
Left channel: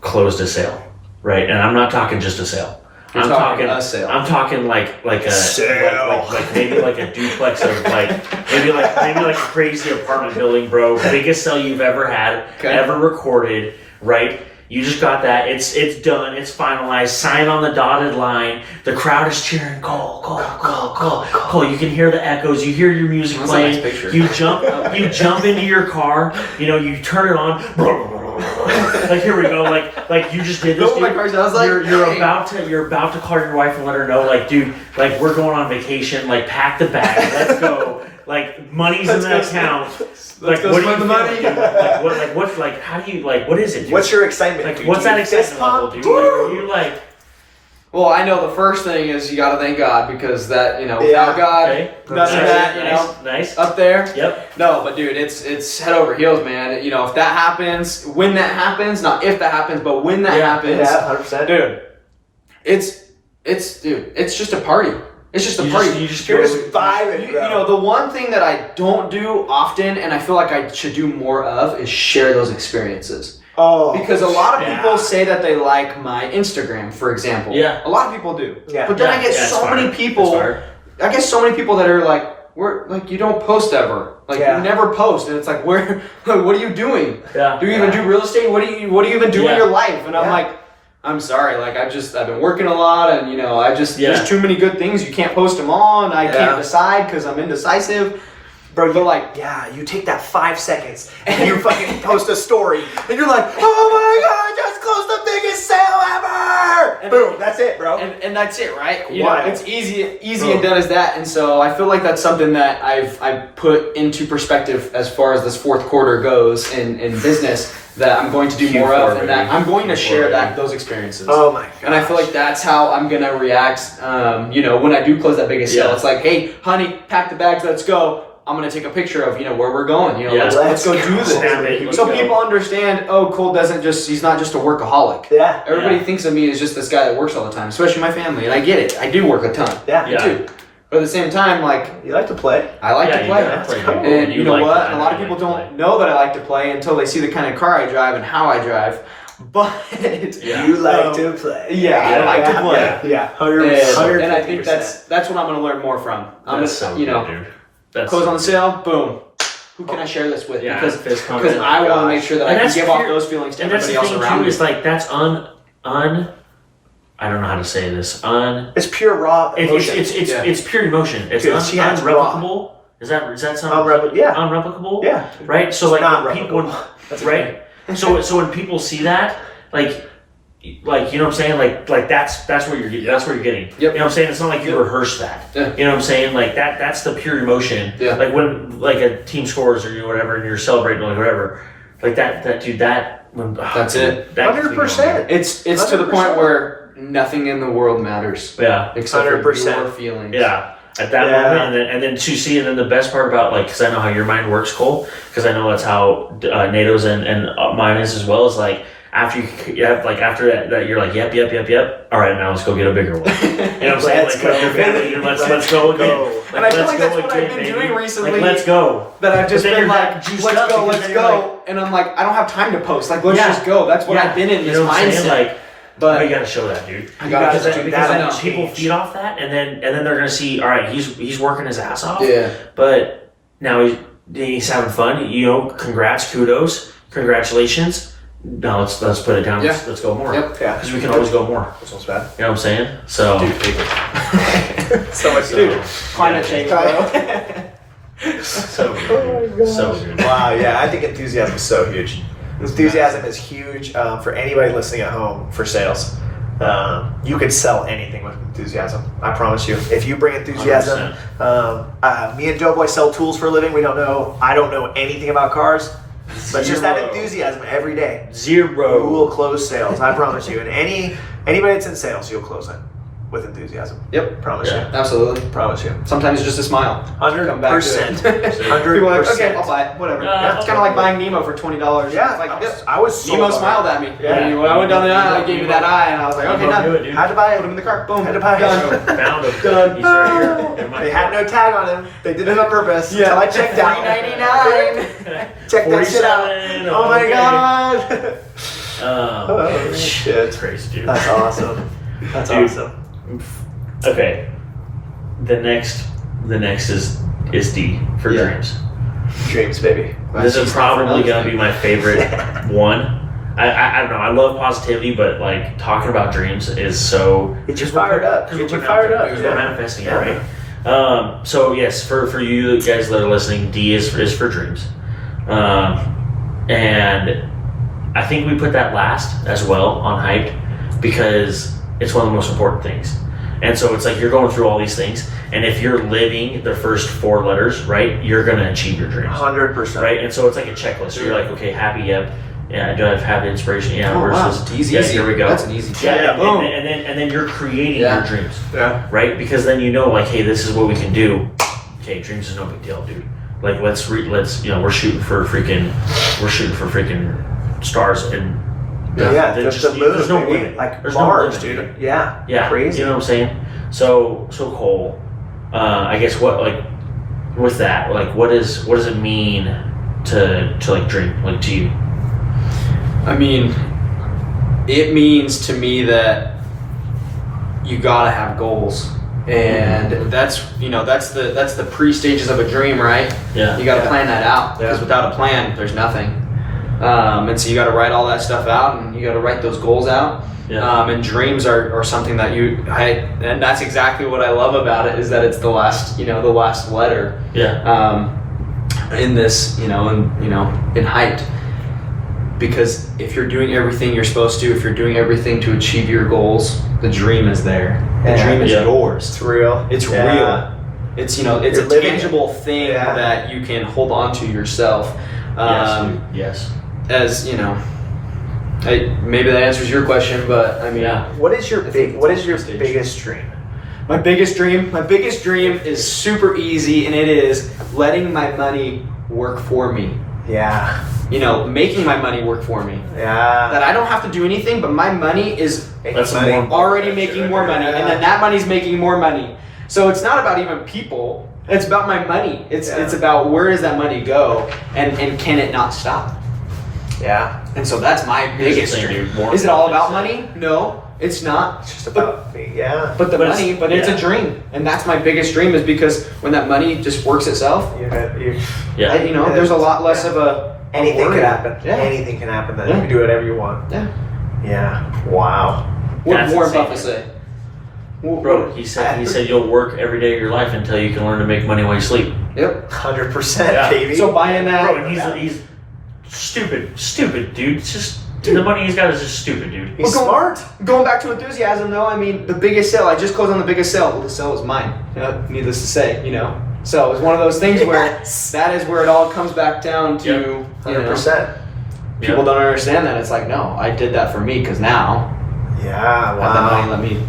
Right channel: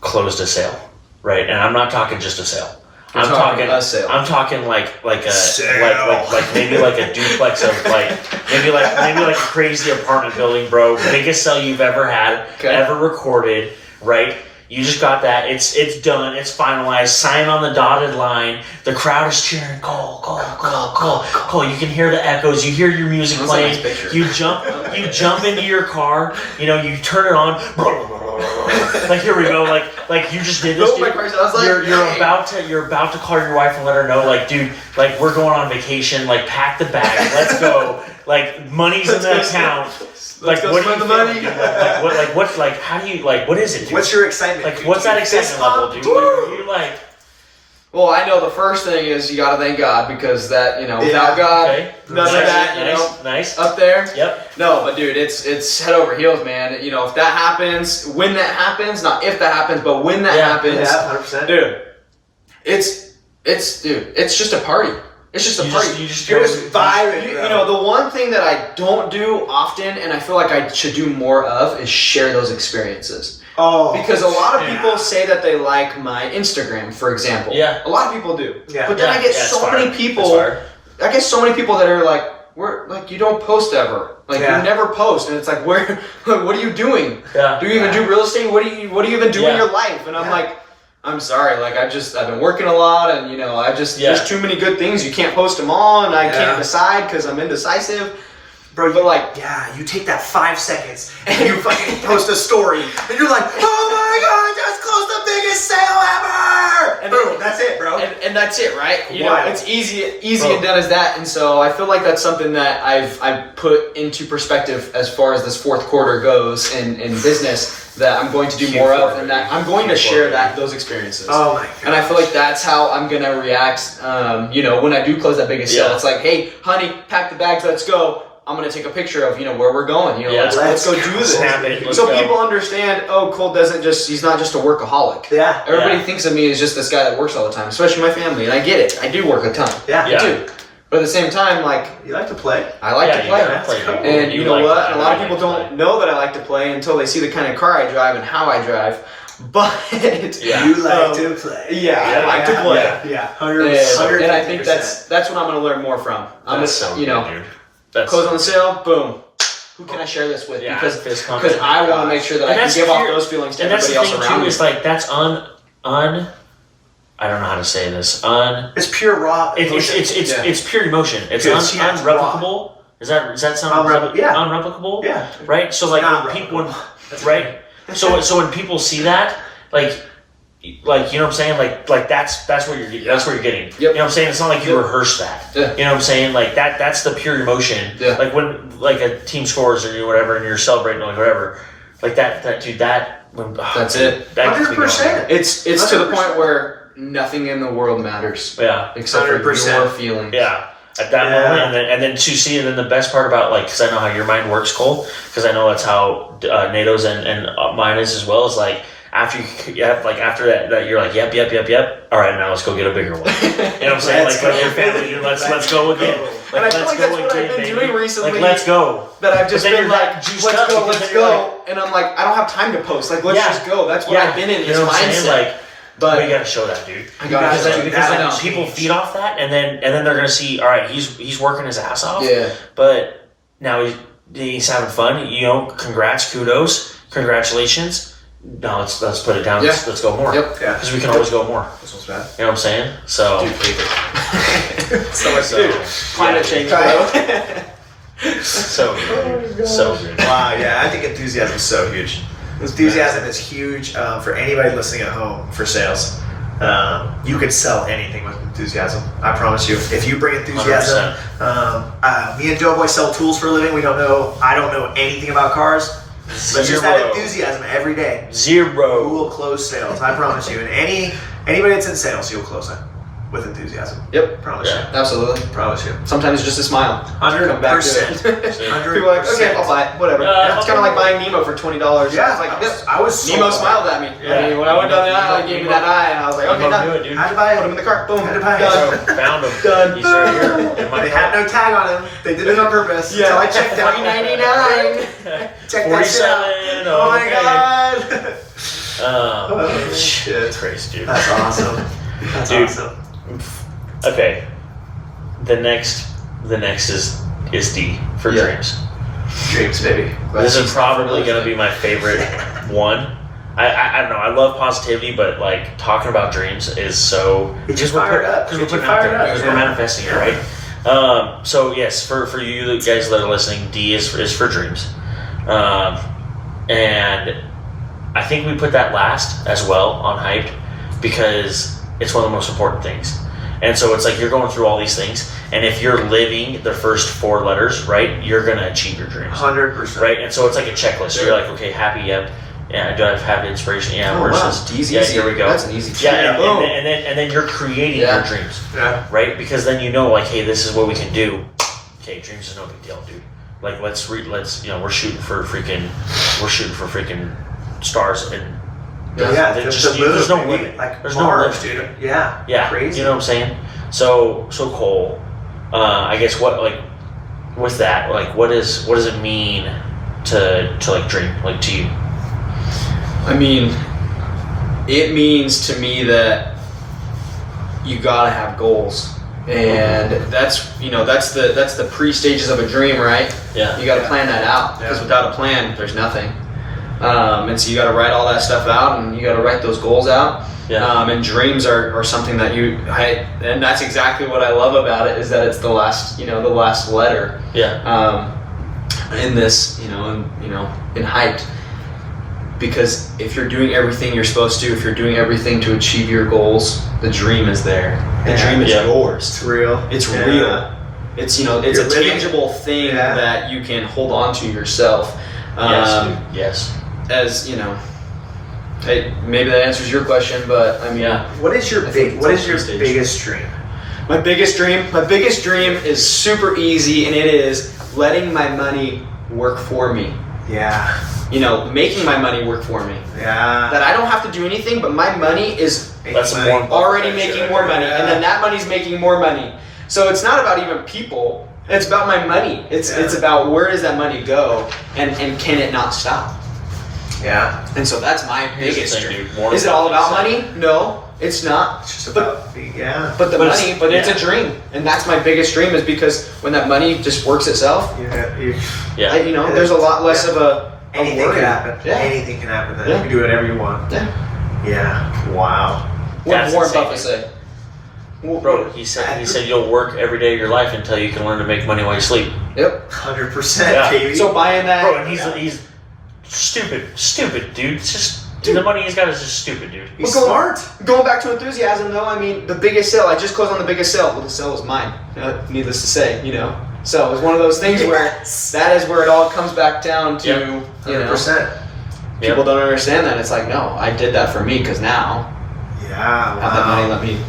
Closed a sale. Right? And I'm not talking just a sale. I'm talking a sale. I'm talking like a sale. like maybe like a duplex of maybe like a crazy apartment building, bro. Biggest sale you've ever had, ever recorded, right? You just got that. It's done. It's finalized. Sign on the dotted line. The crowd is cheering. Cole. You can hear the echoes. You hear your music playing. That's a nice picture. You jump into your car. You turn it on. Like here we go. Like you just did this. Dude. My car's I was like, You're about to call your wife and let her know. Like, dude, like we're going on vacation. Like, pack the bag. Let's go. Like, money's in the account. Let's go spend the money. How do you, what is it, dude? What's your excitement? Like, what's that excitement level, dude? Are you like... Well, I know the first thing is you got to thank God because that, without God, none of that, nice. up there. Yep. No, but dude, it's head over heels, man. If that happens, when that happens, not if that happens, but when that happens, 100%. dude, it's just a party. It's just a party. You just vibing. The one thing that I don't do often, and I feel like I should do more of, is share those experiences. Oh, because a lot of people say that they like my Instagram, for example. Yeah. A lot of people do. Yeah. But then I get so many people. I get so many people that are like, you don't post ever. Like, you never post, and it's like, what are you doing? Yeah. Do you even do real estate? What do you even do in your life? And I'm like, I'm sorry, like I've been working a lot, and there's too many good things. You can't post them all, and I can't decide because I'm indecisive. Bro, but you take that 5 seconds and you fucking post a story, and you're like, oh my god, I just closed the biggest sale ever! And boom, that's it, bro. And that's it, right? It's easy and done as that. And so I feel like that's something that I've put into perspective as far as this fourth quarter goes in business. That I'm going to do more of, and that I'm going to share those experiences. Oh my god! And I feel like that's how I'm gonna react. When I do close that biggest sale, it's like, hey, honey, pack the bags, let's go. I'm gonna take a picture of where we're going. Let's go do this. So people understand. Oh, Cole he's not just a workaholic. Yeah. Everybody thinks of me as just this guy that works all the time, especially my family, and I get it. I do work a ton. Yeah. I do. But at the same time, you like to play. I like to play. And you know what? A lot of people to don't know that I like to play until they see the kind of car I drive and how I drive. But you like to play. Yeah, I like to play. Yeah, 100%. And I think that's what I'm going to learn more from. I'm close on the sale, boom. Who can I share this with? Yeah, because I want to make sure that I can give off those feelings to everybody else around me. It's like that's I don't know how to say this. It's pure raw emotion. It's pure emotion. It's unreplicable. Is that sound unreplicable? Yeah. Right? So when people right? So when people see that, like you know what I'm saying? Like that's what you're getting. Yep. You know what I'm saying? It's not like you rehearse that. Yeah. You know what I'm saying? Like that's the pure emotion. Yeah. Like when a team scores or whatever and you're celebrating or whatever. Like that when that's it. 100%. It's 100%. To the point where nothing in the world matters. Yeah. Except 100%. For your feelings. Yeah. At that moment, and then to see, and then the best part about because I know how your mind works, Cole, because I know that's how NATO's and mine is as well. Is like after after that you're like yep. All right, now let's go get a bigger one. You know what I'm saying? Let's go again. And I feel like that's what I've been doing recently. Let's go. That I've just been like, let's go. And I'm like, I don't have time to post. Like, let's just go. That's what I've been in this mindset. But you gotta show that, dude. I gotta show because people feed off that, and then they're gonna see. All right, he's working his ass off. Yeah. But now he's having fun. Congrats, kudos, congratulations. Now let's put it down. Yeah. Let's go more. Yep. Yeah. Because we can always go more. That sounds bad. You know what I'm saying? So. Dude, paper. Dude, climate change, bro. So good. So good. Wow. Yeah, I think enthusiasm is so huge. Enthusiasm is huge for anybody listening at home for sales. You could sell anything with enthusiasm. I promise you. If you bring enthusiasm, me and Doughboy sell tools for a living. I don't know anything about cars. But just that enthusiasm every day. Zero. You will close sales, I promise you. And anybody that's in sales, you'll close it with enthusiasm. Yep. Promise you. Absolutely. Promise you. Sometimes it's just a smile. 100%. 100%. People are like, okay, I'll buy it. Whatever. Yeah, it's kind of like buying Nemo for $20. Yeah, It's like, I was so Nemo smiled at me. Yeah. I mean, when I went down the aisle, he gave me that eye, and I was like, okay, done. Do it, dude. Had to buy Put him it. in the cart. Boom. Had to buy it. Done. Found him. Done. He's right here. They had no tag on him. They did it on purpose. Yeah. Until I checked out. $3.99. Check that shit out. 47. Oh my okay. god. Oh, shit. That's crazy, dude. That's awesome. That's Dude. awesome. Okay. The next is D for Yeah. dreams. Dreams, baby. This is probably going to be my favorite one. I don't know. I love positivity, but like talking about dreams is so. It just fired up. Because It we're just fired up. because Yeah. we're manifesting it, right? So yes, for you guys that are listening, D is for dreams, and I think we put that last as well on hype because it's one of the most important things. And so it's like you're going through all these things, and if you're living the first 4 letters, right, you're gonna achieve your dreams, 100%. right? And so it's like a checklist. You're like, okay, happy, yeah. Do I have inspiration? Yeah. Oh, wow. Versus, Easy. yeah, here we go. That's an easy check. Yeah, Boom. and then you're creating your dreams, Yeah. right? Because then you know, like, hey, this is what we can do. Okay, dreams is no big deal, dude. Like, let's we're shooting for freaking stars and Yeah, there's just the moon, there's no baby. limit. Like There's Mars, no limit, dude. Yeah. Yeah, Crazy. You know what I'm saying? So Cole, I guess what like with that, like what does it mean to like dream, like to you? I mean, it means to me that you gotta have goals, and that's the pre-stages of a dream, right? Yeah. You gotta plan that out because without a plan, there's nothing. And so you gotta write all that stuff out, and you gotta write those goals out. Yeah. And dreams are something that and that's exactly what I love about it is that it's the last letter. Yeah. In this, in HiPED. Because if you're doing everything you're supposed to, if you're doing everything to achieve your goals, the dream is there. The dream is yours. It's real. It's real. It's it's You're a living tangible thing Yeah. that you can hold on to yourself. Yes. Dude. Yes. As maybe that answers your question, but I mean, What is your I think what it's is your all stage. biggest dream? My biggest dream is super easy, and it is letting my money work for me. Yeah. Making my money work for me. Yeah. That I don't have to do anything, but my money is That's Money. more already making more money, and then that money's making more money. So it's not about even people. It's about my money. It's about where does that money go, and can it not stop? Yeah. And so that's my Here's the biggest thing, dream. dude. More Is it all about money. money? No, it's not. It's just about yeah. But the But money, it's- but it's yeah. a dream, and that's my biggest dream is because when that money just works itself, Yeah. there's a lot less of a anything worry. can happen. Yeah. Anything can happen. Then Yeah. you can do whatever you want. Yeah. Yeah. Wow. What That's did Warren insane, Buffett say? Bro, he said you'll work every day of your life until you can learn to make money while you sleep. Yep. 100%, Yeah. baby. So buying that. Bro, and he's stupid, dude. It's just the money he's got is just stupid, dude. He's Well, smart. Going back to enthusiasm, though, I mean, the biggest sale, I just closed on the biggest sale. Well, the sale was mine, needless to say, So it's one of those things where Yes. that is where it all comes back down to, 100%. people don't understand that. It's like, no, I did that for me because now Yeah. Wow. have the money, let me,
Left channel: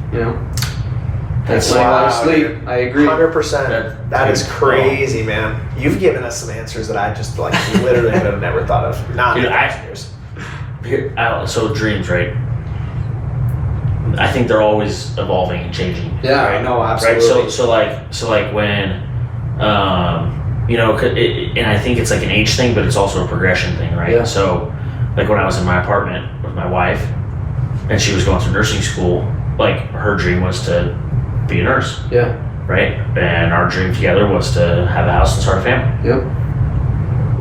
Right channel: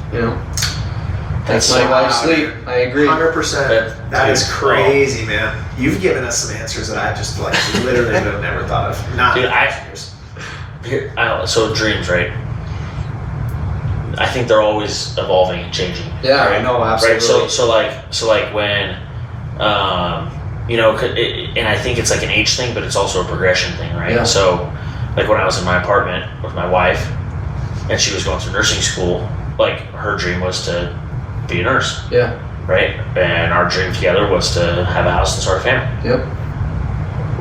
That's take money while you wow, sleep. dude. I agree. 100%. That dude, is crazy, man. You've given us some answers that I just literally would have never thought of. Not Dude, in I- years. So dreams, right? I think they're always evolving and changing. Yeah, right? no, Right. absolutely. So like when, and I think it's like an age thing, but it's also a progression thing, right? Yeah. So, like when I was in my apartment with my wife, and she was going through nursing school, like her dream was to be a nurse, Yeah. right? And our dream together was to have a house and start a family. Yep.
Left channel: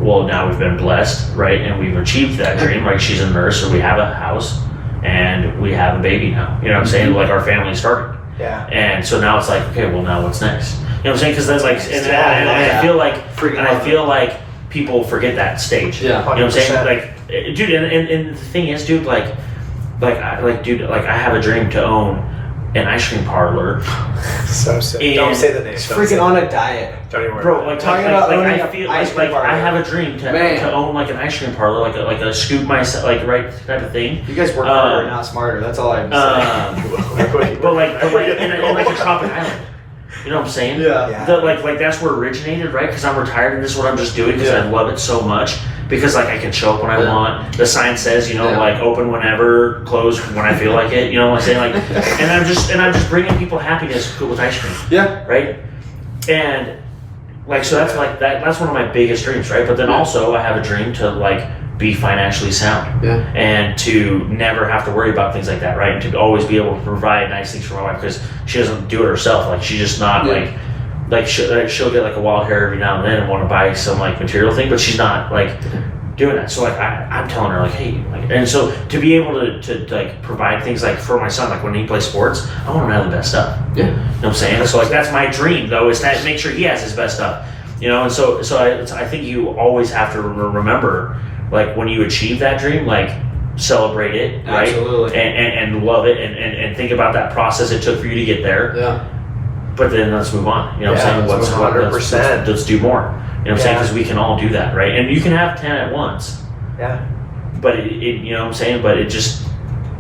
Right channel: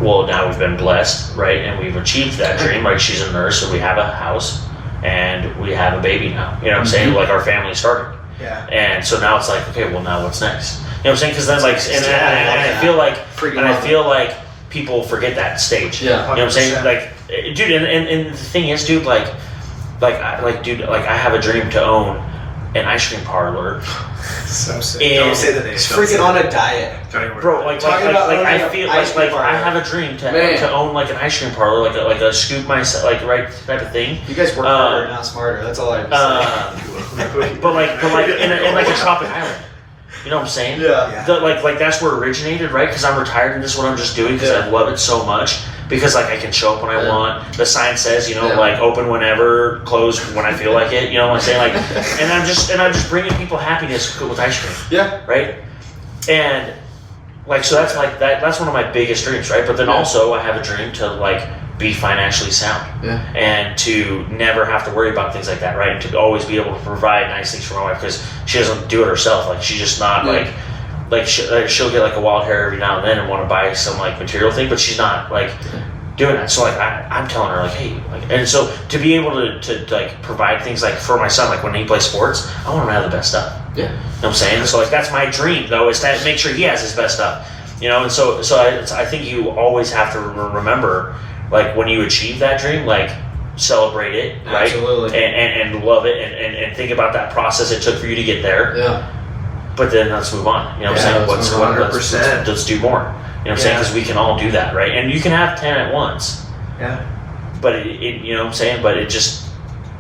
Well, now we've been blessed, right? And we've achieved that dream. Like she's a nurse, so we have a house and we have a baby now. You know what I'm saying? Like our family started. Yeah. And so now it's like, okay, well now what's next? You know what I'm saying? Because that's like, and Yeah. I feel like, Freaking and I love feel like people forget that stage. Yeah. You know what I'm saying? 100%. Like, dude, and the thing is, dude, dude, I have a dream to own an ice cream parlor. So sick. And Don't say the name. He's freaking on a diet. Don't even worry Bro, about like, it. Talking about owning I an feel ice cream like I parlor. have a dream to own like an ice cream parlor, like a scoop myself, like right type of thing. You guys work harder, not smarter. That's all I have to say. But like in like a tropic island. You know what I'm saying? Yeah. Like that's where it originated, right? Because I'm retired and this is what I'm just doing because I love it so much. Because like I can show up when I want. The sign says, like open whenever, close when I feel like it. You know what I'm saying? Like, and I'm just bringing people happiness with ice cream. Yeah. Right. And like so that's like that's one of my biggest dreams, right? But then also I have a dream to like be financially sound and to never have to worry about things like that, right? And to always be able to provide nice things for my wife because she doesn't do it herself. Like she's just not like she'll get like a wild hair every now and then and want to buy some like material thing, but she's not like doing that. So like I'm telling her like, hey, like, and so to be able to like provide things like for my son, like when he plays sports, I want him to have the best stuff. Yeah. You know what I'm saying? So like that's my dream though, is to make sure he has his best stuff. And so I think you always have to remember, like when you achieve that dream, like celebrate it, right? Absolutely. And love it and think about that process it took for you to get there. Yeah. But then let's move on. You know what I'm saying? 100%. Let's do more. You know what I'm saying? Because we can all do that, right? And you can have 10 at once. Yeah. But it you know what I'm saying? But it just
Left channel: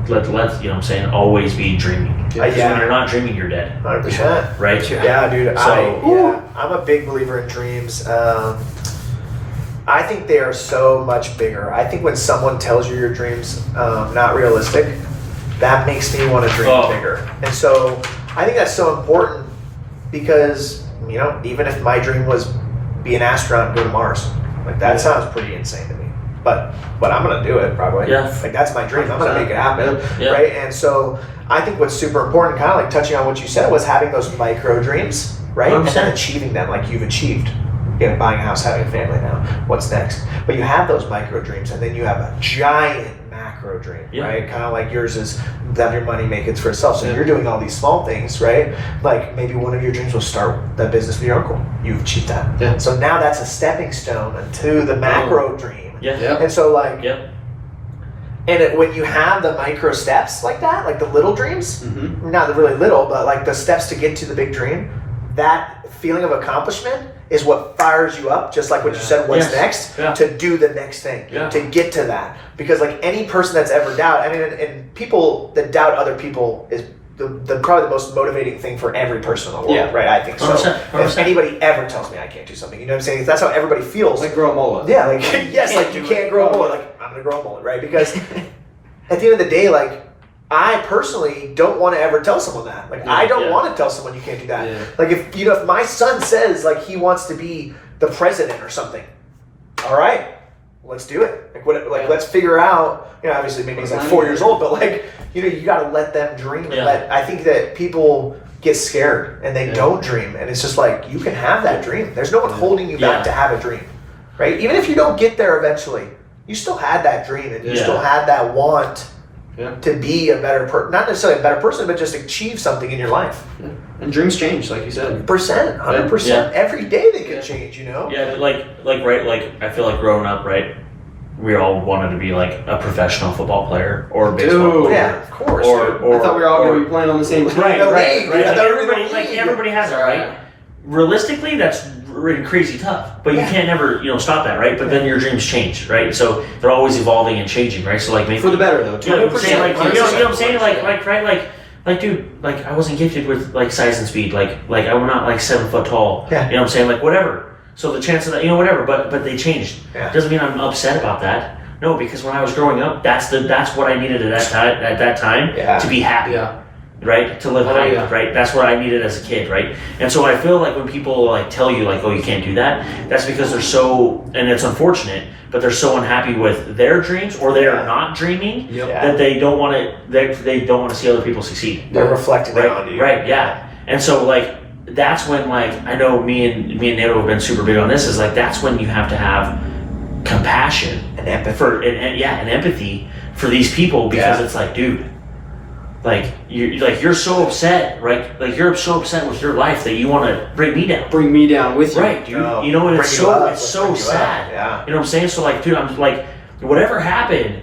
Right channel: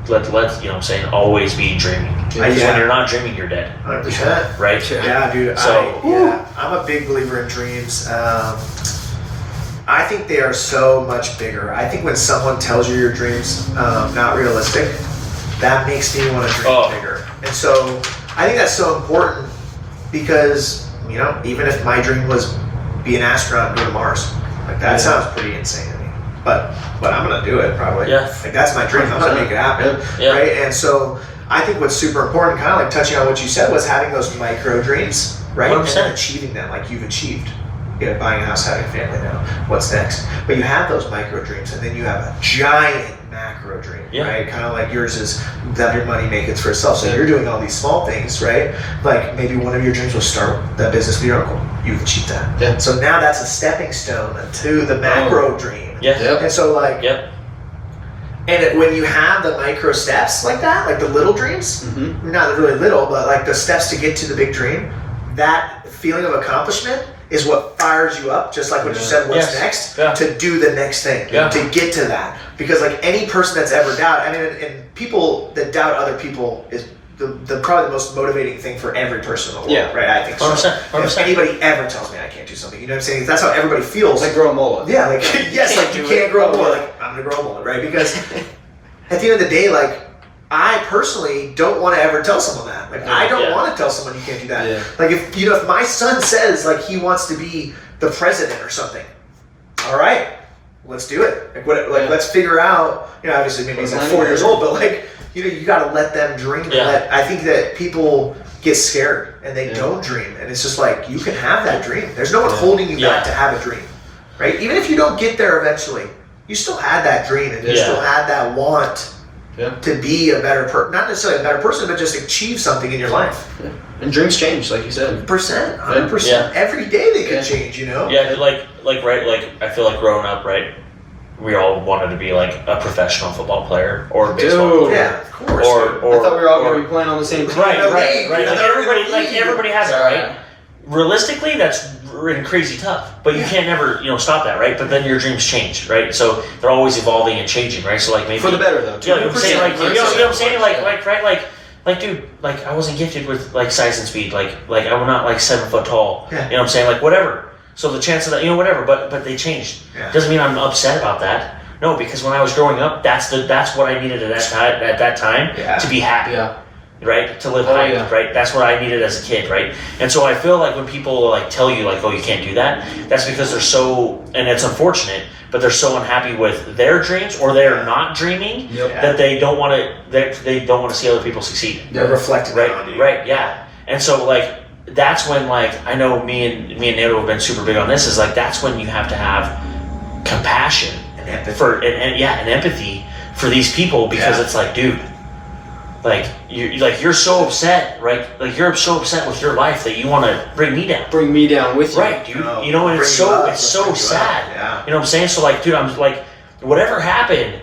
let you know what I'm saying, always be dreaming. Because when you're not dreaming, you're dead. 100%. Right? Yeah, dude. So I'm a big believer in dreams. I think they are so much bigger. I think when someone tells you your dreams not realistic, that makes me want to dream bigger. And so I think that's so important because, even if my dream was be an astronaut and go to Mars, like that sounds pretty insane to me. But I'm gonna do it probably. Yeah. Like that's my dream. I'm gonna make it happen. Yeah. Right? And so I think what's super important, kind of like touching on what you said, was having those micro dreams, right? 100%. And then achieving them, like you've achieved. Buying a house, having a family now. What's next? But you have those micro dreams, and then you have a giant macro dream, right? Kind of like yours is have your money make it for itself. So you're doing all these small things, right? Like maybe one of your dreams was start that business with your uncle. You've achieved that. Yeah. So now that's a stepping stone to the macro dream. Yeah. Yep. And so like, and when you have the micro steps like that, like the little dreams, not really little, but like the steps to get to the big dream, that feeling of accomplishment is what fires you up, just like what you said, what's next, to do the next thing, to get to that. Because like any person that's ever doubted, and people that doubt other people is the probably the most motivating thing for every person in the world, right? I think so. 100%. If anybody ever tells me I can't do something, you know what I'm saying? That's how everybody feels. Like grow a mullet. Yeah, like yes, like you can't grow a mullet. Like I'm gonna grow a mullet, right? Because at the end of the day, like I personally don't want to ever tell someone that. Like I don't want to tell someone you can't do that. Yeah. Like if my son says like he wants to be the president or something, all right, let's do it. Like let's figure out. Obviously maybe he's like 4 years old, but like you got to let them dream. Yeah. I think that people get scared and they don't dream, and it's just like you can have that dream. There's no one holding you back to have a dream, right? Even if you don't get there eventually, you still had that dream and you still had that want. To be a better person, not necessarily a better person, but just achieve something in your life. Yeah. And dreams change, like you said. 100%. Every day they could change, Yeah, like right, like I feel like growing up, right, we all wanted to be like a professional football player or a baseball player. Yeah, of course. Or I thought we were all going to be playing on the same team. Right. Everybody has it, right? Realistically, that's crazy tough, but you can't never stop that, right? But then your dreams change, right? So they're always evolving and changing, right? So like maybe for the better though. You know what I'm saying? Like, you know what I'm saying? Like dude, like I wasn't gifted with like size and speed, like I'm not like 7 foot tall. Yeah. You know what I'm saying? Like whatever. So the chance of that, whatever. But they changed. Yeah. Doesn't mean I'm upset about that. No, because when I was growing up, that's what I needed at that time to be happy. Yeah. Right? To live high, right? That's what I needed as a kid, right? And so I feel like when people like tell you like, oh, you can't do that, that's because they're so, and it's unfortunate, but they're so unhappy with their dreams or they're not dreaming that they don't want to, they don't want to see other people succeed. They're reflecting on you. Right, yeah. And so like, that's when like, I know me and Nato have been super big on this, is like, that's when you have to have compassion and empathy and empathy for these people, because it's like, dude, like you're so upset, right? Like you're so upset with your life that you want to bring me down. Bring me down with you, right, dude? And it's so sad. Yeah. You know what I'm saying? So like, dude, I'm like, whatever happened,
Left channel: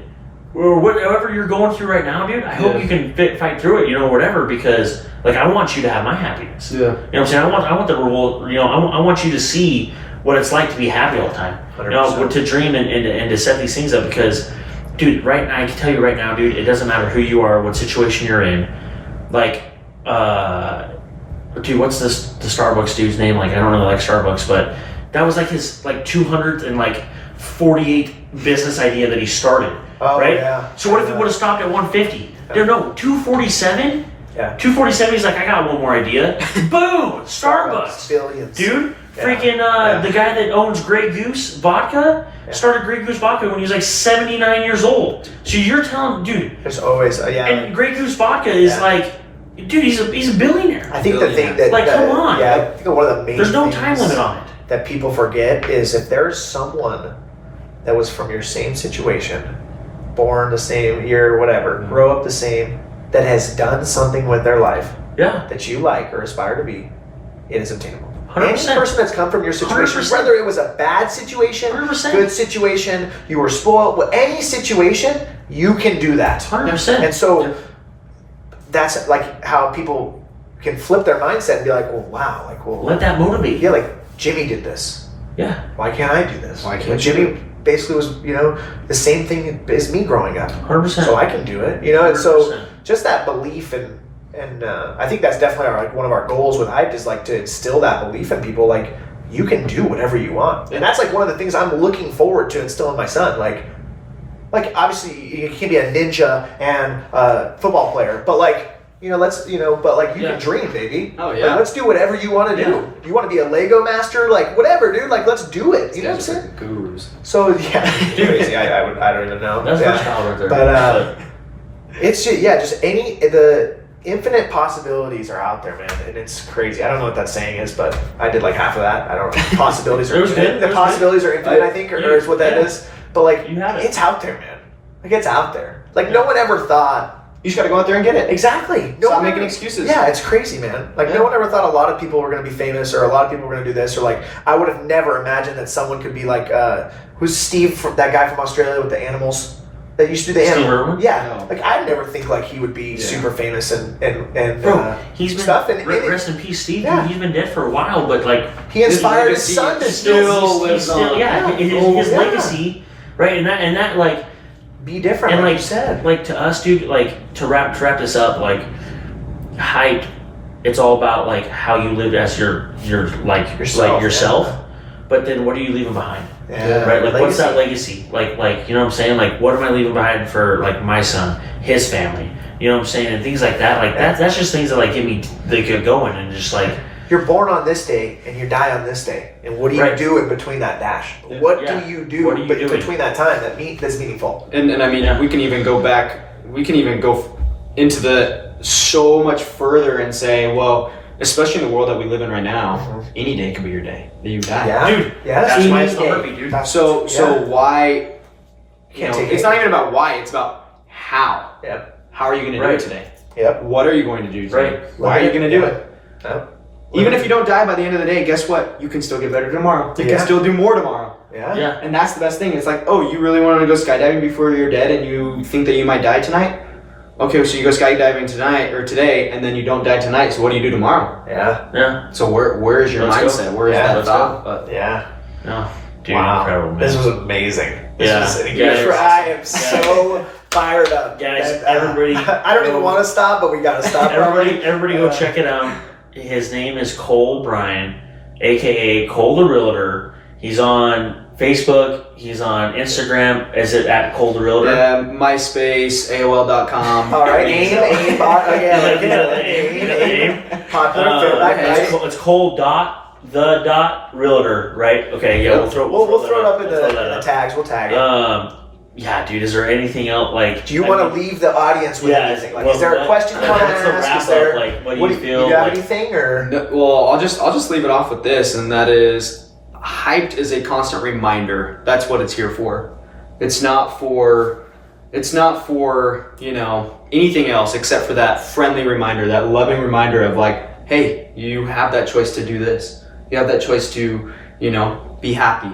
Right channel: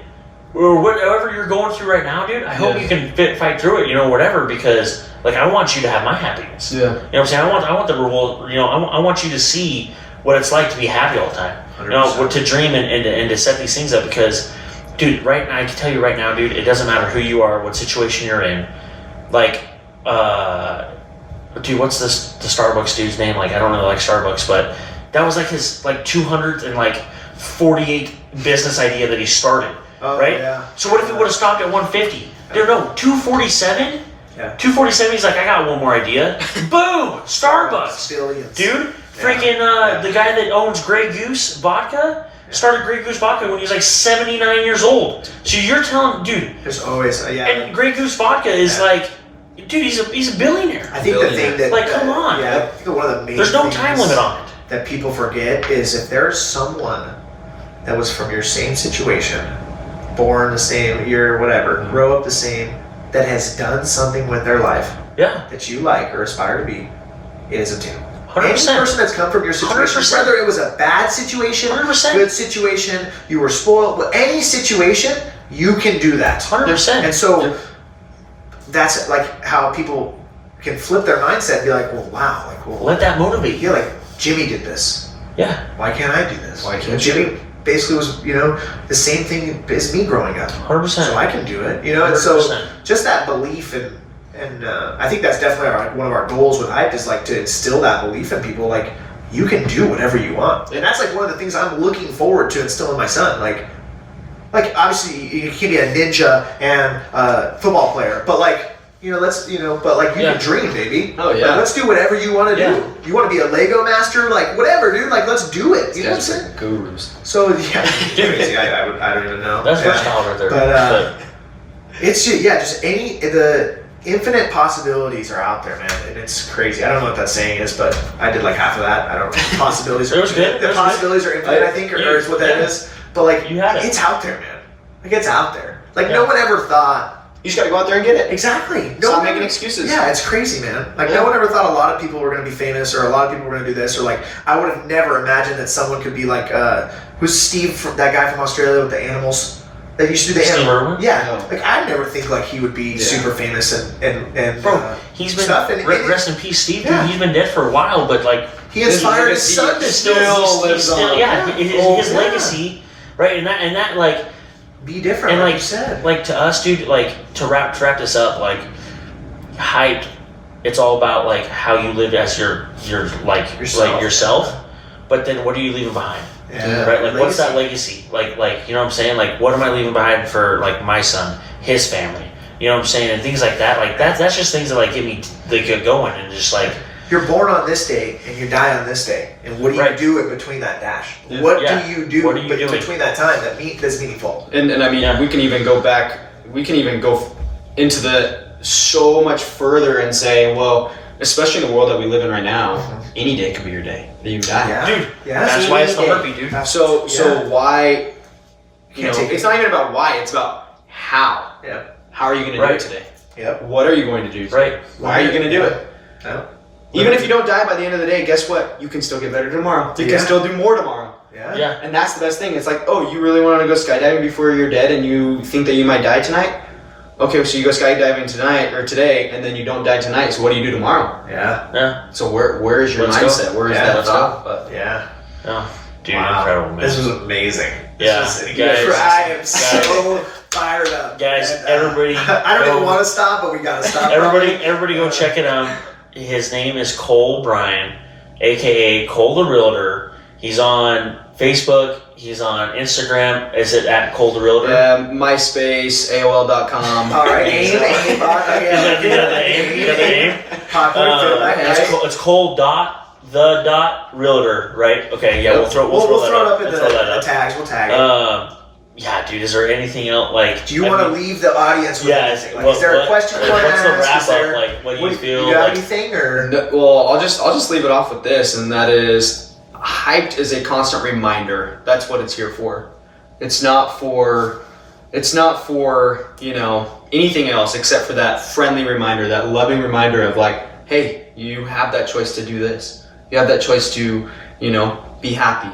or whatever you're going through right now, dude, I hope you can fight through it, whatever, because like I want you to have my happiness. Yeah. You know what I'm saying? I want the reward, I want you to see what it's like to be happy all the time. 100%. To dream and to set these things up, because dude, I can tell you right now, dude, it doesn't matter who you are, what situation you're in. Like, dude, what's the Starbucks dude's name? Like, I don't really like Starbucks, but that was like his 248th business idea that he started, right? Yeah. So what if he would have stopped at 150? Dude, no, 247? Yeah. 247, he's like, I got one more idea. Boom! Starbucks. Billions. Dude, freaking the guy that owns Grey Goose Vodka started Grey Goose Vodka when he was like 79 years old. So you're telling, dude, There's always, and Grey Goose Vodka is like, dude, he's a billionaire. I think the thing that, come on. Yeah, I think one of the main There's no things time limit on it. that people forget is if there's someone that was from your same situation, born the same year, whatever, grow up the same, that has done something with their life that you like or aspire to be, it is obtainable. 100%. Any person that's come from your situation, 100%. whether it was a bad situation, 100%. good situation, you were spoiled, any situation, you can do that. 100%. And so that's like how people can flip their mindset and be like, well, wow, like, well, Let that motivate you. yeah, like Jimmy did this. Yeah. Why can't I do this? Why can't And Jimmy basically was, the same thing as me growing up. 100%. So I can do it, and so 100%. just that belief and I think that's definitely one of our goals with HiPED is like to instill that belief in people, like you can do whatever you want, and that's like one of the things I'm looking forward to instilling in my son. Like obviously you can't be a ninja and a football player, but let's but like you can dream, baby. Oh yeah. Like, let's do whatever you want to do. You want to be a Lego master, like whatever, dude. Like let's do it. You know what I'm Guys saying? are gurus. So yeah, crazy. I don't even know. That's versatile right there. But it's just the infinite possibilities are out there, man, and it's crazy. I don't know what that saying is, but I did like half of that. I don't know. Possibilities are It was good. The It was possibilities are infinite, I think, or is what that Yeah. is. But like, You had it. it's out there, man. Like it's out there. Like no one ever thought. You just gotta go out there and get it. Exactly. No Stop one making ever- excuses. Yeah, it's crazy, man. Like no one ever thought a lot of people were going to be famous, or a lot of people were going to do this, or like I would have never imagined that someone could be like who's Steve, that guy from Australia with the animals that used to do the Steve animal. Irwin? Yeah, No. like I never think like he would be super famous and Bro, he's been stuff. And rest in peace, Steve. Yeah. Dude, he's been dead for a while, but like he inspired his legacy son to still lives on. Yeah, his Yeah. legacy, right? And that like. be different, And like like you said. like to us, dude, like to wrap this up, like HiPED, it's all about like how you live as your like yourself, but then what are you leaving behind? Yeah. Right? Like what's that Legacy. legacy? Like you know what I'm saying? Like what am I leaving behind for like my son, his family? You know what I'm saying? And things like that. Like that's just things that like get me get going and just like You're born on this day and you die on this day, and what do you do in between that dash? What do you do What are you doing? between that time that's meaningful? And I mean, we can even go back. We can even go into the so much further and say, well, especially in the world that we live in right now, any day could be your day that you die. Yeah, Dude, yeah. that's why it's Any the day. heartbeat, dude. So why? Can't take it's it. not even about why. It's about how. Yep. How are you going to do it today? Yep. What are you going to do today? Right. Why are you going to do it? Yep. Even if you don't die by the end of the day, guess what? You can still get better tomorrow. You Yeah. can still do more tomorrow. Yeah. Yeah. And that's the best thing. It's like, oh, you really want to go skydiving before you're dead and you think that you might die tonight? Okay, so you go skydiving tonight or today and then you don't die tonight. So what do you do tomorrow? Yeah. Yeah. So where is your Let's go. mindset? Where is Yeah, that let's thought? But Yeah. Oh, dude, Wow. incredible, man. This was amazing. Yeah. Guys, I am so fired up. Guys, And, everybody I don't even go- want to stop, but we got to stop. Everybody go check it out. His name is Cole Bryan, aka Cole the Realtor. He's on Facebook. He's on Instagram. Is it at Cole the Realtor? yeah, MySpace, AOL.com. All right. Aim, bot. You got the name? Popular feedback. It's Cole dot Realtor, right? Okay, yeah, we'll throw We'll that throw it up in We'll throw the that up. tags. We'll tag it. Yeah, dude. Is there anything else like? Do you want to leave the audience with anything? Like, is there a question you want to What's the ask? wrap Is there, up? Like, what do you feel? You got Like, anything or? No, well, I'll just leave it off with this, and that is, HiPED is a constant reminder. That's what it's here for. It's not for anything else except for that friendly reminder, that loving reminder of like, hey, you have that choice to do this. You have that choice to be happy.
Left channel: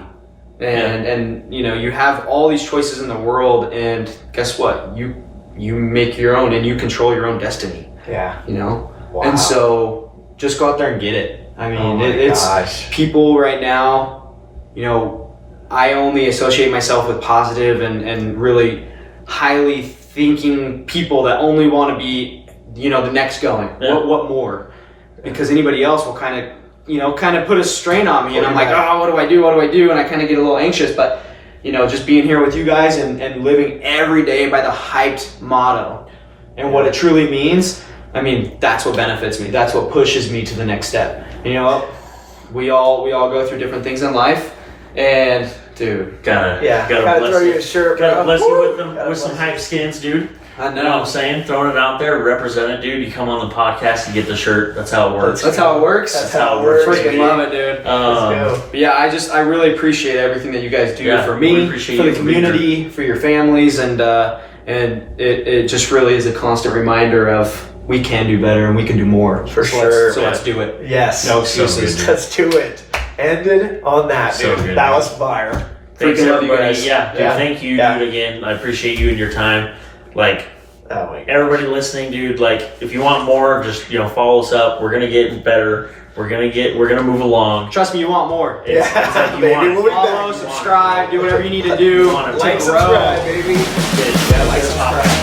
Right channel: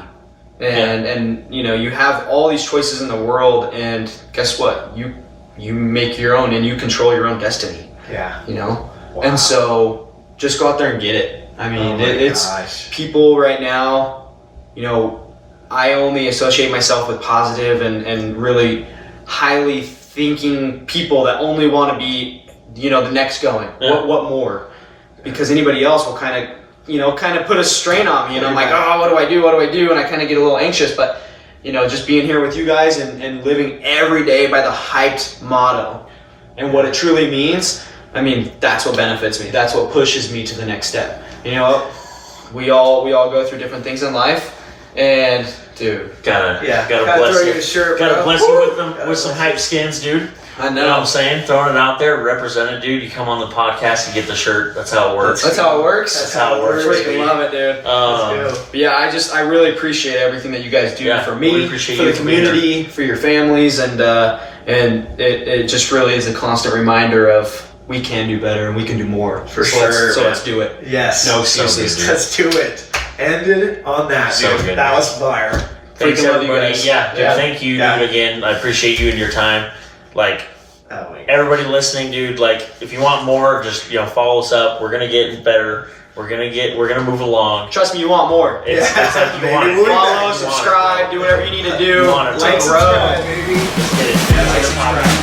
and you know, you have all these choices in the world, and guess what? You make your own, and you control your own destiny. Yeah. You know? Wow. And so just go out there and get it. I mean, Oh it's gosh. people right now, you know, I only associate myself with positive and really highly thinking people that only want to be, you know, the next going. Yeah. What more? Because anybody else will kind of put a strain on me, and I'm like, oh, what do I do? And I kind of get a little anxious, but you know, just being here with you guys and living every day by the HiPED motto and what it truly means, I mean, that's what benefits me. That's what pushes me to the next step. You know, we all go through different things in life, and dude, Gotta Gotta bless throw you you. a shirt, Gotta bro. bless you with Woo! them with some hype skins, dude. I You know what I'm know. saying? Throwing it out there, represent it, dude. You come on the podcast and get the shirt. That's how it works. That's how it works. That's how it works. Freaking love it, dude. Let's go. But yeah, I really appreciate everything that you guys do Yeah, for we me, appreciate for you the for being community, for your families, and it just really is a constant reminder of we can do better and we can do more. For So sure, let's do it. Yes. No So excuses. good, dude. Let's do it. Ended on that, So dude. good, That man. was fire. Thanks, Freaking love you everybody. guys. Yeah, dude, Yeah. thank you, Yeah. dude, again. I appreciate you and your time. Like, Oh my God. everybody listening, dude, like, if you want more, just, you know, follow us up. We're gonna get better. We're gonna move along. Trust me, you want more. It's like you Baby, want it. we'll be Follow, back. subscribe, do whatever you need to do You want it. to Like, grow. subscribe, baby. Get it. Like, subscribe.